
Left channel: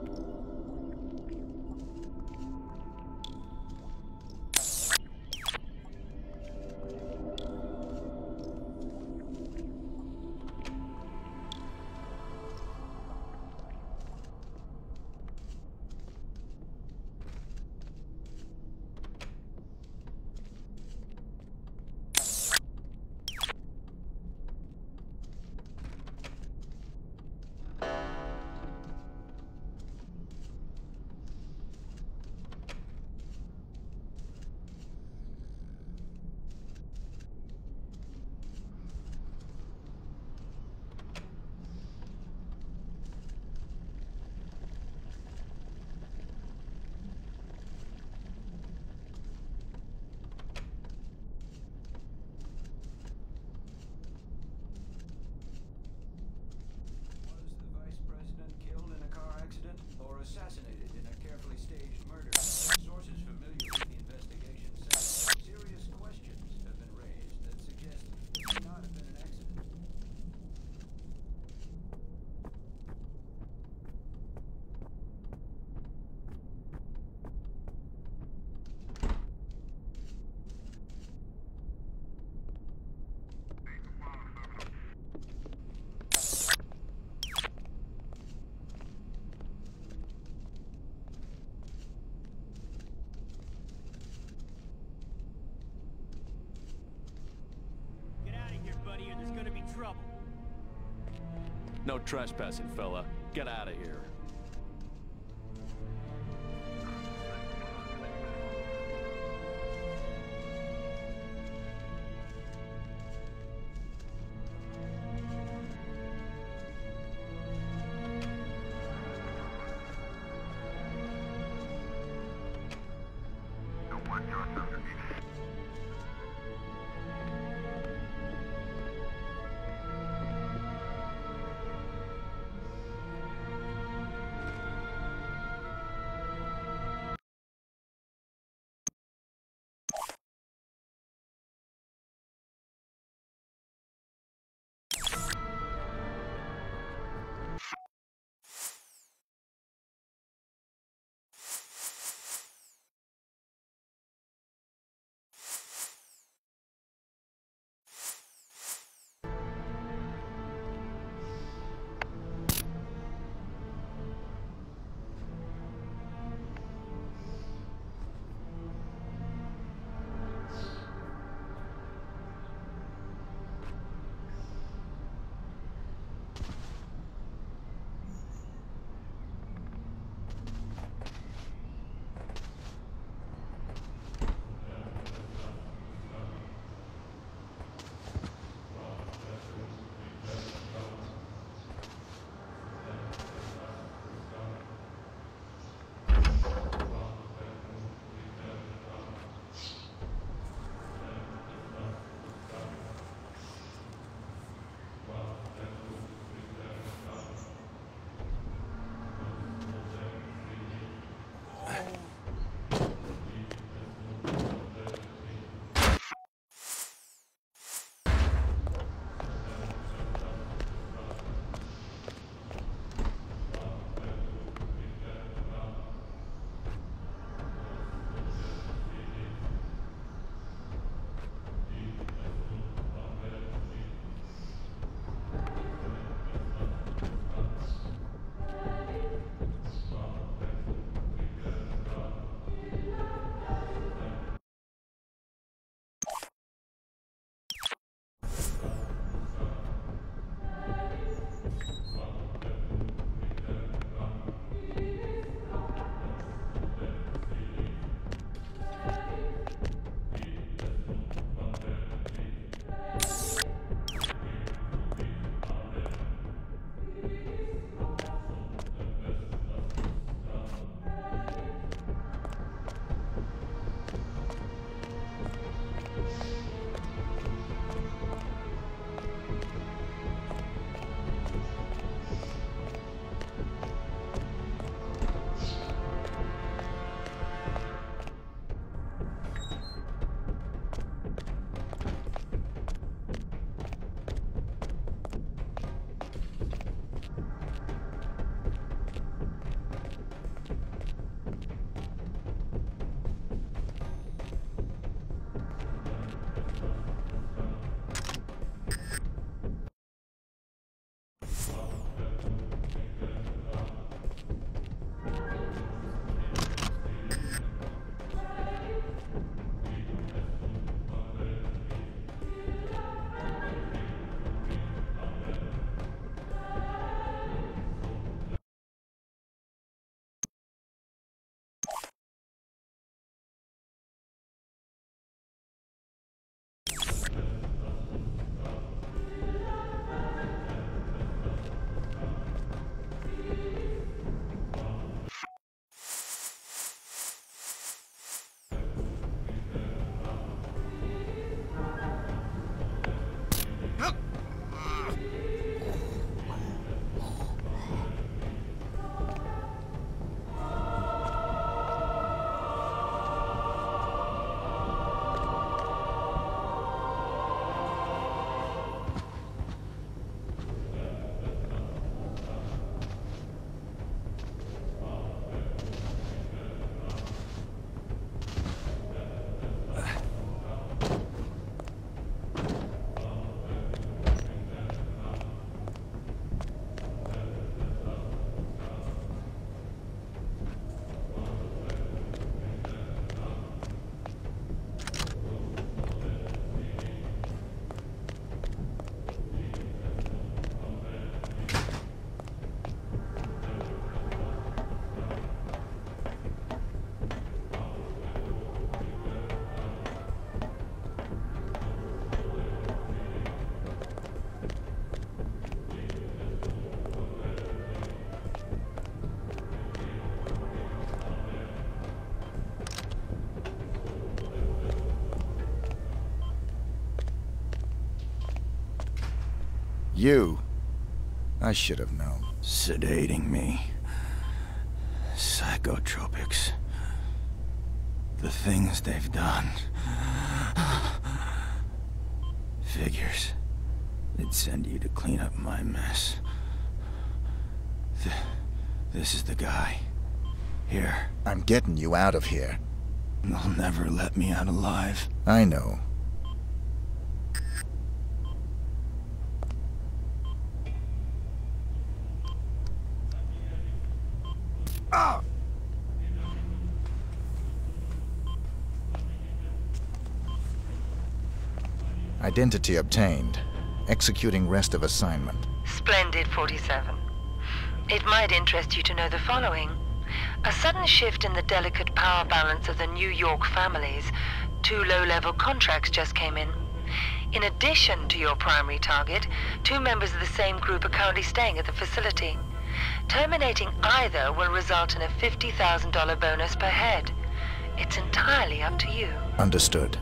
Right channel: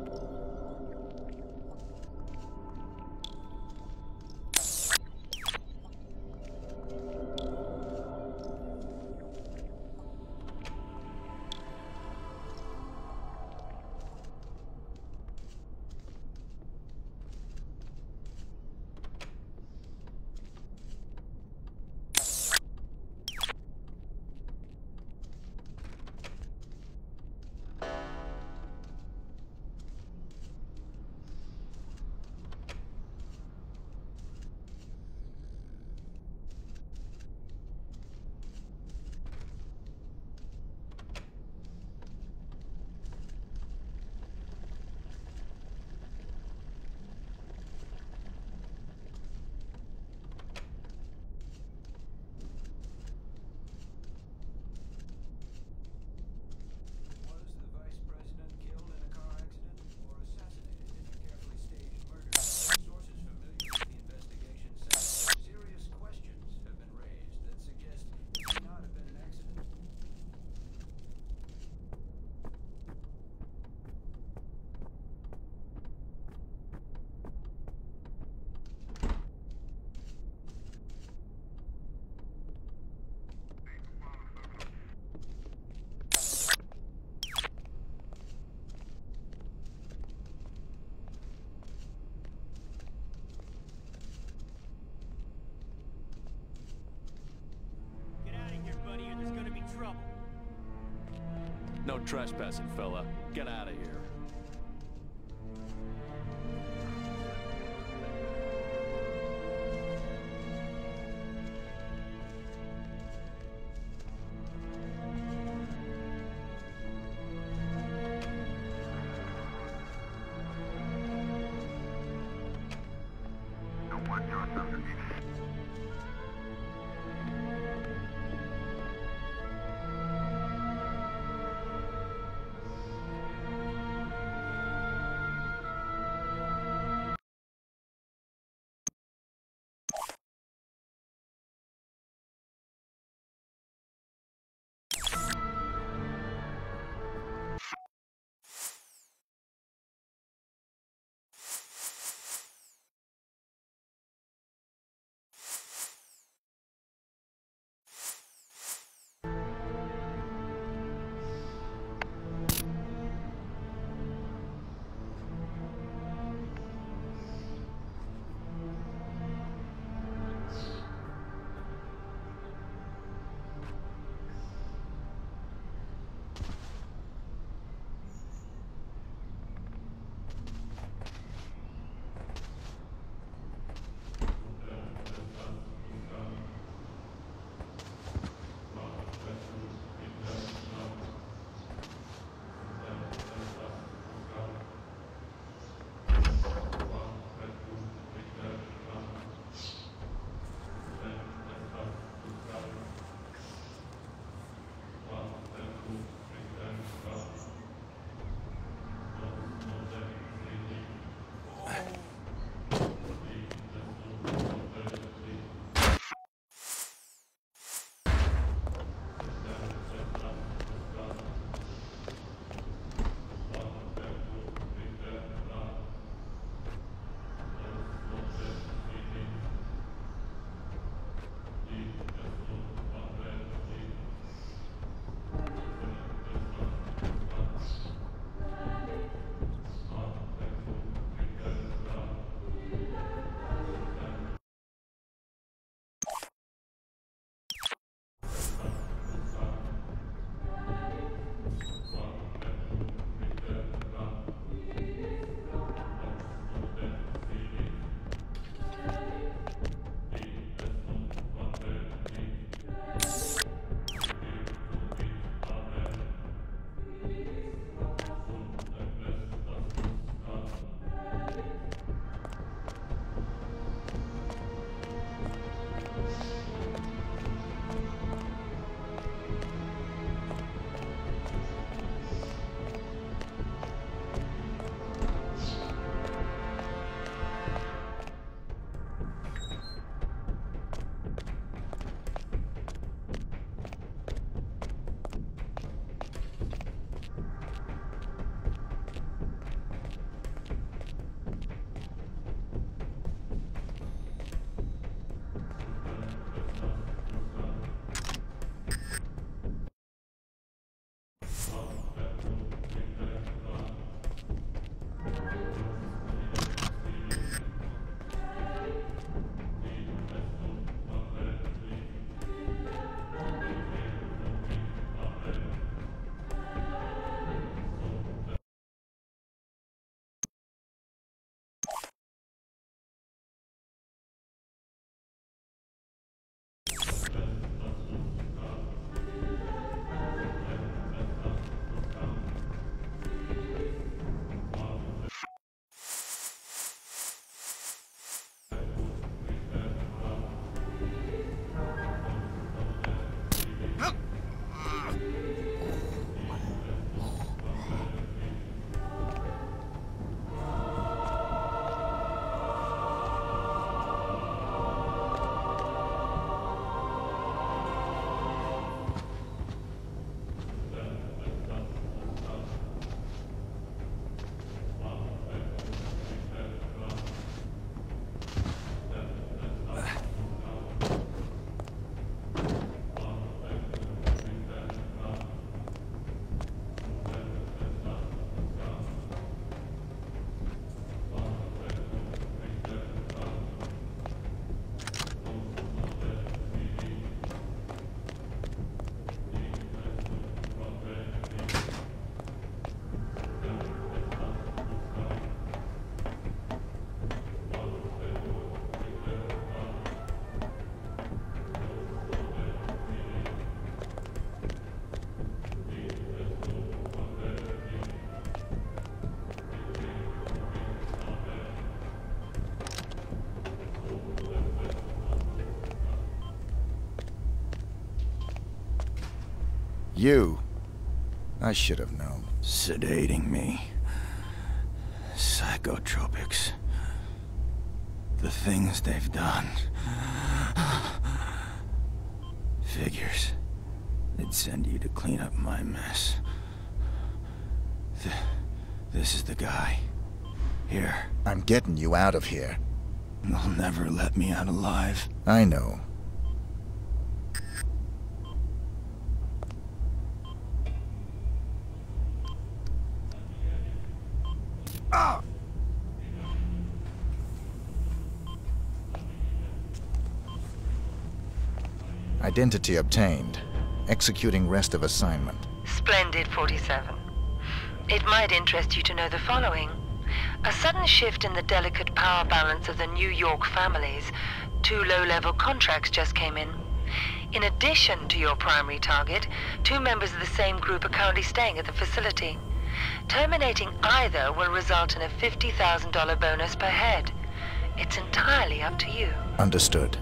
Trouble. No trespassing, fella. Get out of here. You. I should have known. Sedating me. Psychotropics. The things they've done. Figures. They'd send you to clean up my mess. This is the guy. Here. I'm getting you out of here. They'll never let me out alive. I know. Ah! Identity obtained. Executing rest of assignment. Splendid, 47. It might interest you to know the following. A sudden shift in the delicate power balance of the New York families. 2 low-level contracts just came in. In addition to your primary target, 2 members of the same group are currently staying at the facility. Terminating either will result in a $50,000 bonus per head. It's entirely up to you. Understood.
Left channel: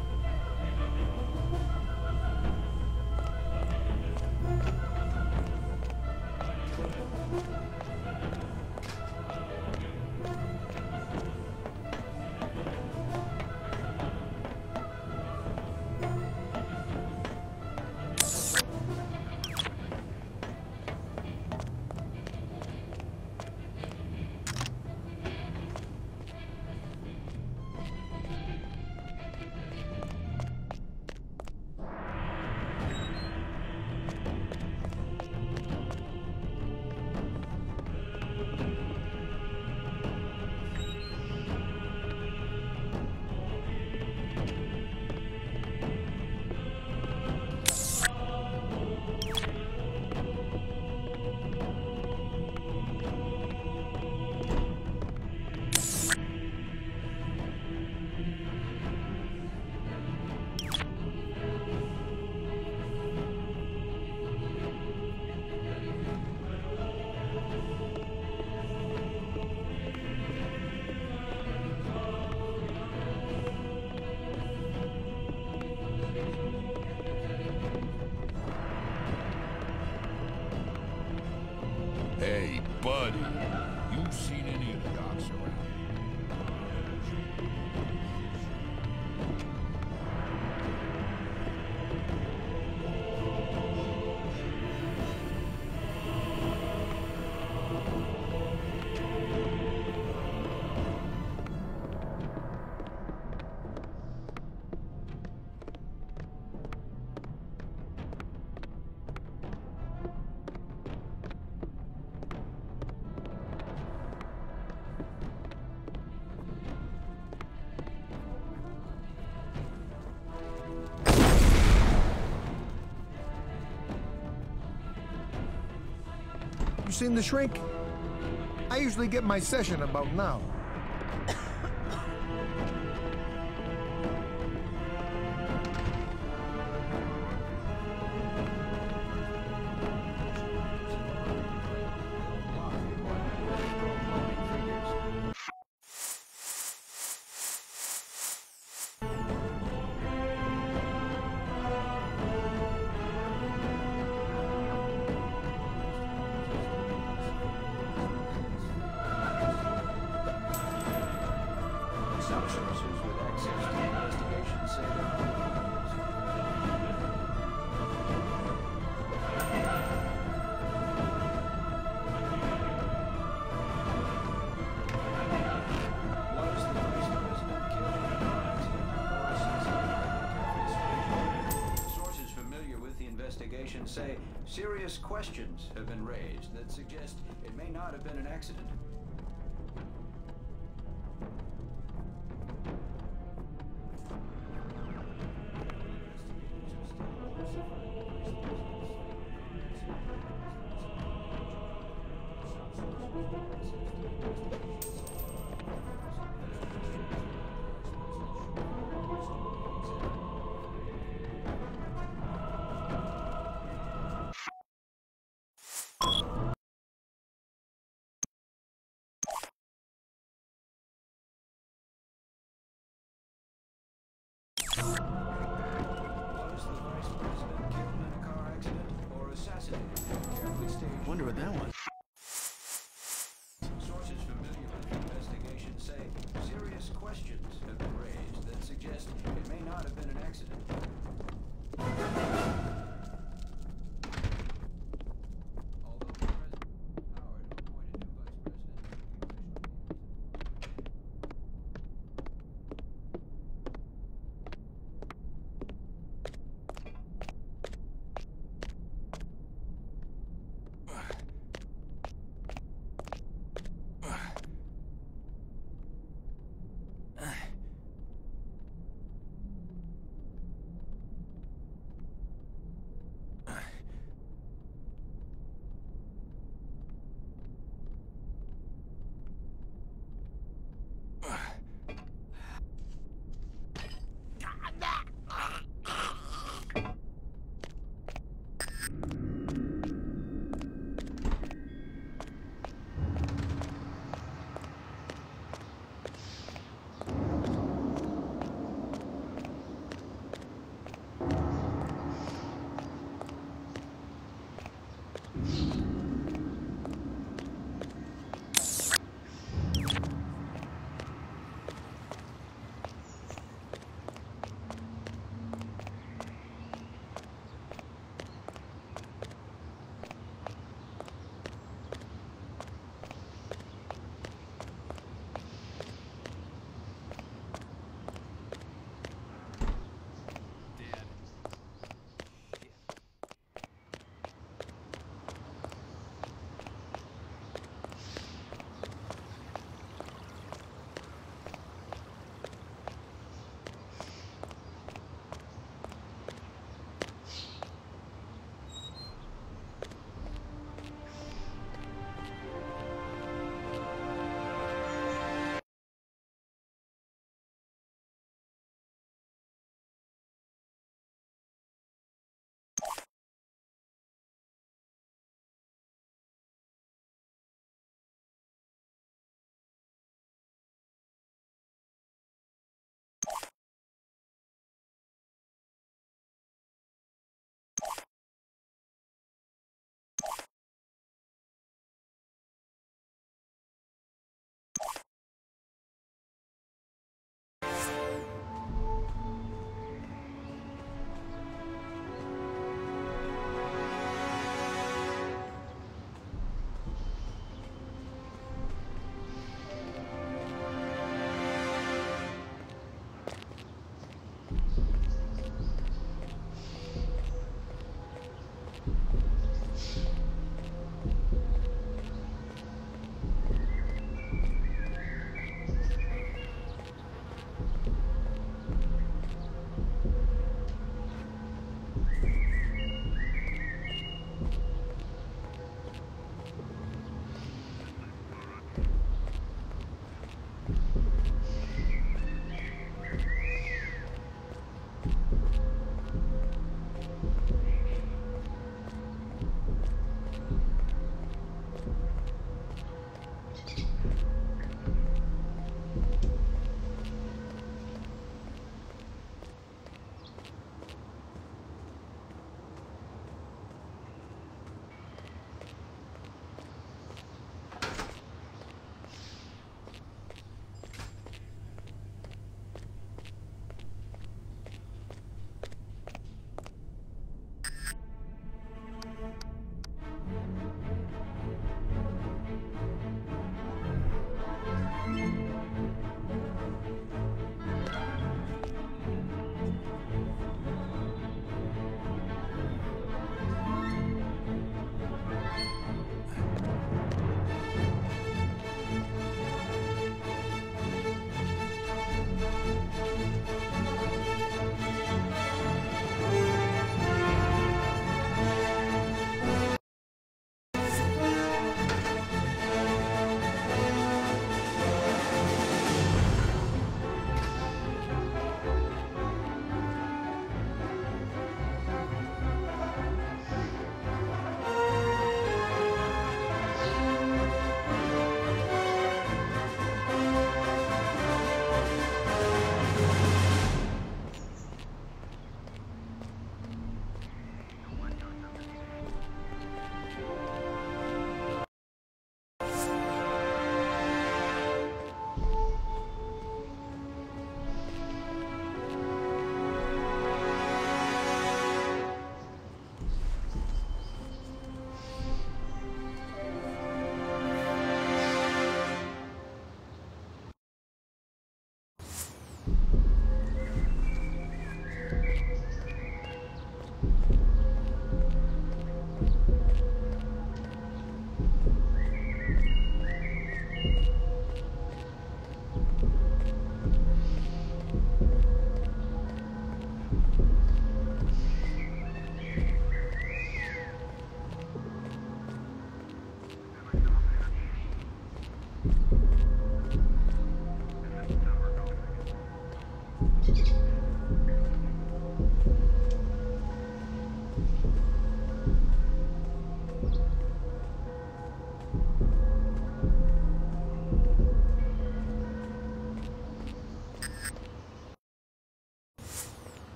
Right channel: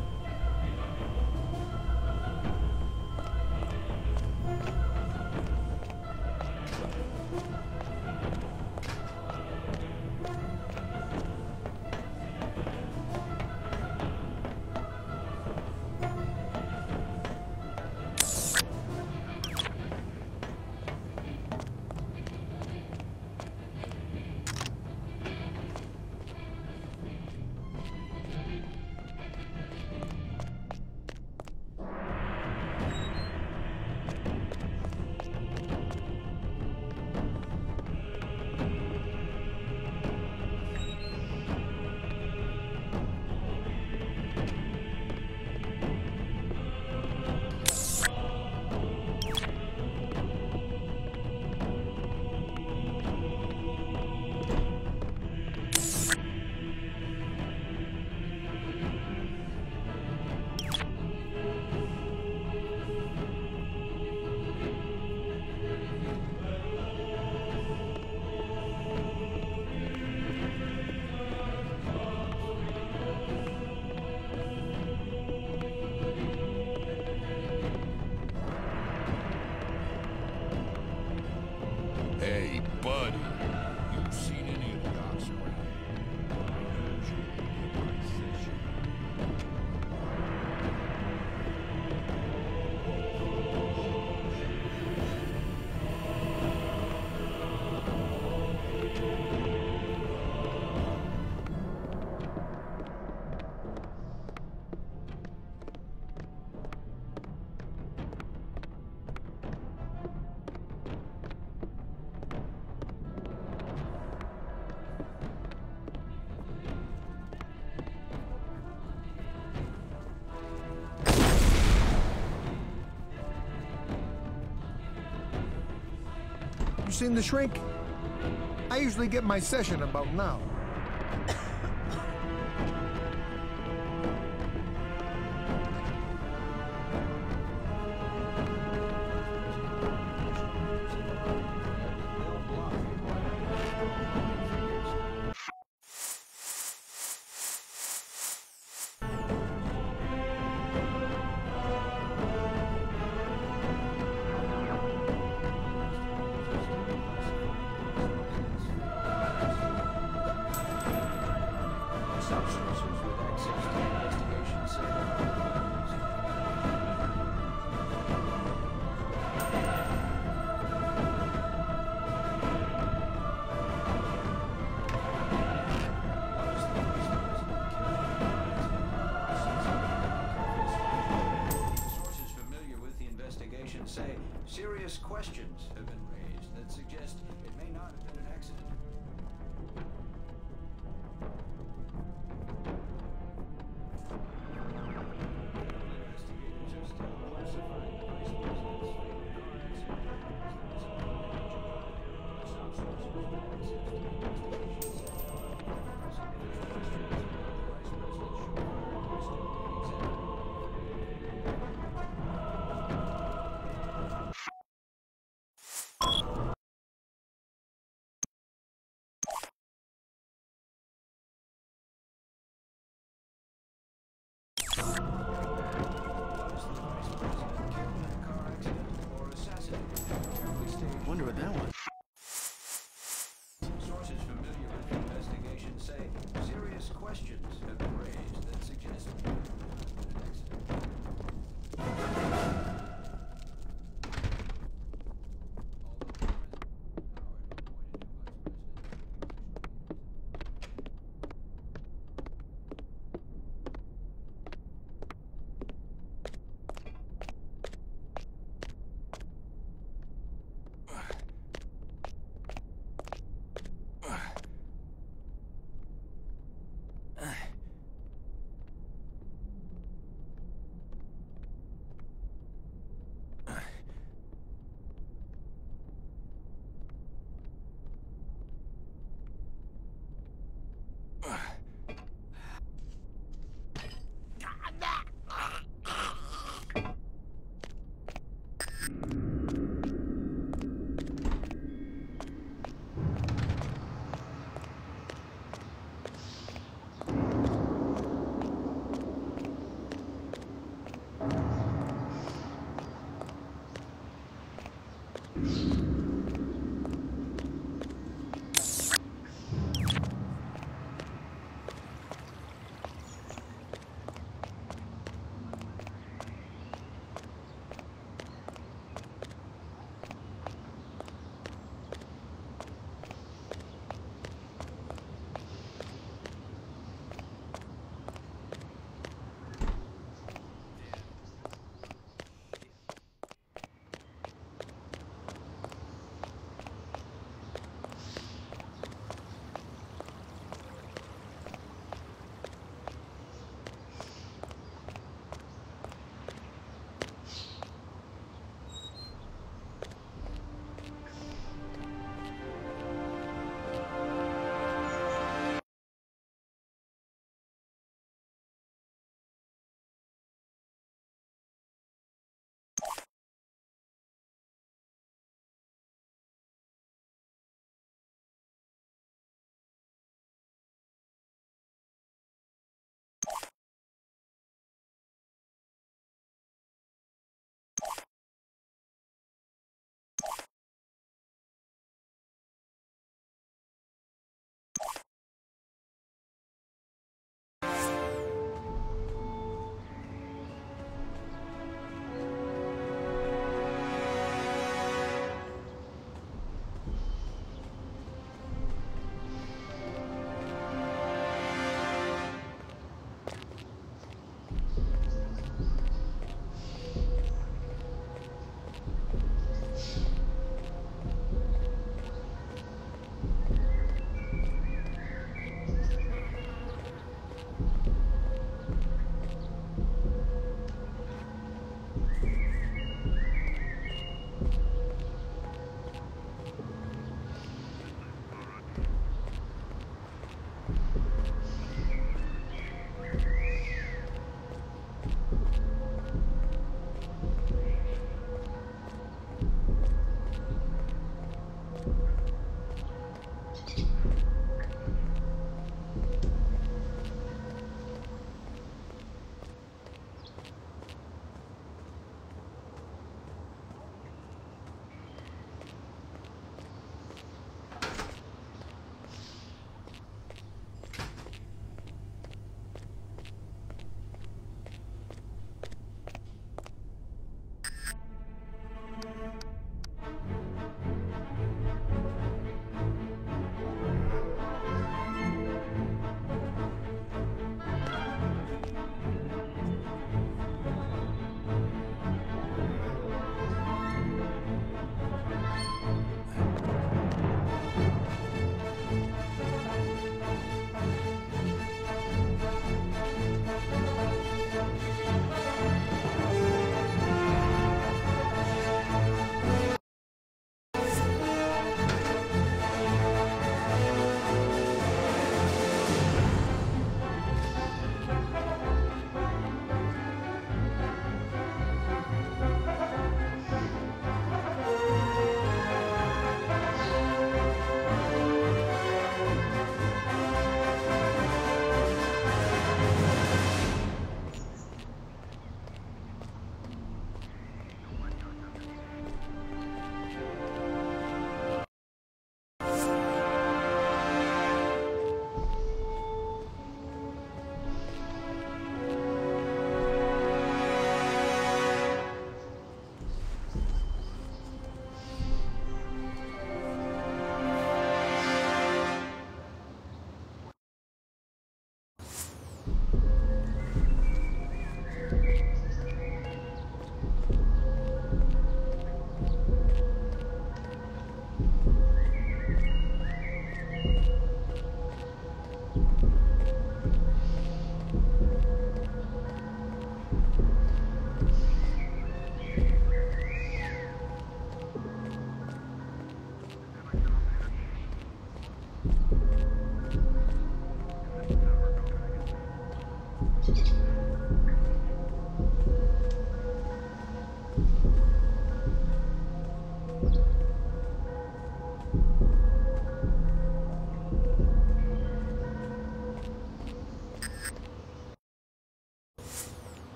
Hey, buddy. You seen any of the docs around? You seen the shrink? I usually get my session about now. Some sources with access to the investigation say there Sources familiar with the investigation say serious questions have been raised that suggest it may not have been an accident.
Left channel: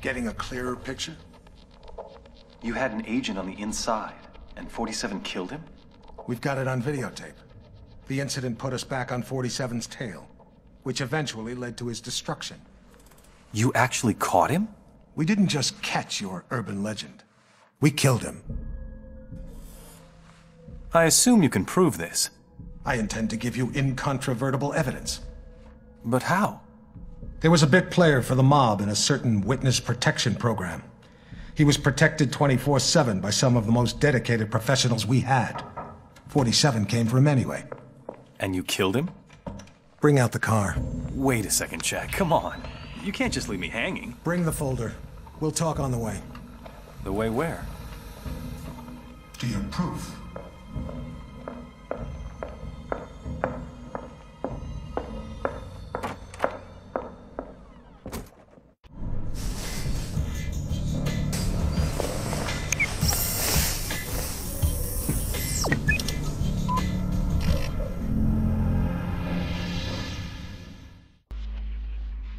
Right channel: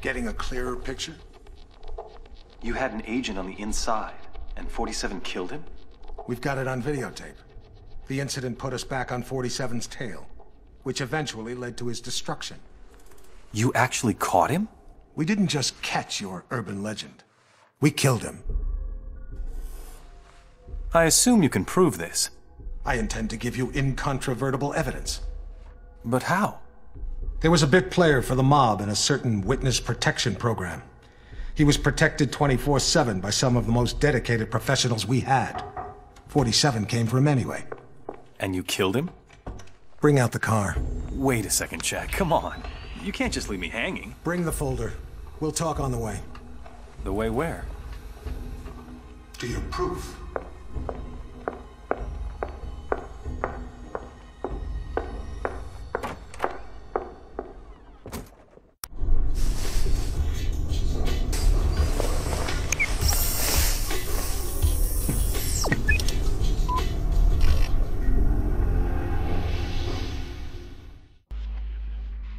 Getting a clearer picture? You had an agent on the inside, and 47 killed him? We've got it on videotape. The incident put us back on 47's tail, which eventually led to his destruction. You actually caught him? We didn't just catch your urban legend. We killed him. I assume you can prove this. I intend to give you incontrovertible evidence. But how? There was a bit player for the mob in a certain witness protection program. He was protected 24/7 by some of the most dedicated professionals we had. 47 came for him anyway. And you killed him? Bring out the car. Wait a second, Jack. Come on. You can't just leave me hanging. Bring the folder. We'll talk on the way. The way where? To your proof.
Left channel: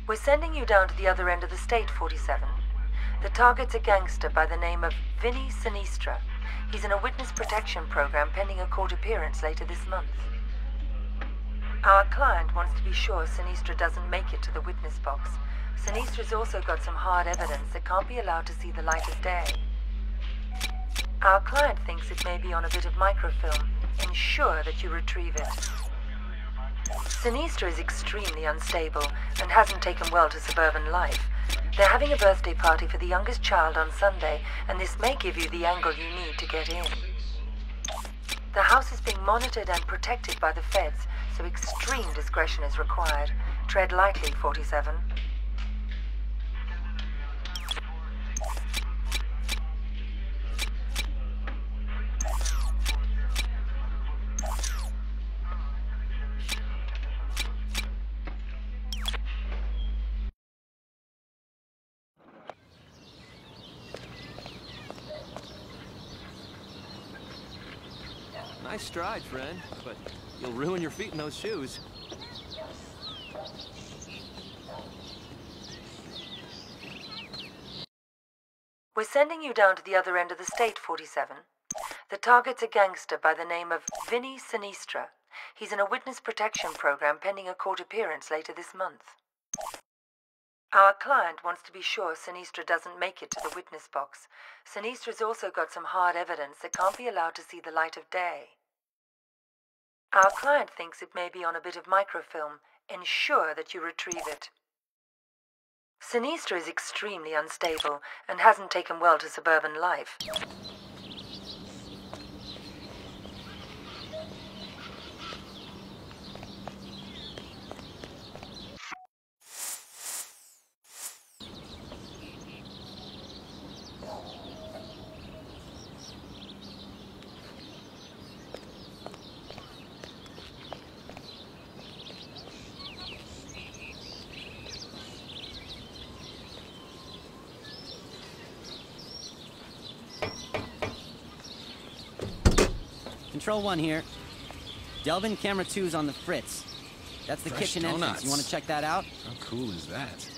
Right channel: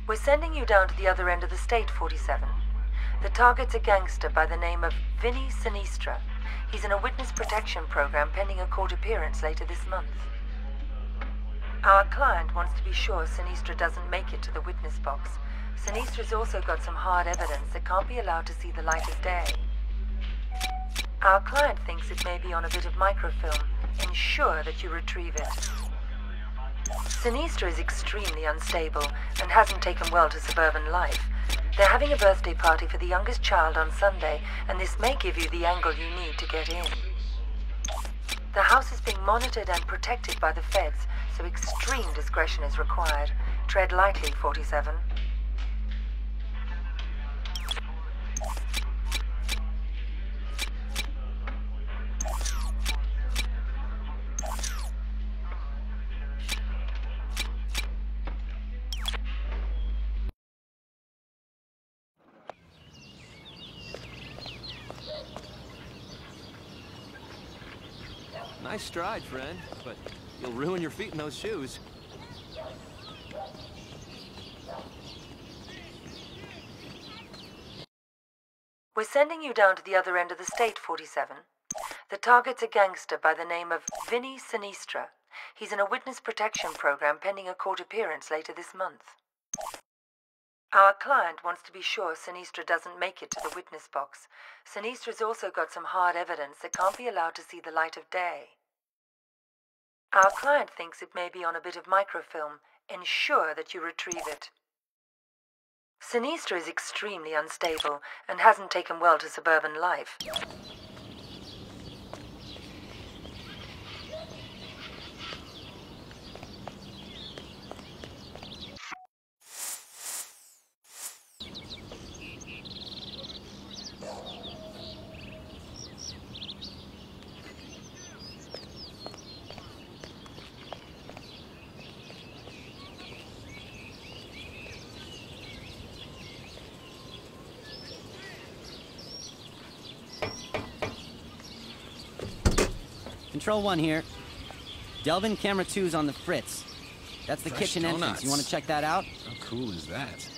We're sending you down to the other end of the state, 47. The target's a gangster by the name of Vinny Sinistra. He's in a witness protection program pending a court appearance later this month. Our client wants to be sure Sinistra doesn't make it to the witness box. Sinistra's also got some hard evidence that can't be allowed to see the light of day. Our client thinks it may be on a bit of microfilm. Ensure that you retrieve it. Sinistra is extremely unstable and hasn't taken well to suburban life. They're having a birthday party for the youngest child on Sunday, and this may give you the angle you need to get in. The house is being monitored and protected by the feds, so extreme discretion is required. Tread lightly, 47. Nice stride, friend, but you'll ruin your feet in those shoes. We're sending you down to the other end of the state, 47. The target's a gangster by the name of Vinny Sinistra. He's in a witness protection program pending a court appearance later this month. Our client wants to be sure Sinistra doesn't make it to the witness box. Sinistra's also got some hard evidence that can't be allowed to see the light of day. Our client thinks it may be on a bit of microfilm. Ensure that you retrieve it. Sinistra is extremely unstable and hasn't taken well to suburban life. Control 1 here. Delvin Camera 2's on the fritz. That's the Fresh kitchen donuts. entrance. You want to check that out? How cool is that?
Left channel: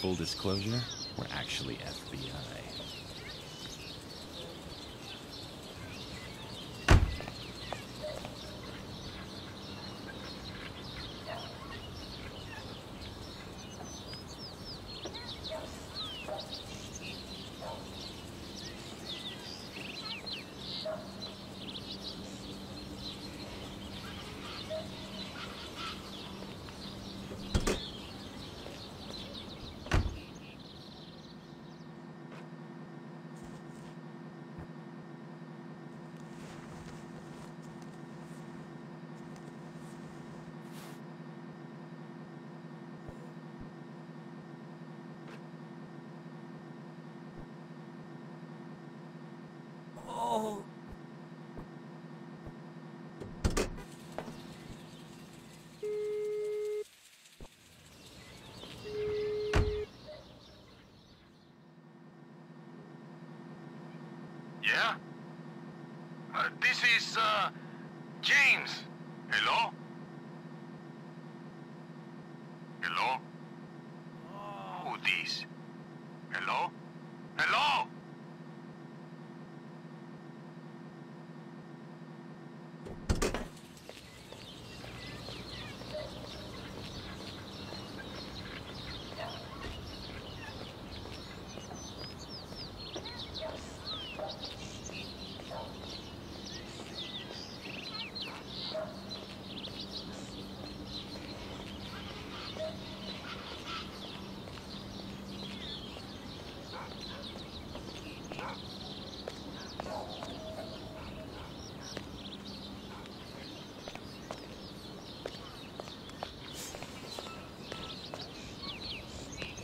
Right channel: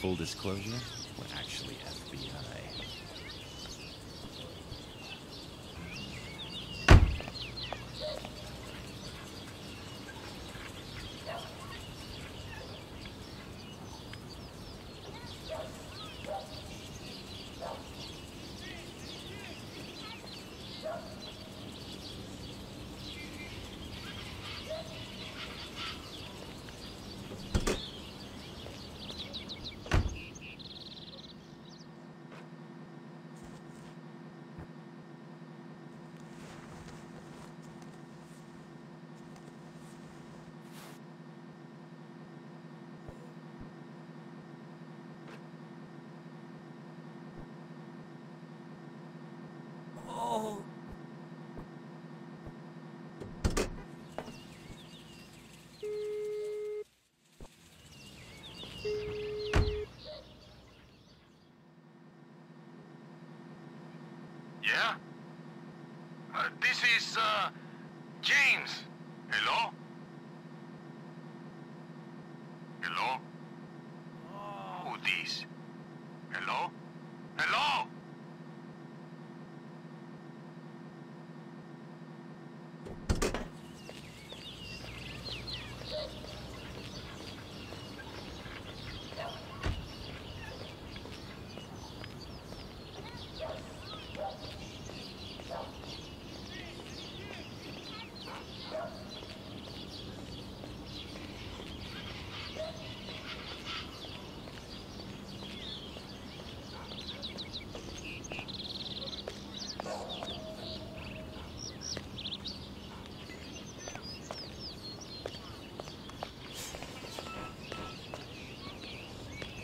Full disclosure, we're actually FBI. Oh. Yeah? This is, James. Hello? Hello? Who this?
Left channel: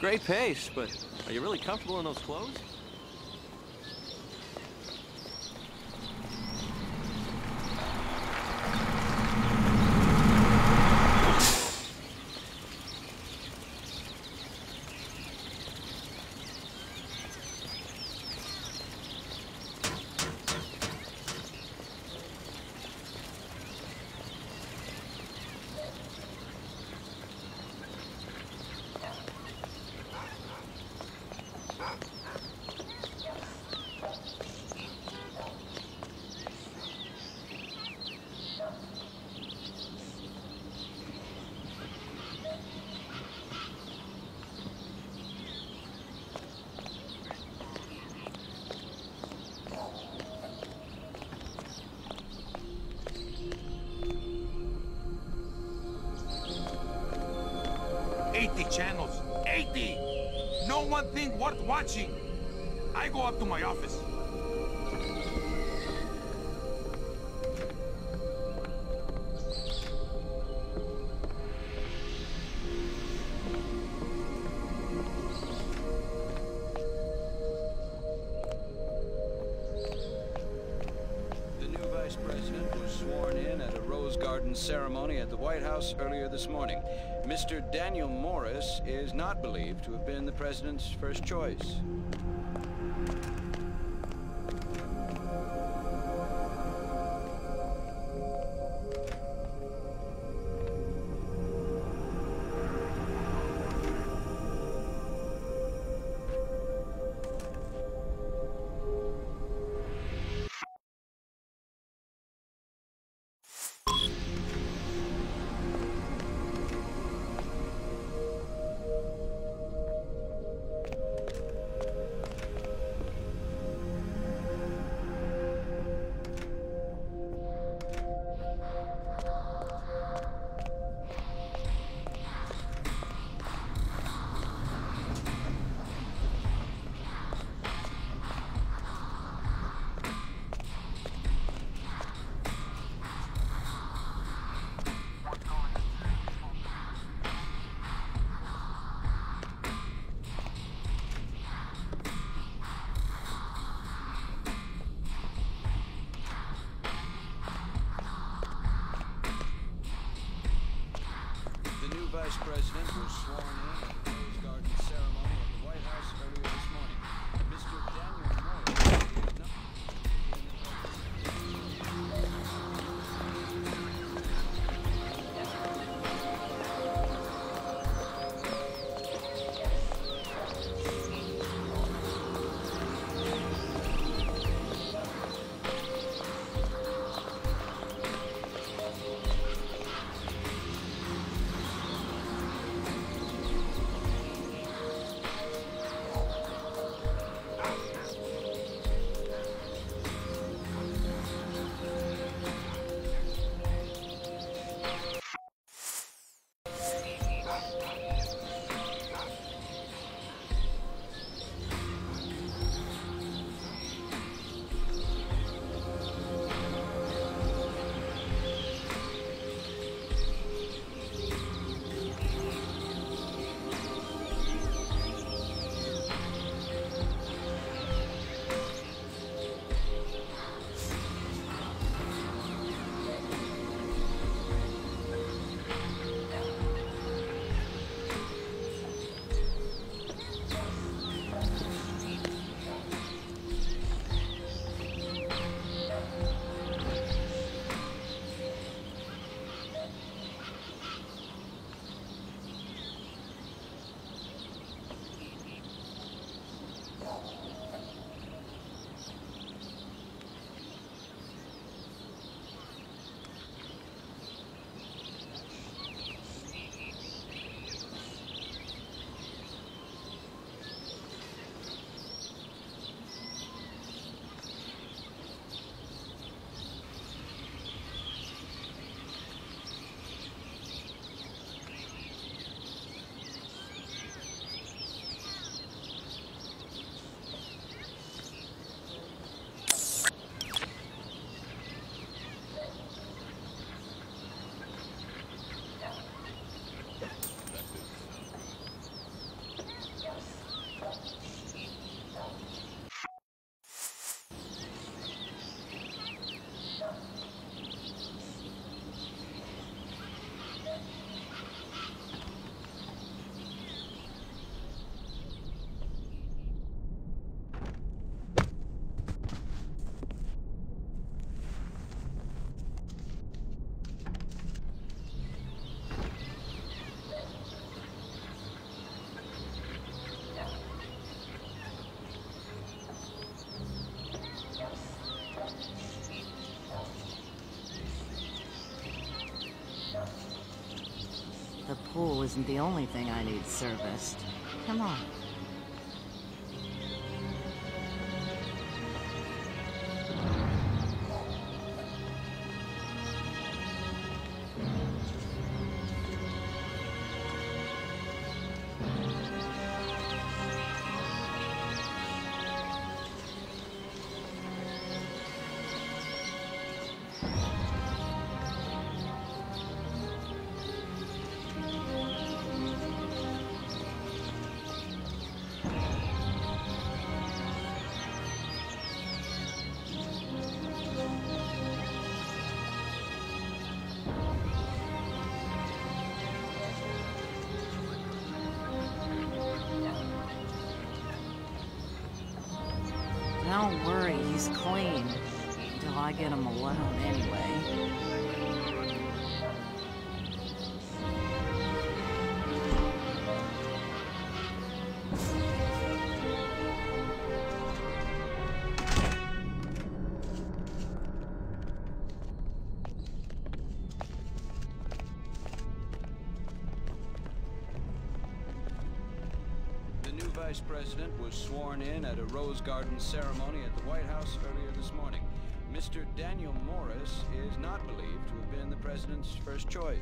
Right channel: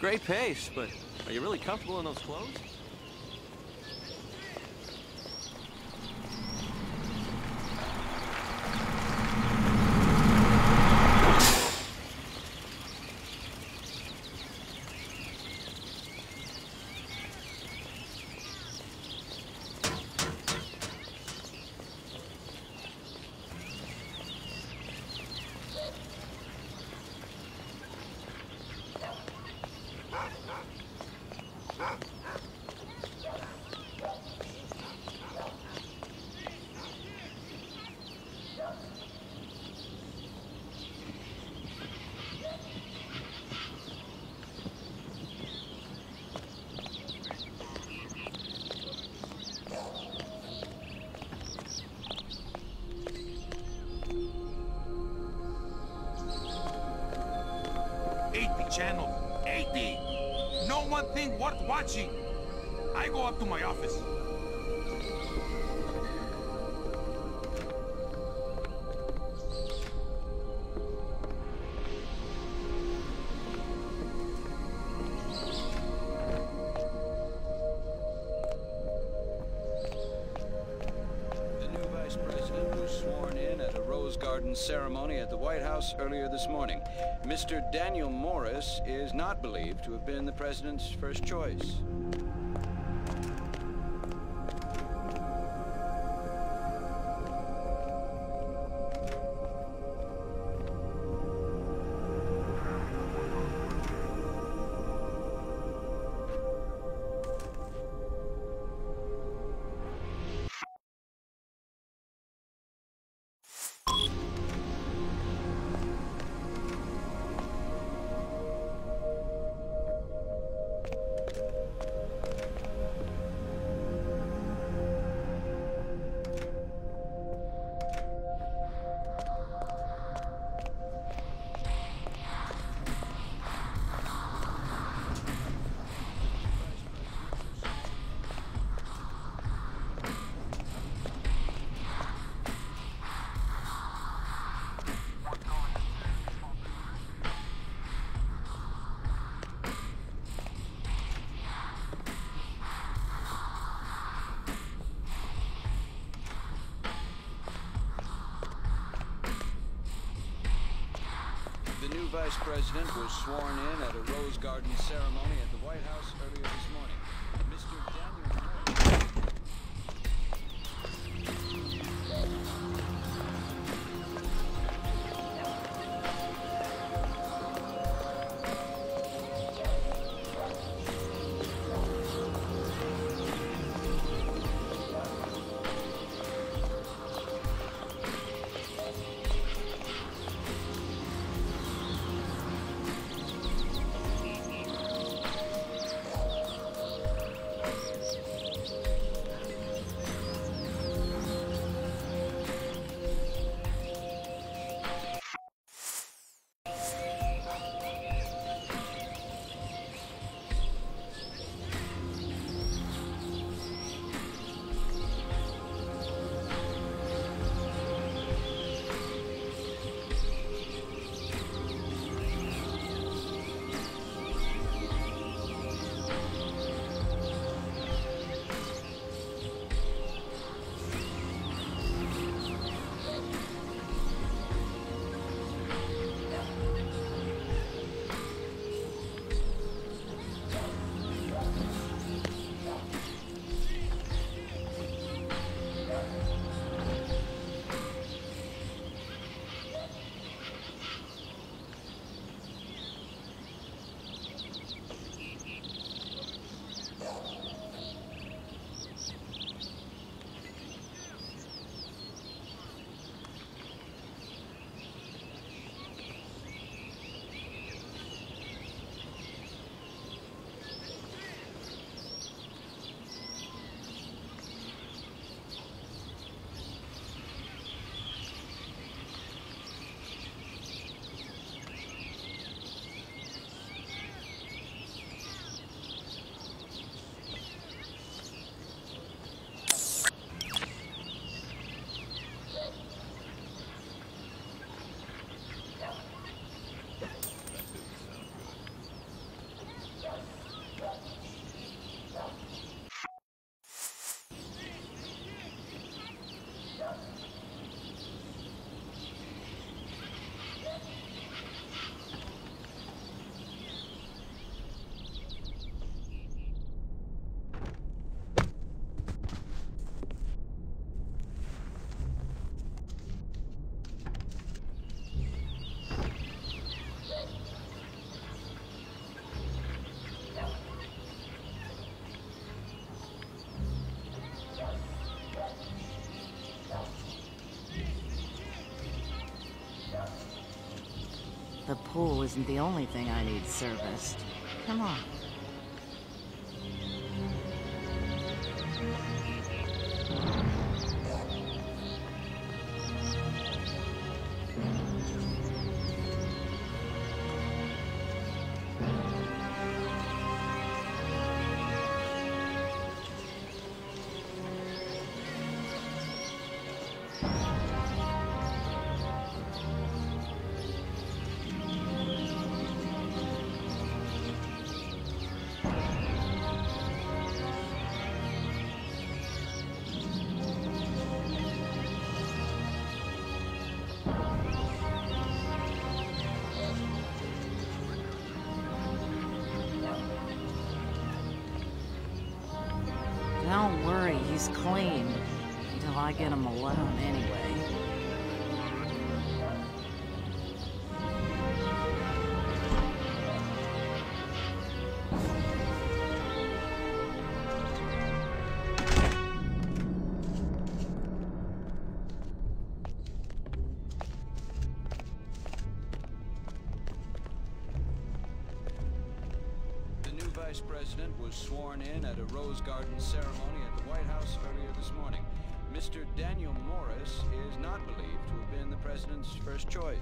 Great pace, but are you really comfortable in those clothes? Channels. 80! No one thing worth watching. I go up to my office. The new vice president was sworn in at a Rose Garden ceremony at the White House earlier this morning. Mr. Daniel Morris is not believed to have been the president's first choice. The new vice president was sworn in at a Rose Garden ceremony at the White House earlier this morning. Mr. Daniel Morris. The pool isn't the only thing I need serviced. Come on. Don't worry, he's clean. Until I get him alone anyway. Vice President was sworn in at a Rose Garden ceremony at the White House earlier this morning. Mr. Daniel Morris is not believed to have been the president's first choice.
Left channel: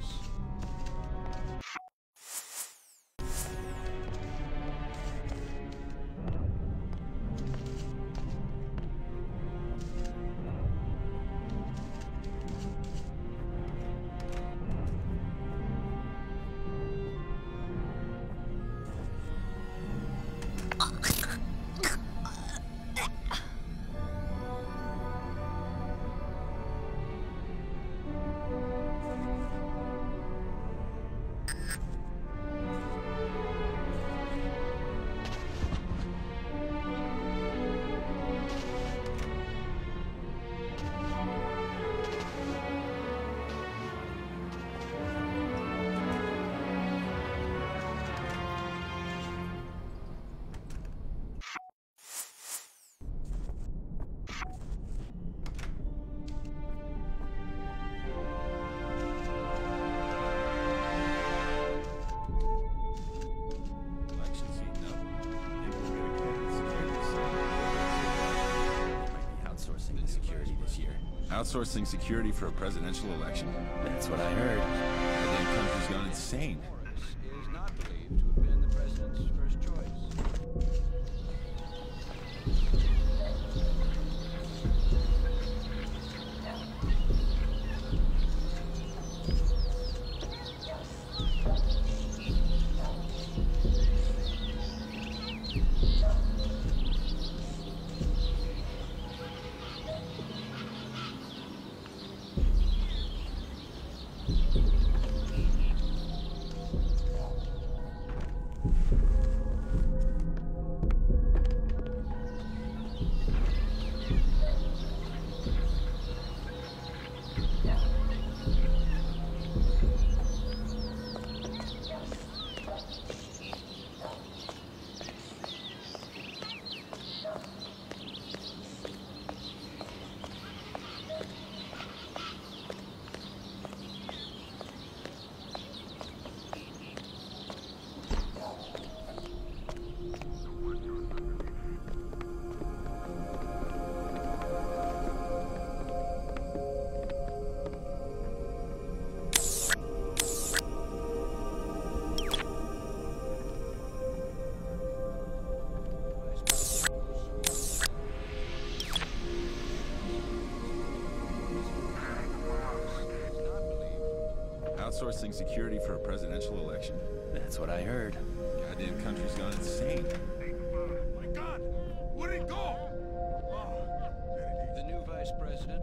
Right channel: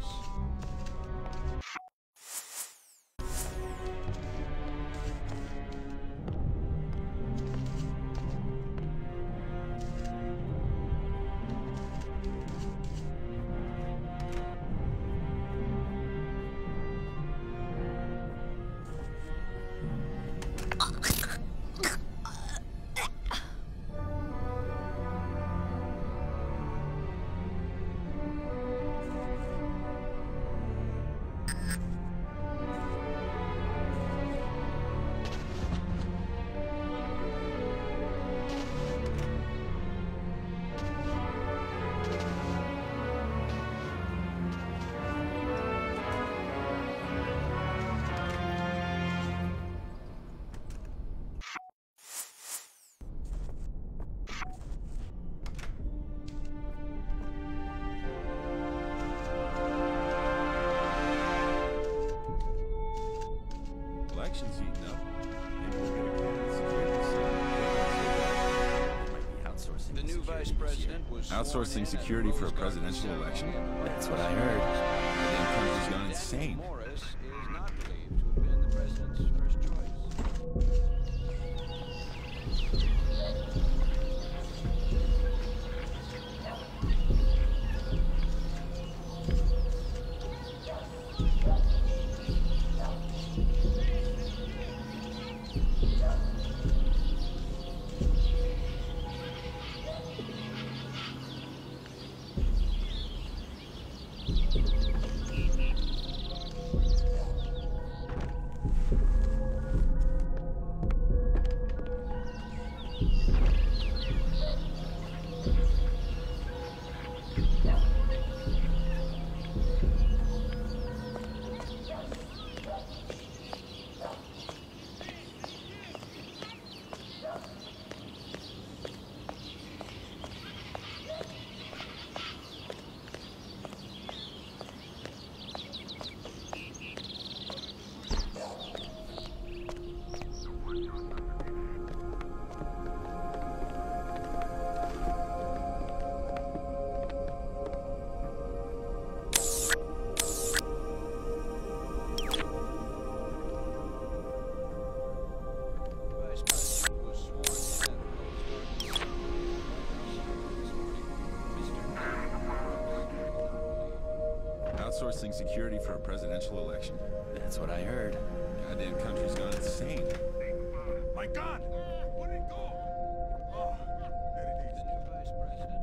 Outsourcing security for a presidential election? That's what I heard. The damn country's gone insane. Morris is not believed to have been the president's first choice. Outsourcing security for a presidential election? That's what I heard. Goddamn country's gone insane. My God! Where'd it go? Oh, there it is. The new vice president.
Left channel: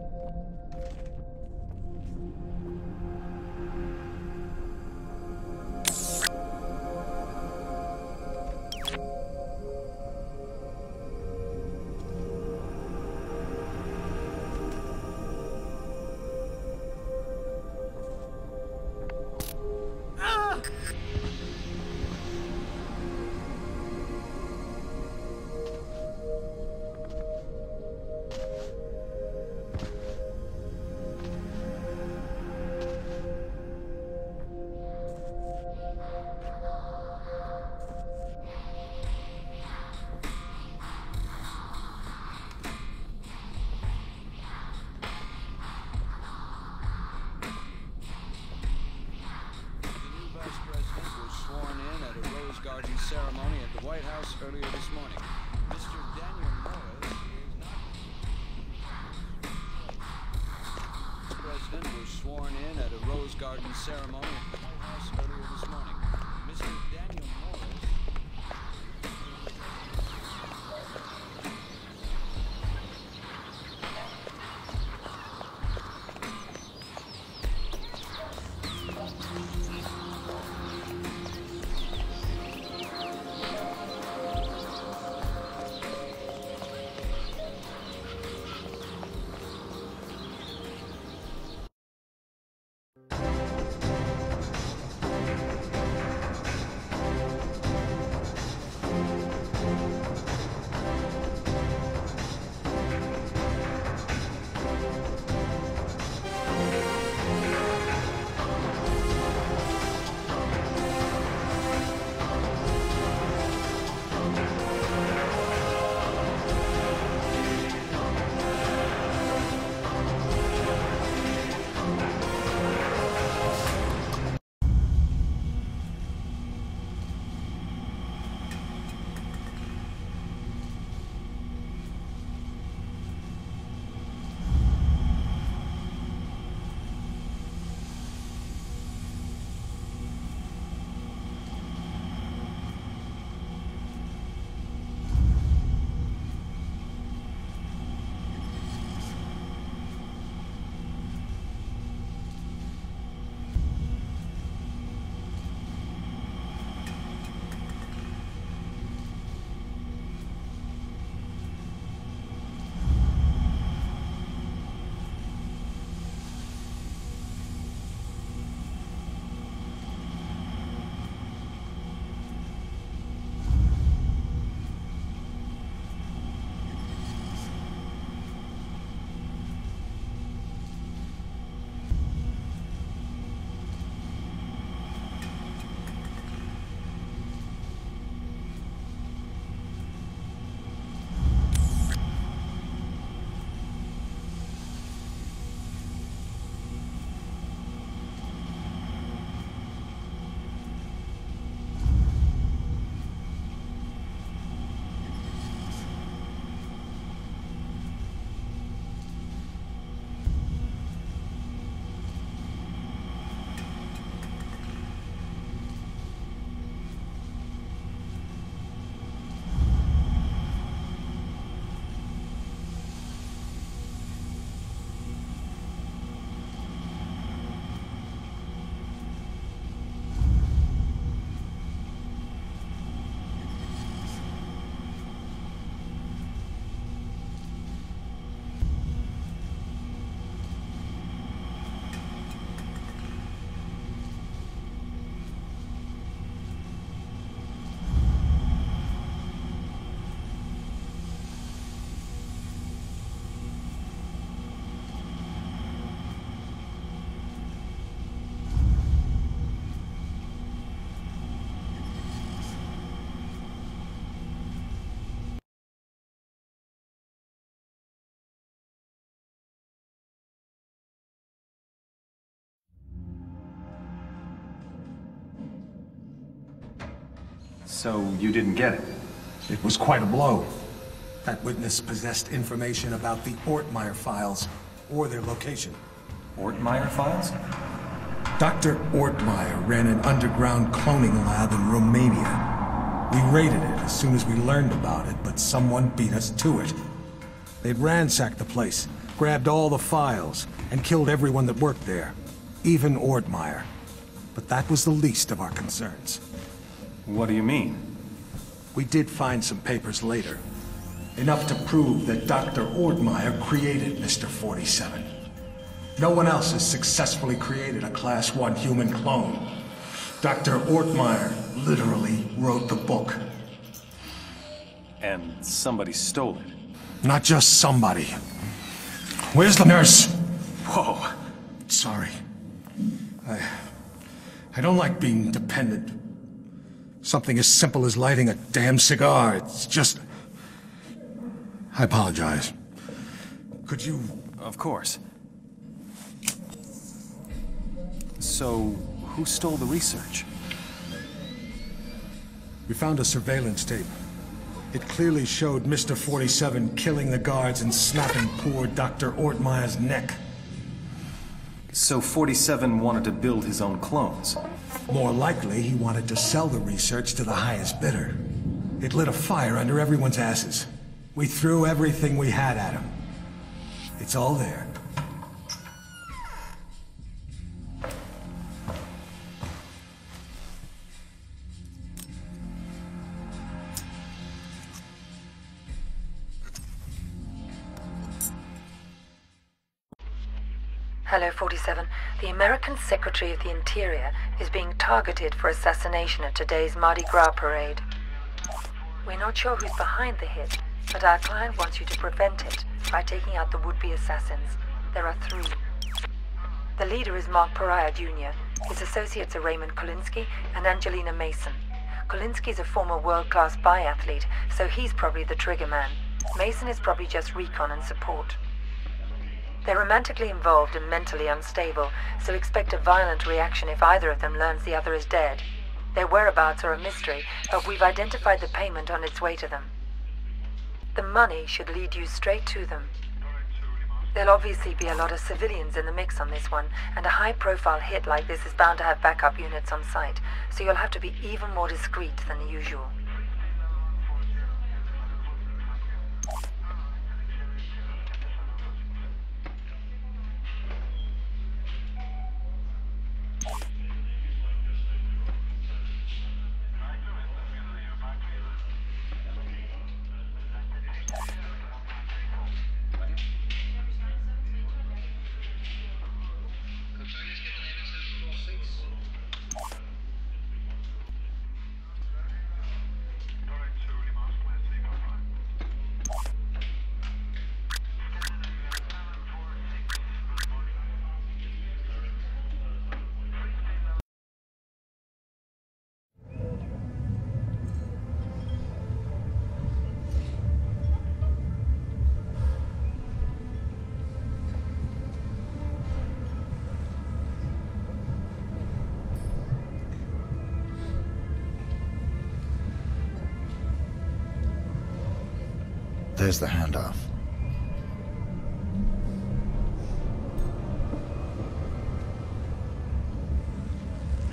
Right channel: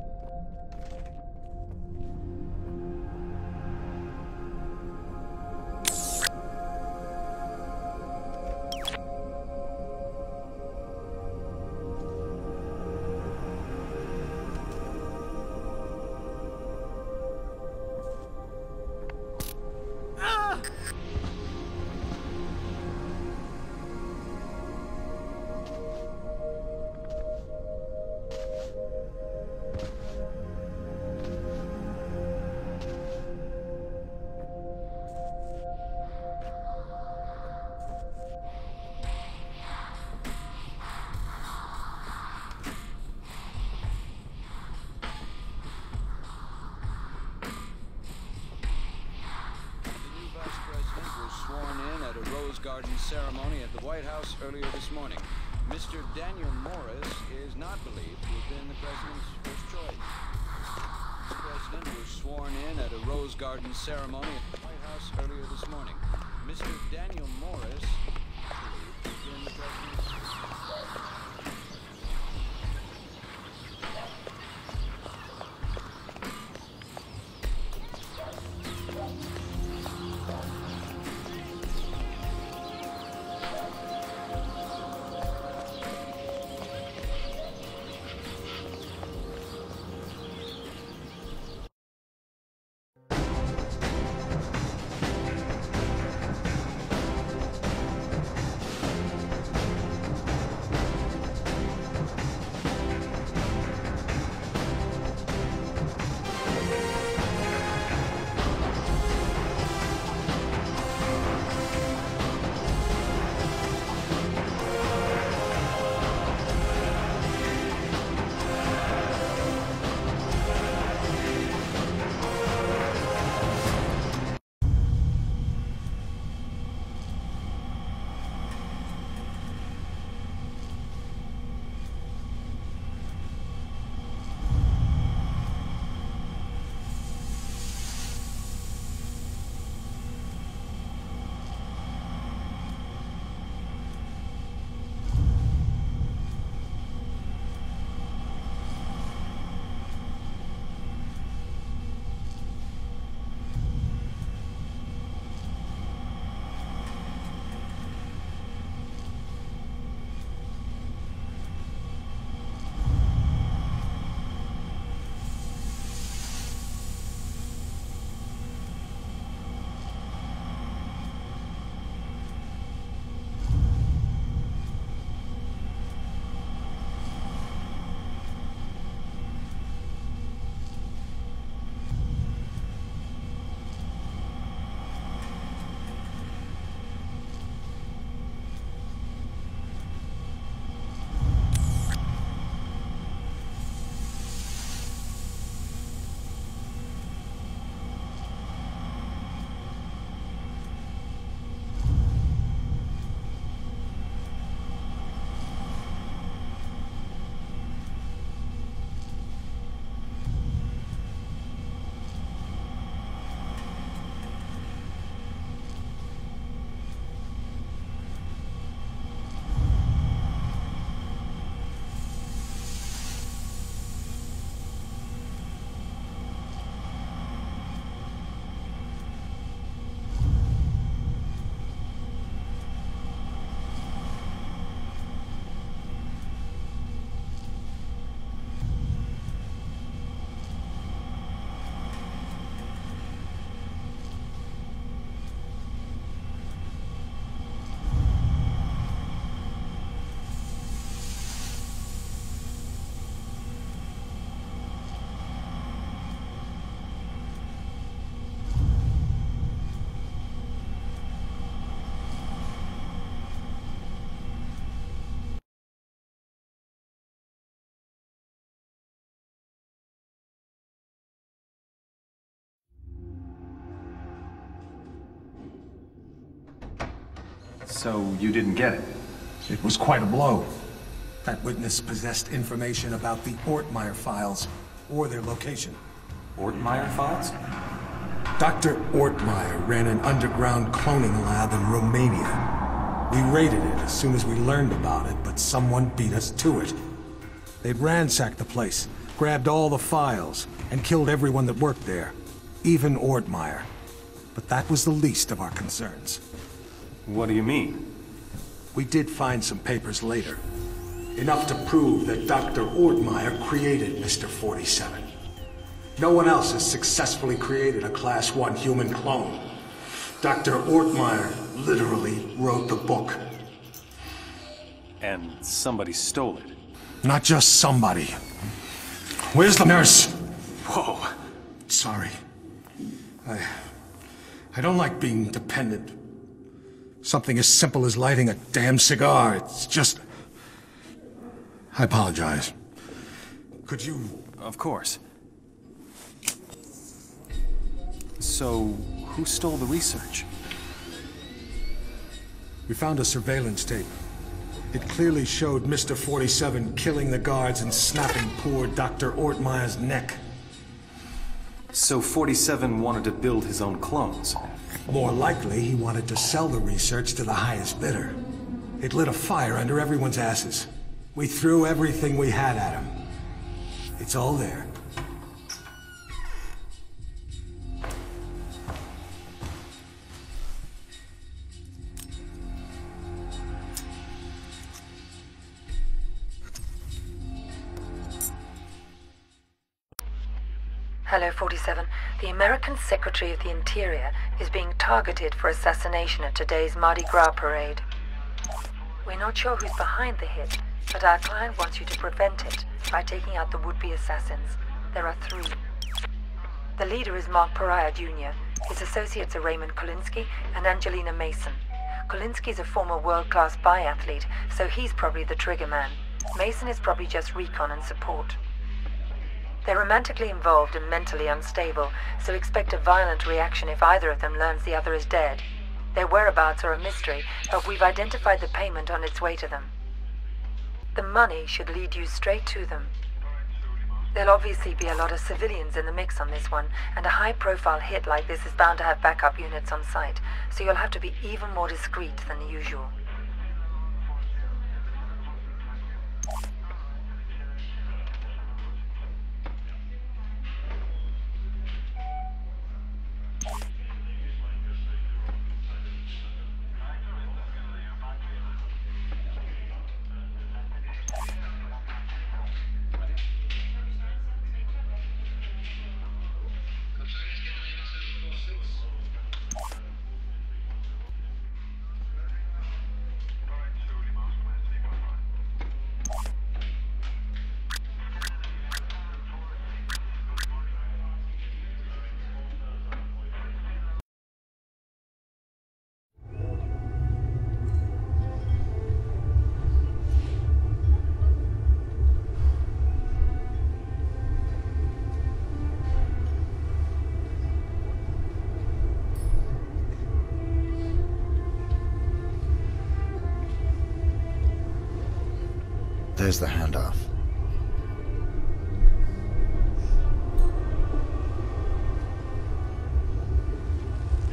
Garden ceremony at the White House earlier this morning. Mr. Daniel Morris is not believed to have been the president's first choice. The president was sworn in at a Rose Garden ceremony at the White House earlier this morning. Mr. Daniel Morris believed to have been the president's first choice. So you didn't get it? It was quite a blow. That witness possessed information about the Ortmeyer files, or their location. Ortmeyer files? Dr. Ortmeyer ran an underground cloning lab in Romania. We raided it as soon as we learned about it, but someone beat us to it. They'd ransacked the place, grabbed all the files, and killed everyone that worked there, even Ortmeyer. But that was the least of our concerns. What do you mean? We did find some papers later. Enough to prove that Dr. Ortmeyer created Mr. 47. No one else has successfully created a Class 1 human clone. Dr. Ortmeyer literally wrote the book. And somebody stole it. Not just somebody. Where's the nurse? Whoa. Sorry. I don't like being dependent. Something as simple as lighting a damn cigar, it's just... I apologize. Could you... Of course. So, who stole the research? We found a surveillance tape. It clearly showed Mr. 47 killing the guards and snapping poor Dr. Ortmeyer's neck. So 47 wanted to build his own clones? More likely, he wanted to sell the research to the highest bidder. It lit a fire under everyone's asses. We threw everything we had at him. It's all there. Hello, 47. The American Secretary of the Interior is being targeted for assassination at today's Mardi Gras parade. We're not sure who's behind the hit, but our client wants you to prevent it by taking out the would-be assassins. There are 3. The leader is Mark Pariah, Jr. His associates are Raymond Kolinsky and Angelina Mason. Kolinsky's a former world-class biathlete, so he's probably the trigger man. Mason is probably just recon and support. They're romantically involved and mentally unstable, so expect a violent reaction if either of them learns the other is dead. Their whereabouts are a mystery, but we've identified the payment on its way to them. The money should lead you straight to them. There'll obviously be a lot of civilians in the mix on this one, and a high-profile hit like this is bound to have backup units on site, so you'll have to be even more discreet than usual. There's the handoff.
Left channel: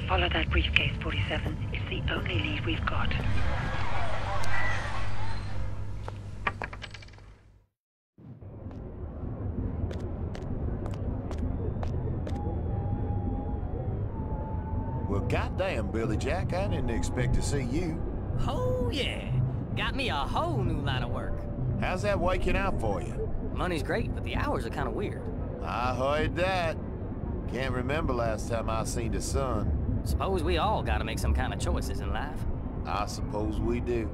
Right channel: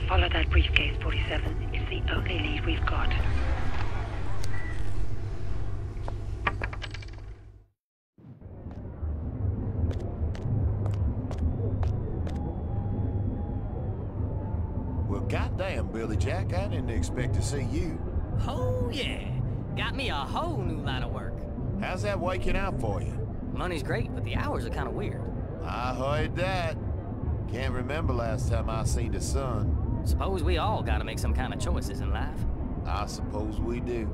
Follow that briefcase, 47. It's the only lead we've got. Well, goddamn, Billy Jack, I didn't expect to see you. Oh, yeah. Got me a whole new line of work. How's that working out for you? Money's great, but the hours are kind of weird. I heard that. Can't remember last time I seen the sun. Suppose we all gotta make some kind of choices in life. I suppose we do.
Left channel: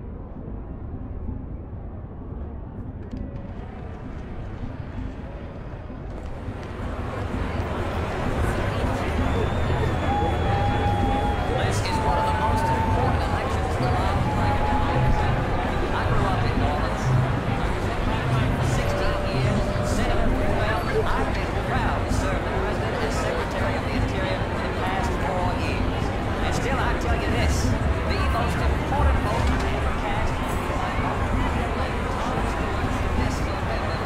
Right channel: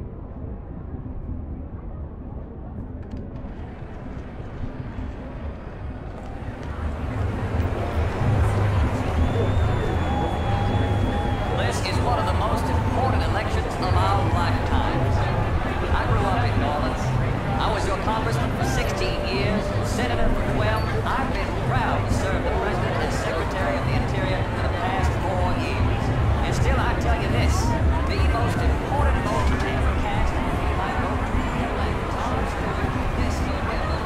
This is one of the most important elections of our lifetimes. I grew up in New Orleans. I was your congressman for 16 years, senator for 12. I've been proud to serve the president as secretary of the Interior for the past 4 years. And still, I tell you this, the most important vote I ever cast will be my vote to re-elect Tom Stewart this November.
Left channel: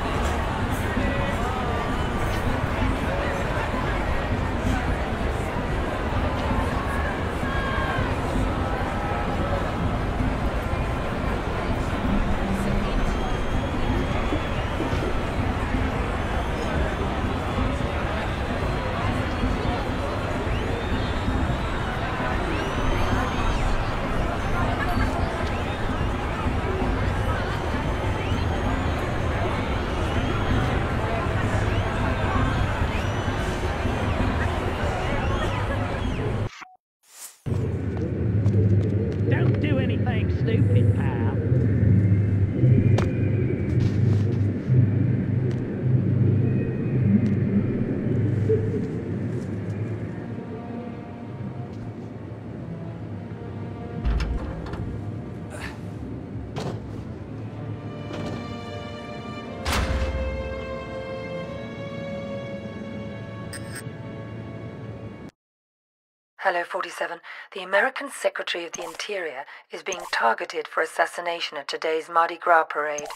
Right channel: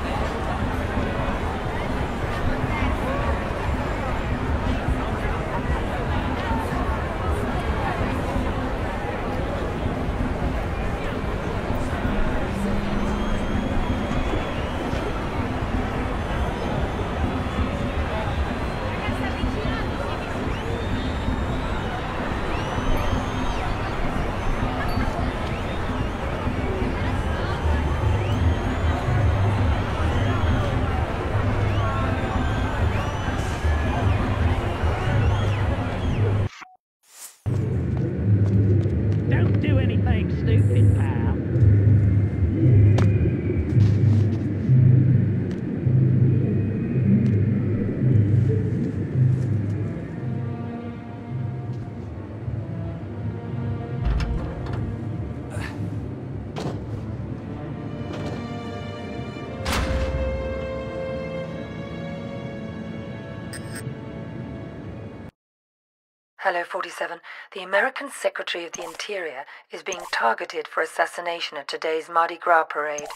Hello, 47. The American Secretary of the Interior is being targeted for assassination at today's Mardi Gras parade.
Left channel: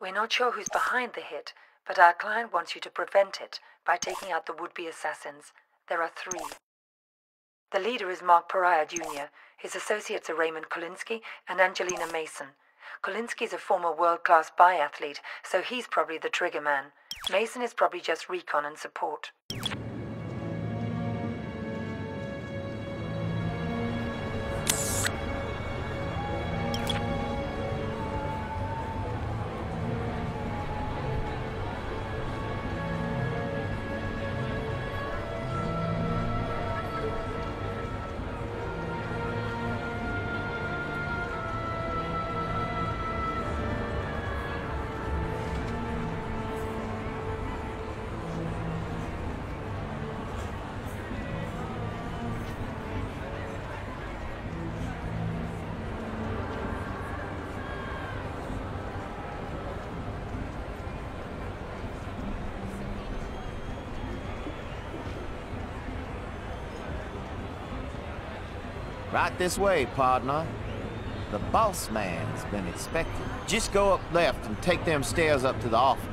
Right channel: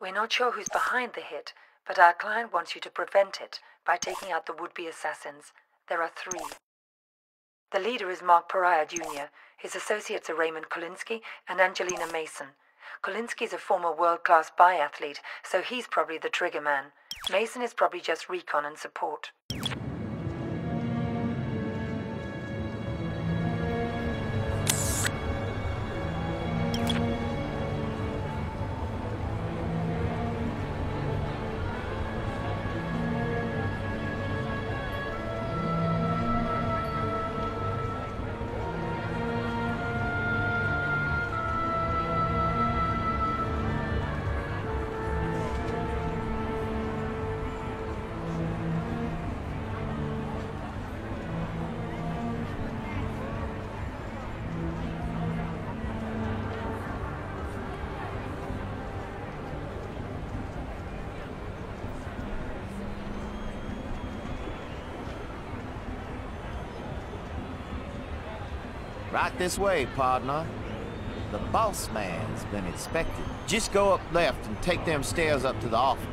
We're not sure who's behind the hit, but our client wants you to prevent it by taking out the would-be assassins. There are 3. The leader is Mark Pariah, Jr. His associates are Raymond Kolinsky and Angelina Mason. Kolinsky is a former world-class biathlete, so he's probably the trigger man. Mason is probably just recon and support. Right this way, partner. The boss man's been expected. Just go up left and take them stairs up to the office.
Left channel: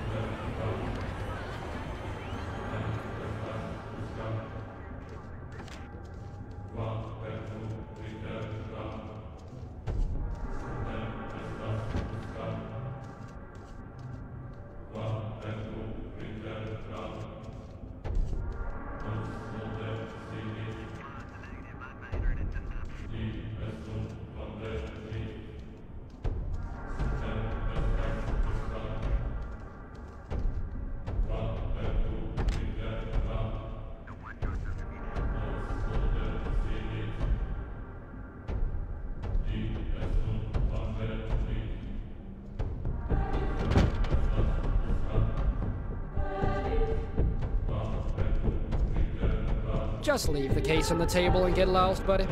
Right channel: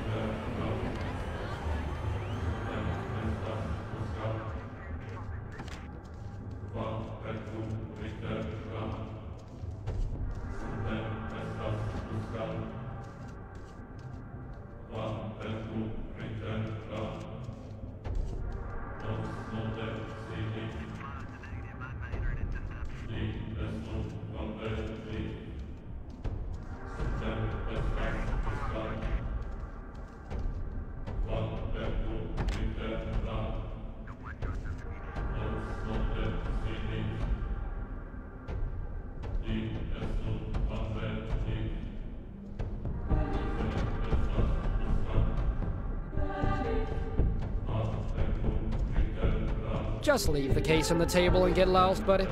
Just leave the case on the table and get lost, buddy.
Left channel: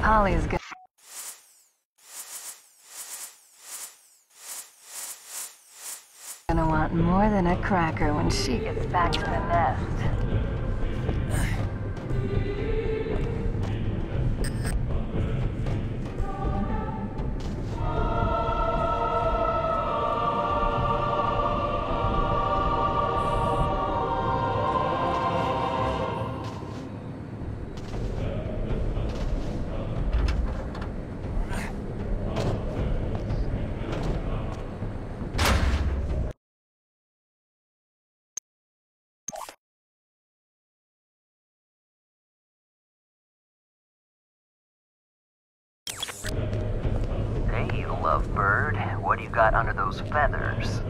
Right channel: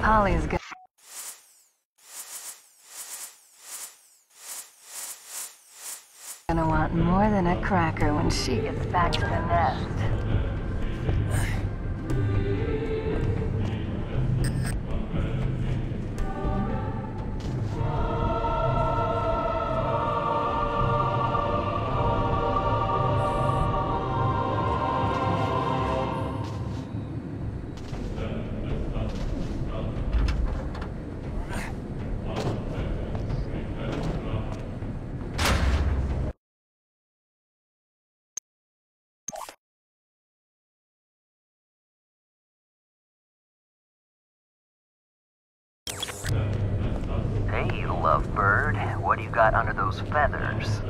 Holly's good. Gonna want more than a cracker when she gets back to the nest. Hey, lovebird. What do you got under those feathers?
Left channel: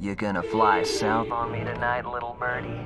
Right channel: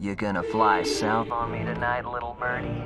You gonna fly south on me tonight, little birdie?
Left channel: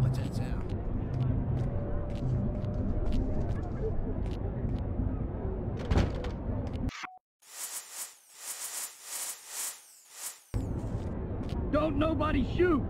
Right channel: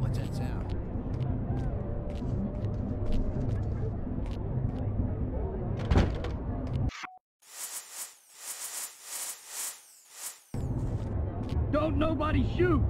What's that sound? Don't nobody shoot!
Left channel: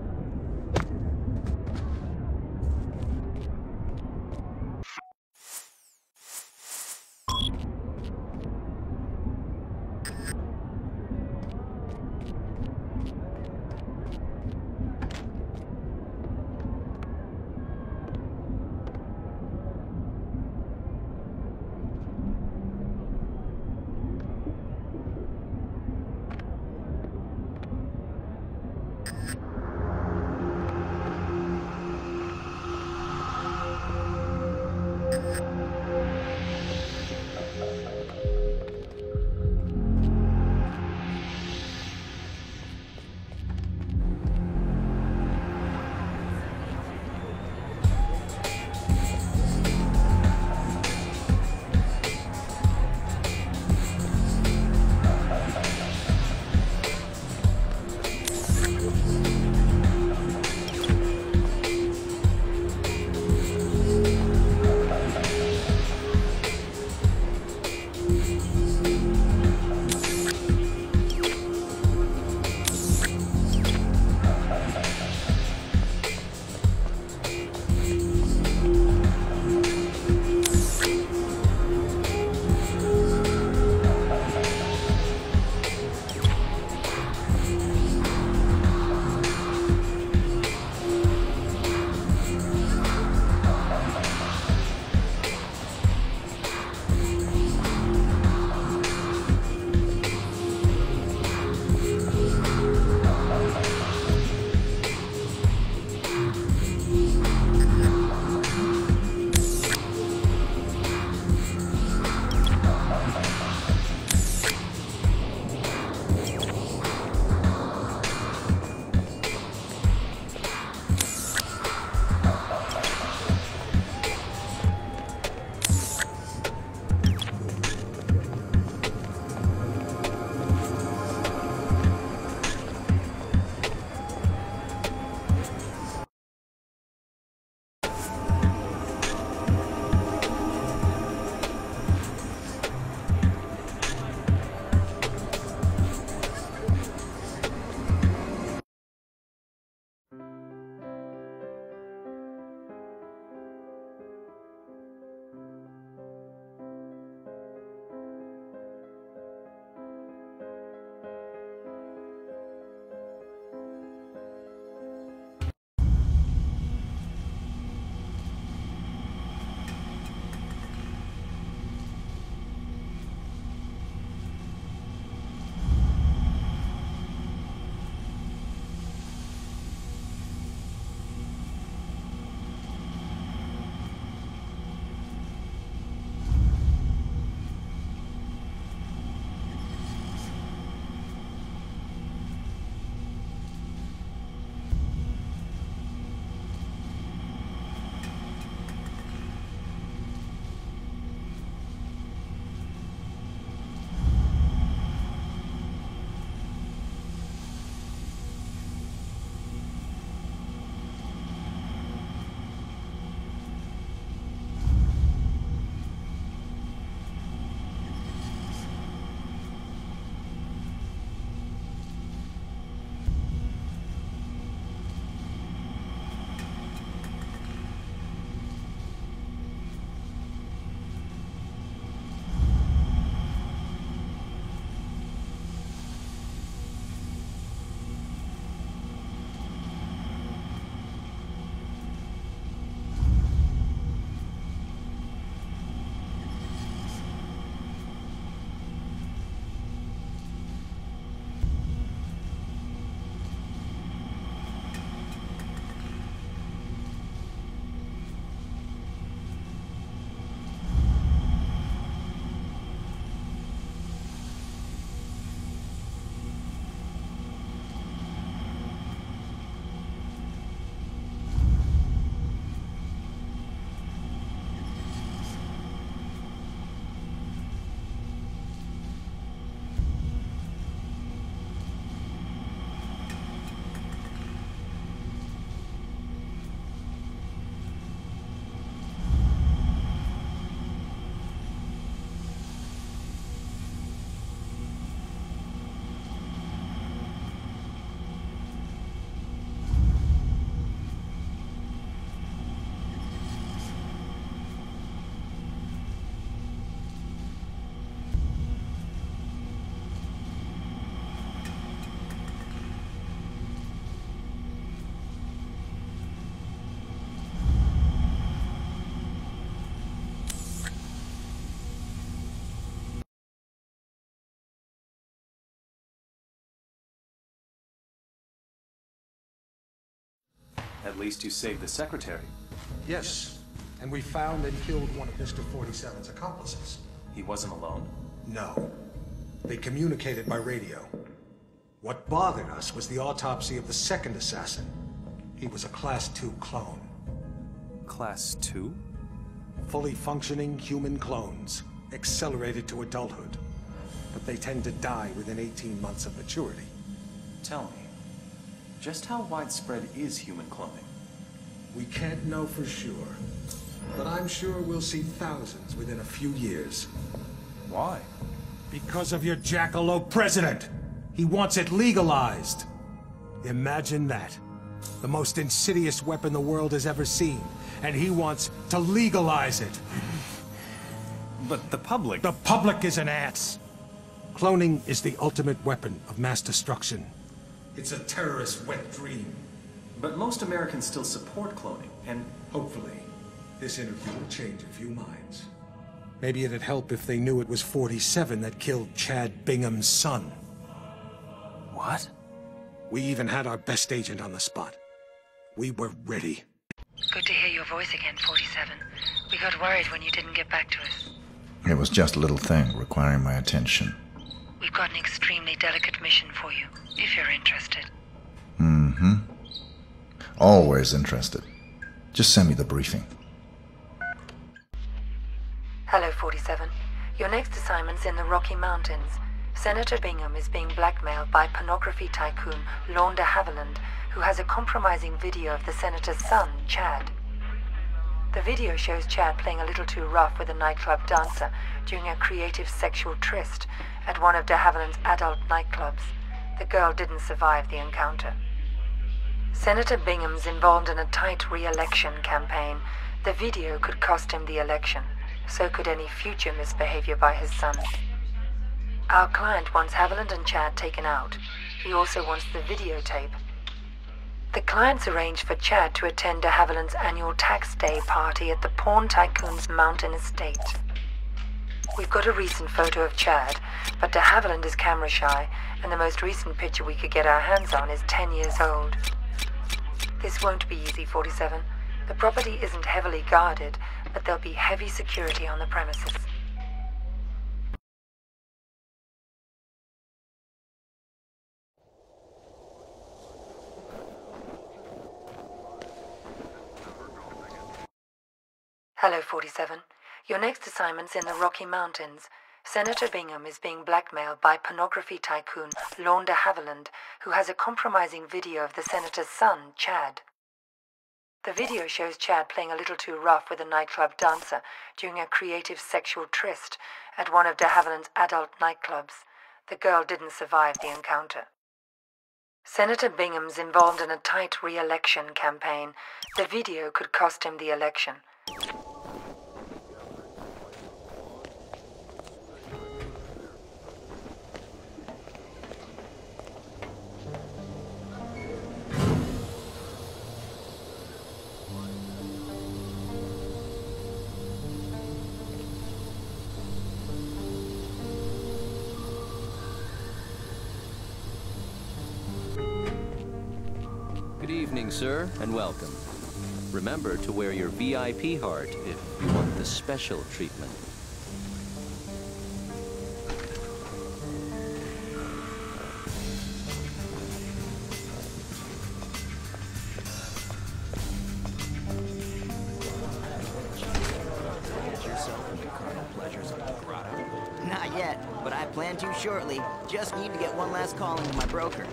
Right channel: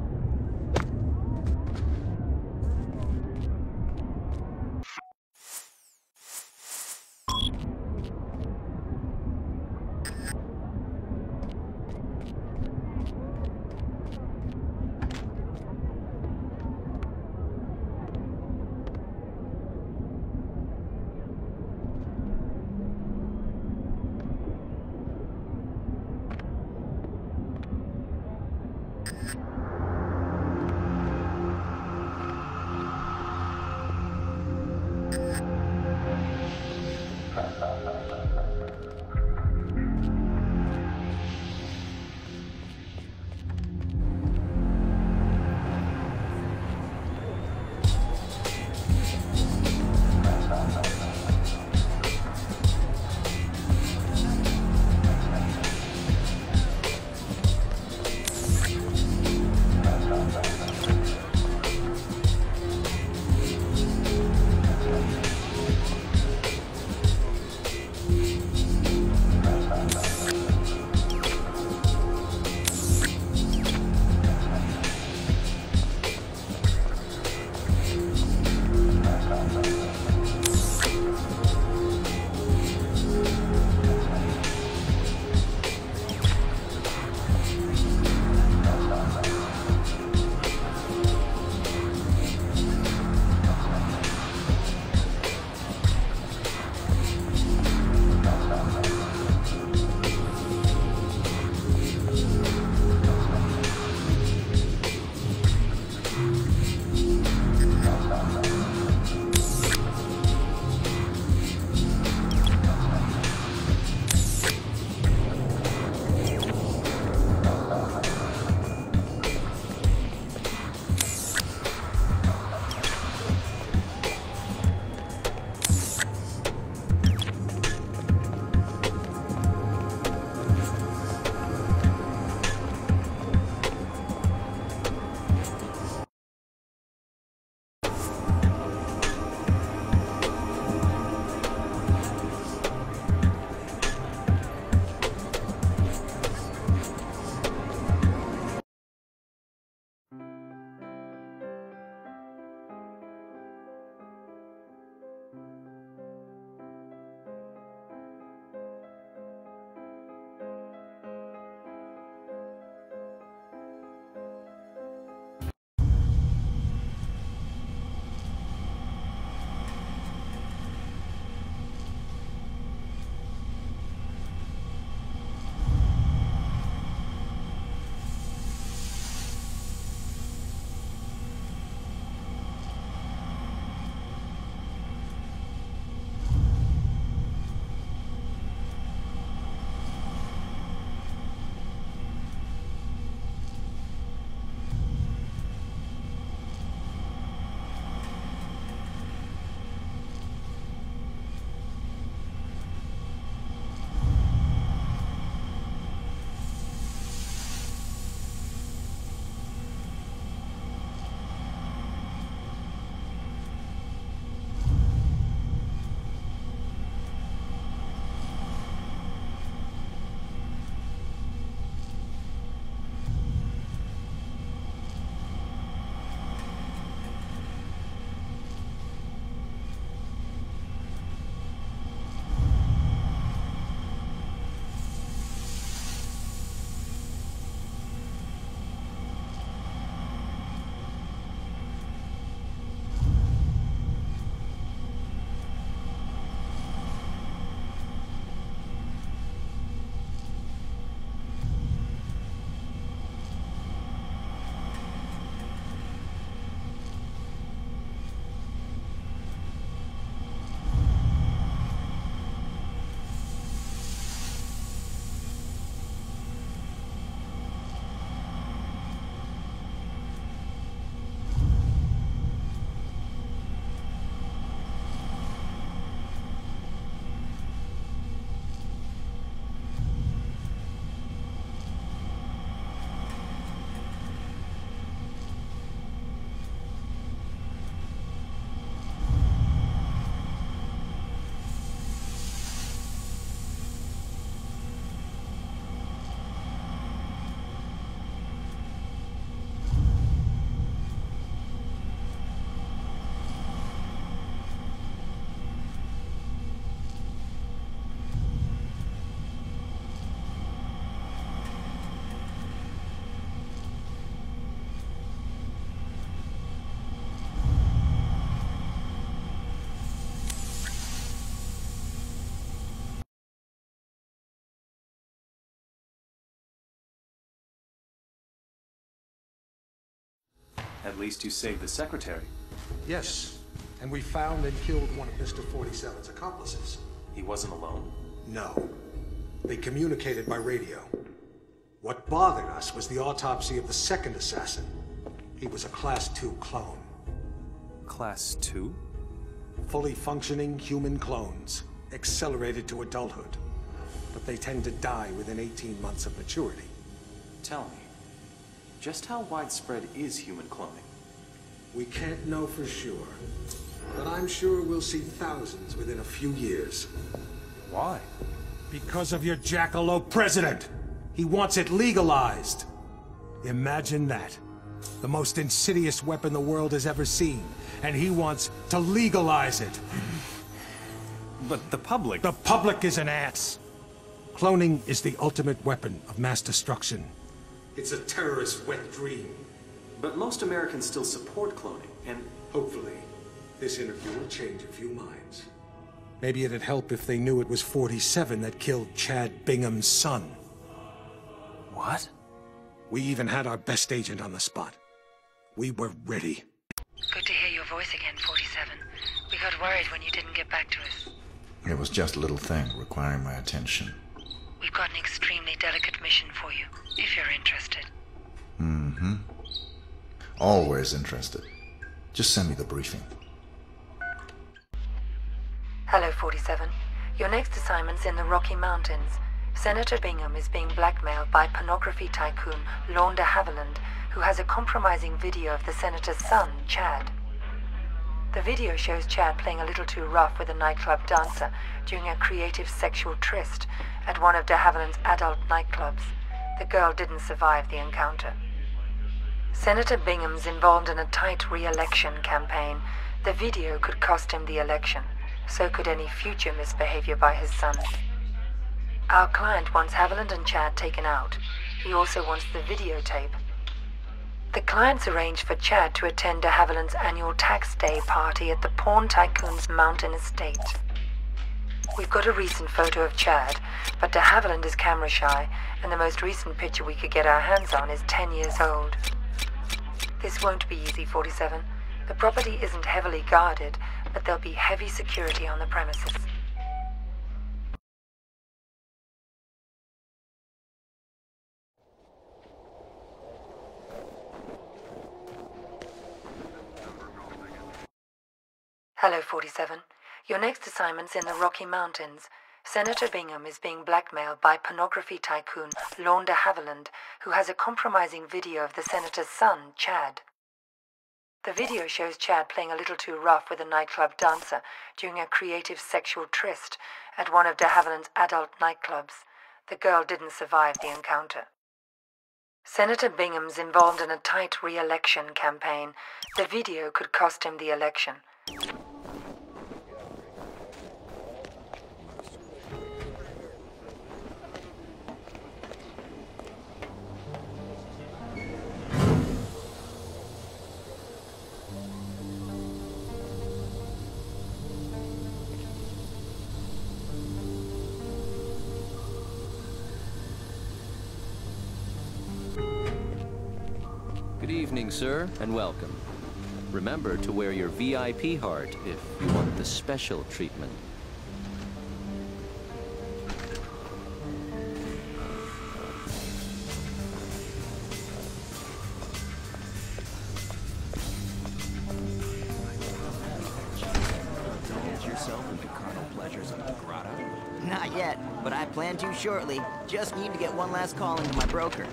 At least you saved the secretary. Yes, and we found and killed one of Mr. 47's accomplices. He wasn't alone? No. They communicated by radio. What bothered us was the autopsy of the second assassin. He was a Class 2 clone. Class 2? Fully functioning human clones, accelerated to adulthood. But they tend to die within 18 months of maturity. Tell me, just how widespread is human cloning? We can't know for sure, but I'm sure we'll see thousands within a few years. Why? Because of your jackalope president! He wants it legalized! Imagine that. The most insidious weapon the world has ever seen, and he wants to legalize it. But the public... The public is an ass! Cloning is the ultimate weapon of mass destruction. It's a terrorist's wet dream. But most Americans still support cloning, and... Hopefully, this interview will change a few minds. Maybe it'd help if they knew it was 47 that killed Chad Bingham's son. What? We even had our best agent on the spot. We were ready. Good to hear your voice again, 47. We got worried when you didn't get back to us. It was just a little thing requiring my attention. We've got an extremely delicate mission for you, if you're interested. Mm-hmm. Always interested. Just send me the briefing. Hello, 47. Your next assignment's in the Rocky Mountains. Senator Bingham is being blackmailed by pornography tycoon Lorne de Havilland, who has a compromising video of the senator's son, Chad. The video shows Chad playing a little too rough with a nightclub dancer during a creative sexual tryst at one of de Havilland's adult nightclubs. The girl didn't survive the encounter. Senator Bingham's involved in a tight re-election campaign. The video could cost him the election. So could any future misbehavior by his son. Our client wants Haviland and Chad taken out. He also wants the videotape. The client's arranged for Chad to attend de Havilland's annual tax day party at the porn tycoon's mountain estate. We've got a recent photo of Chad, but de Havilland is camera shy, and the most recent picture we could get our hands on is 10 years old. This won't be easy, 47. The property isn't heavily guarded, but there'll be heavy security on the premises. Hello, 47. Your next assignment's in the Rocky Mountains. Senator Bingham is being blackmailed by pornography tycoon Lorne de Havilland, who has a compromising video of the senator's son, Chad. The video shows Chad playing a little too rough with a nightclub dancer during a creative sexual tryst at one of de Havilland's adult nightclubs. The girl didn't survive the encounter. Senator Bingham's involved in a tight re-election campaign. The video could cost him the election. Good evening, sir, and welcome. Remember to wear your VIP heart if you want the special treatment. Get yourself into carnal pleasures in the grotto? Not yet, but I plan to shortly. Just need to get one last call into my broker.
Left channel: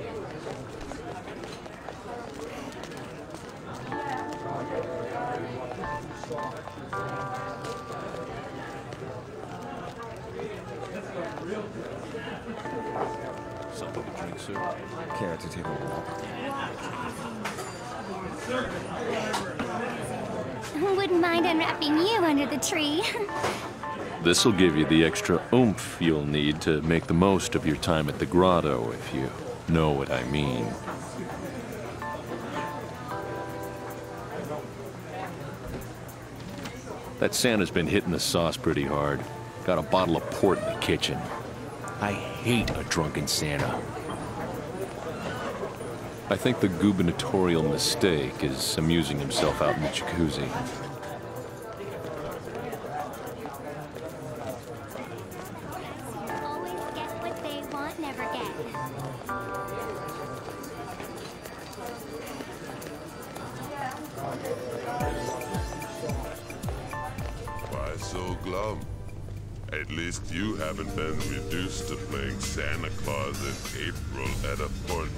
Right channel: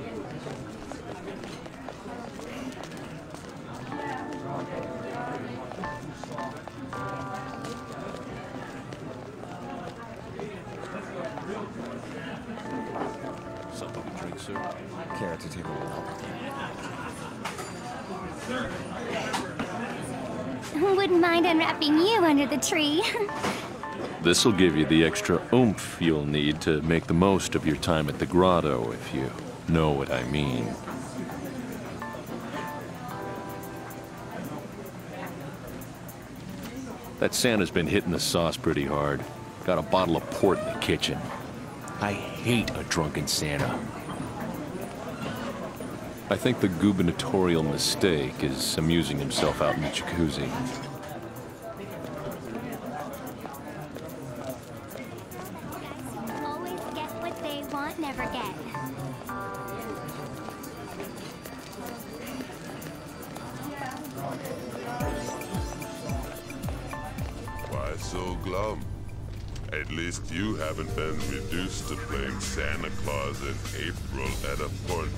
Something to drink, sir? Care to take a walk? Wouldn't mind unwrapping you under the tree. This'll give you the extra oomph you'll need to make the most of your time at the grotto, if you know what I mean. That Santa's been hitting the sauce pretty hard. Got a bottle of port in the kitchen. I hate a drunken Santa. I think the gubernatorial mistake is amusing himself out in the jacuzzi. Always get what they want, never get. Why so glum? At least you haven't been reduced to playing Santa Claus in April at a port.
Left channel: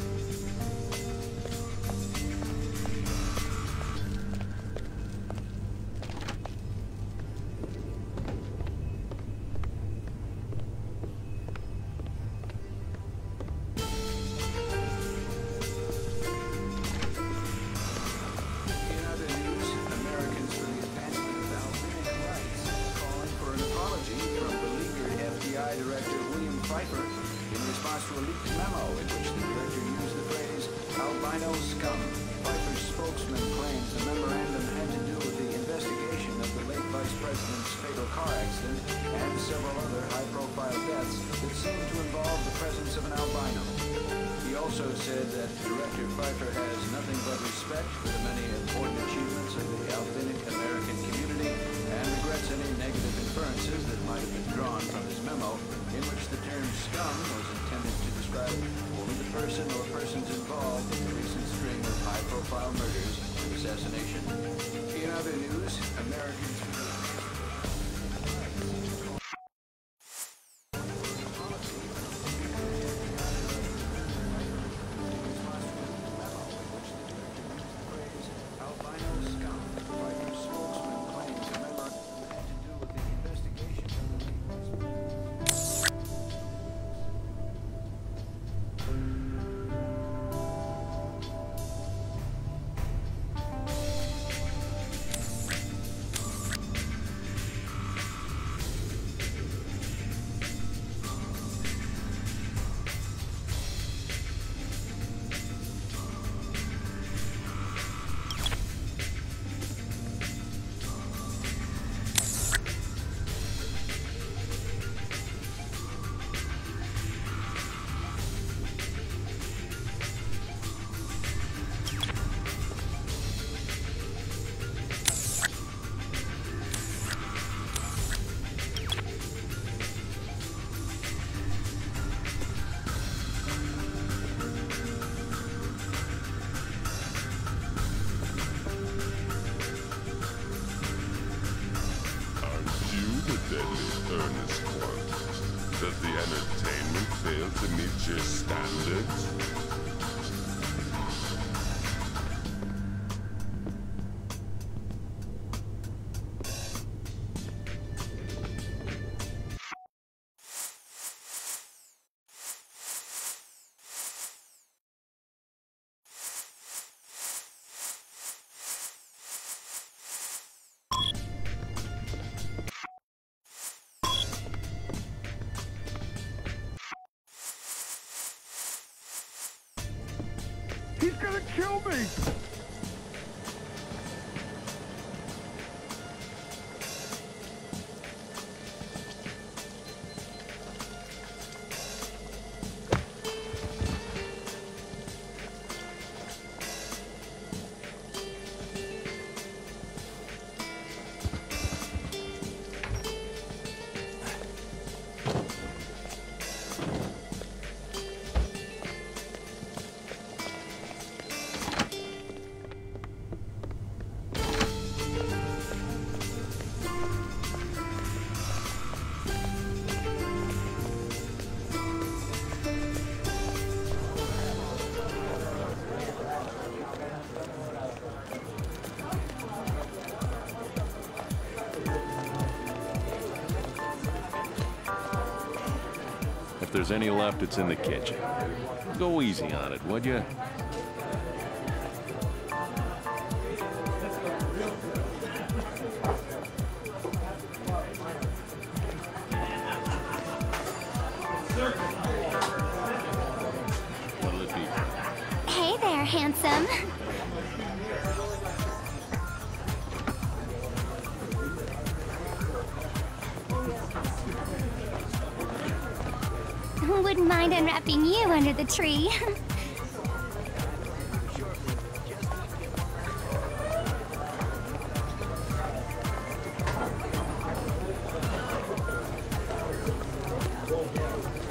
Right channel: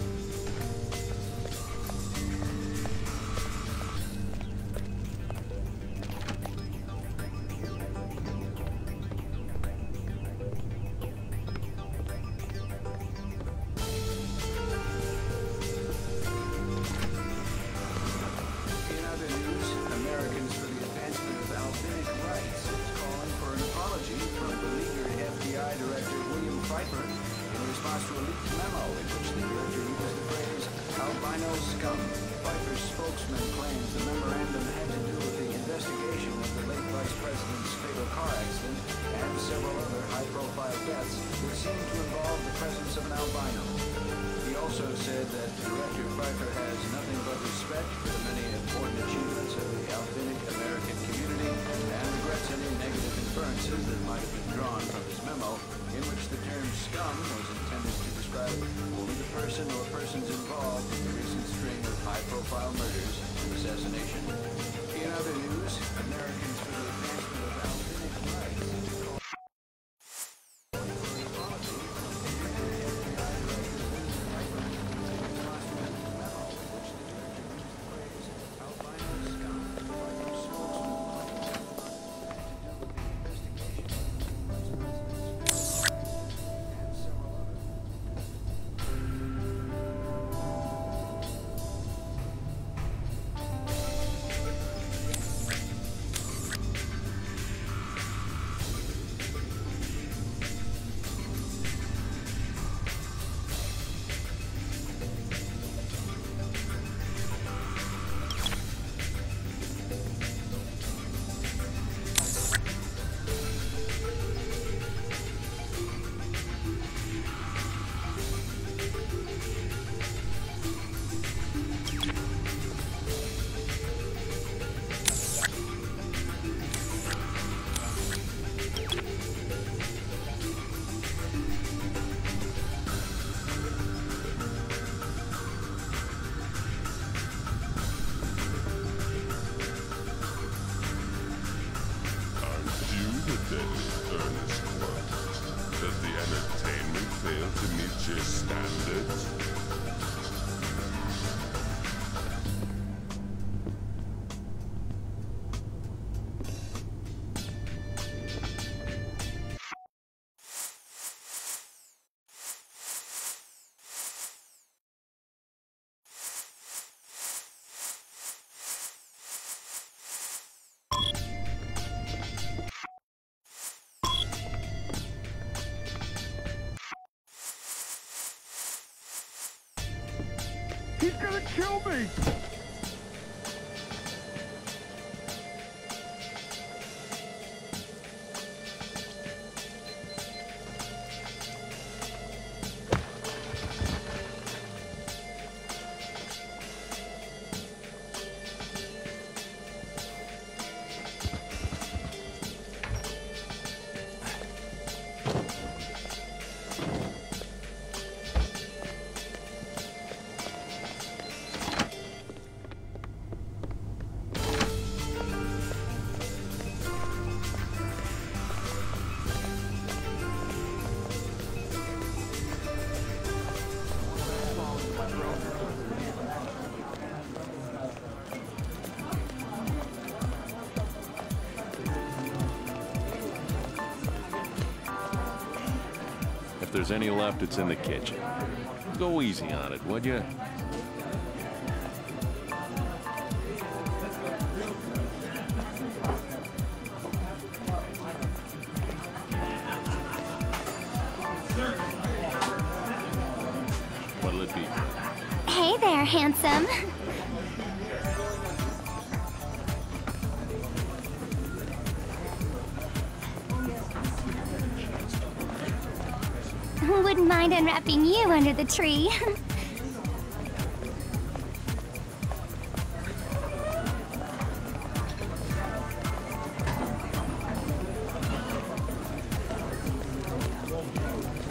In other news, Americans for the Advancement of Albinic Rights is calling for an apology from beleaguered FBI Director William Pfeiffer in response to a leaked memo in which the director used the phrase albino scum. Pfeiffer's spokesman claims the memorandum had to do with the investigation of the late Vice President's fatal car accident and several other high-profile deaths that seemed to involve the presence of an albino. He also said that Director Pfeiffer has nothing but respect for the many important achievements of the albinic American community and regrets any negative inferences that might have been drawn from his memo, in which the term scum was intended to describe only the person or persons involved in the recent string of high-profile murders and assassination. In other news, Americans for the Advancement of Albinic Rights. Deadly earnest one. Does the entertainment fail to meet your standards? He's gonna kill me! If there's any left, it's in the kitchen. Go easy on it, would you? What'll it be? Hey there, handsome. Wouldn't mind unwrapping you under the tree. Full blown.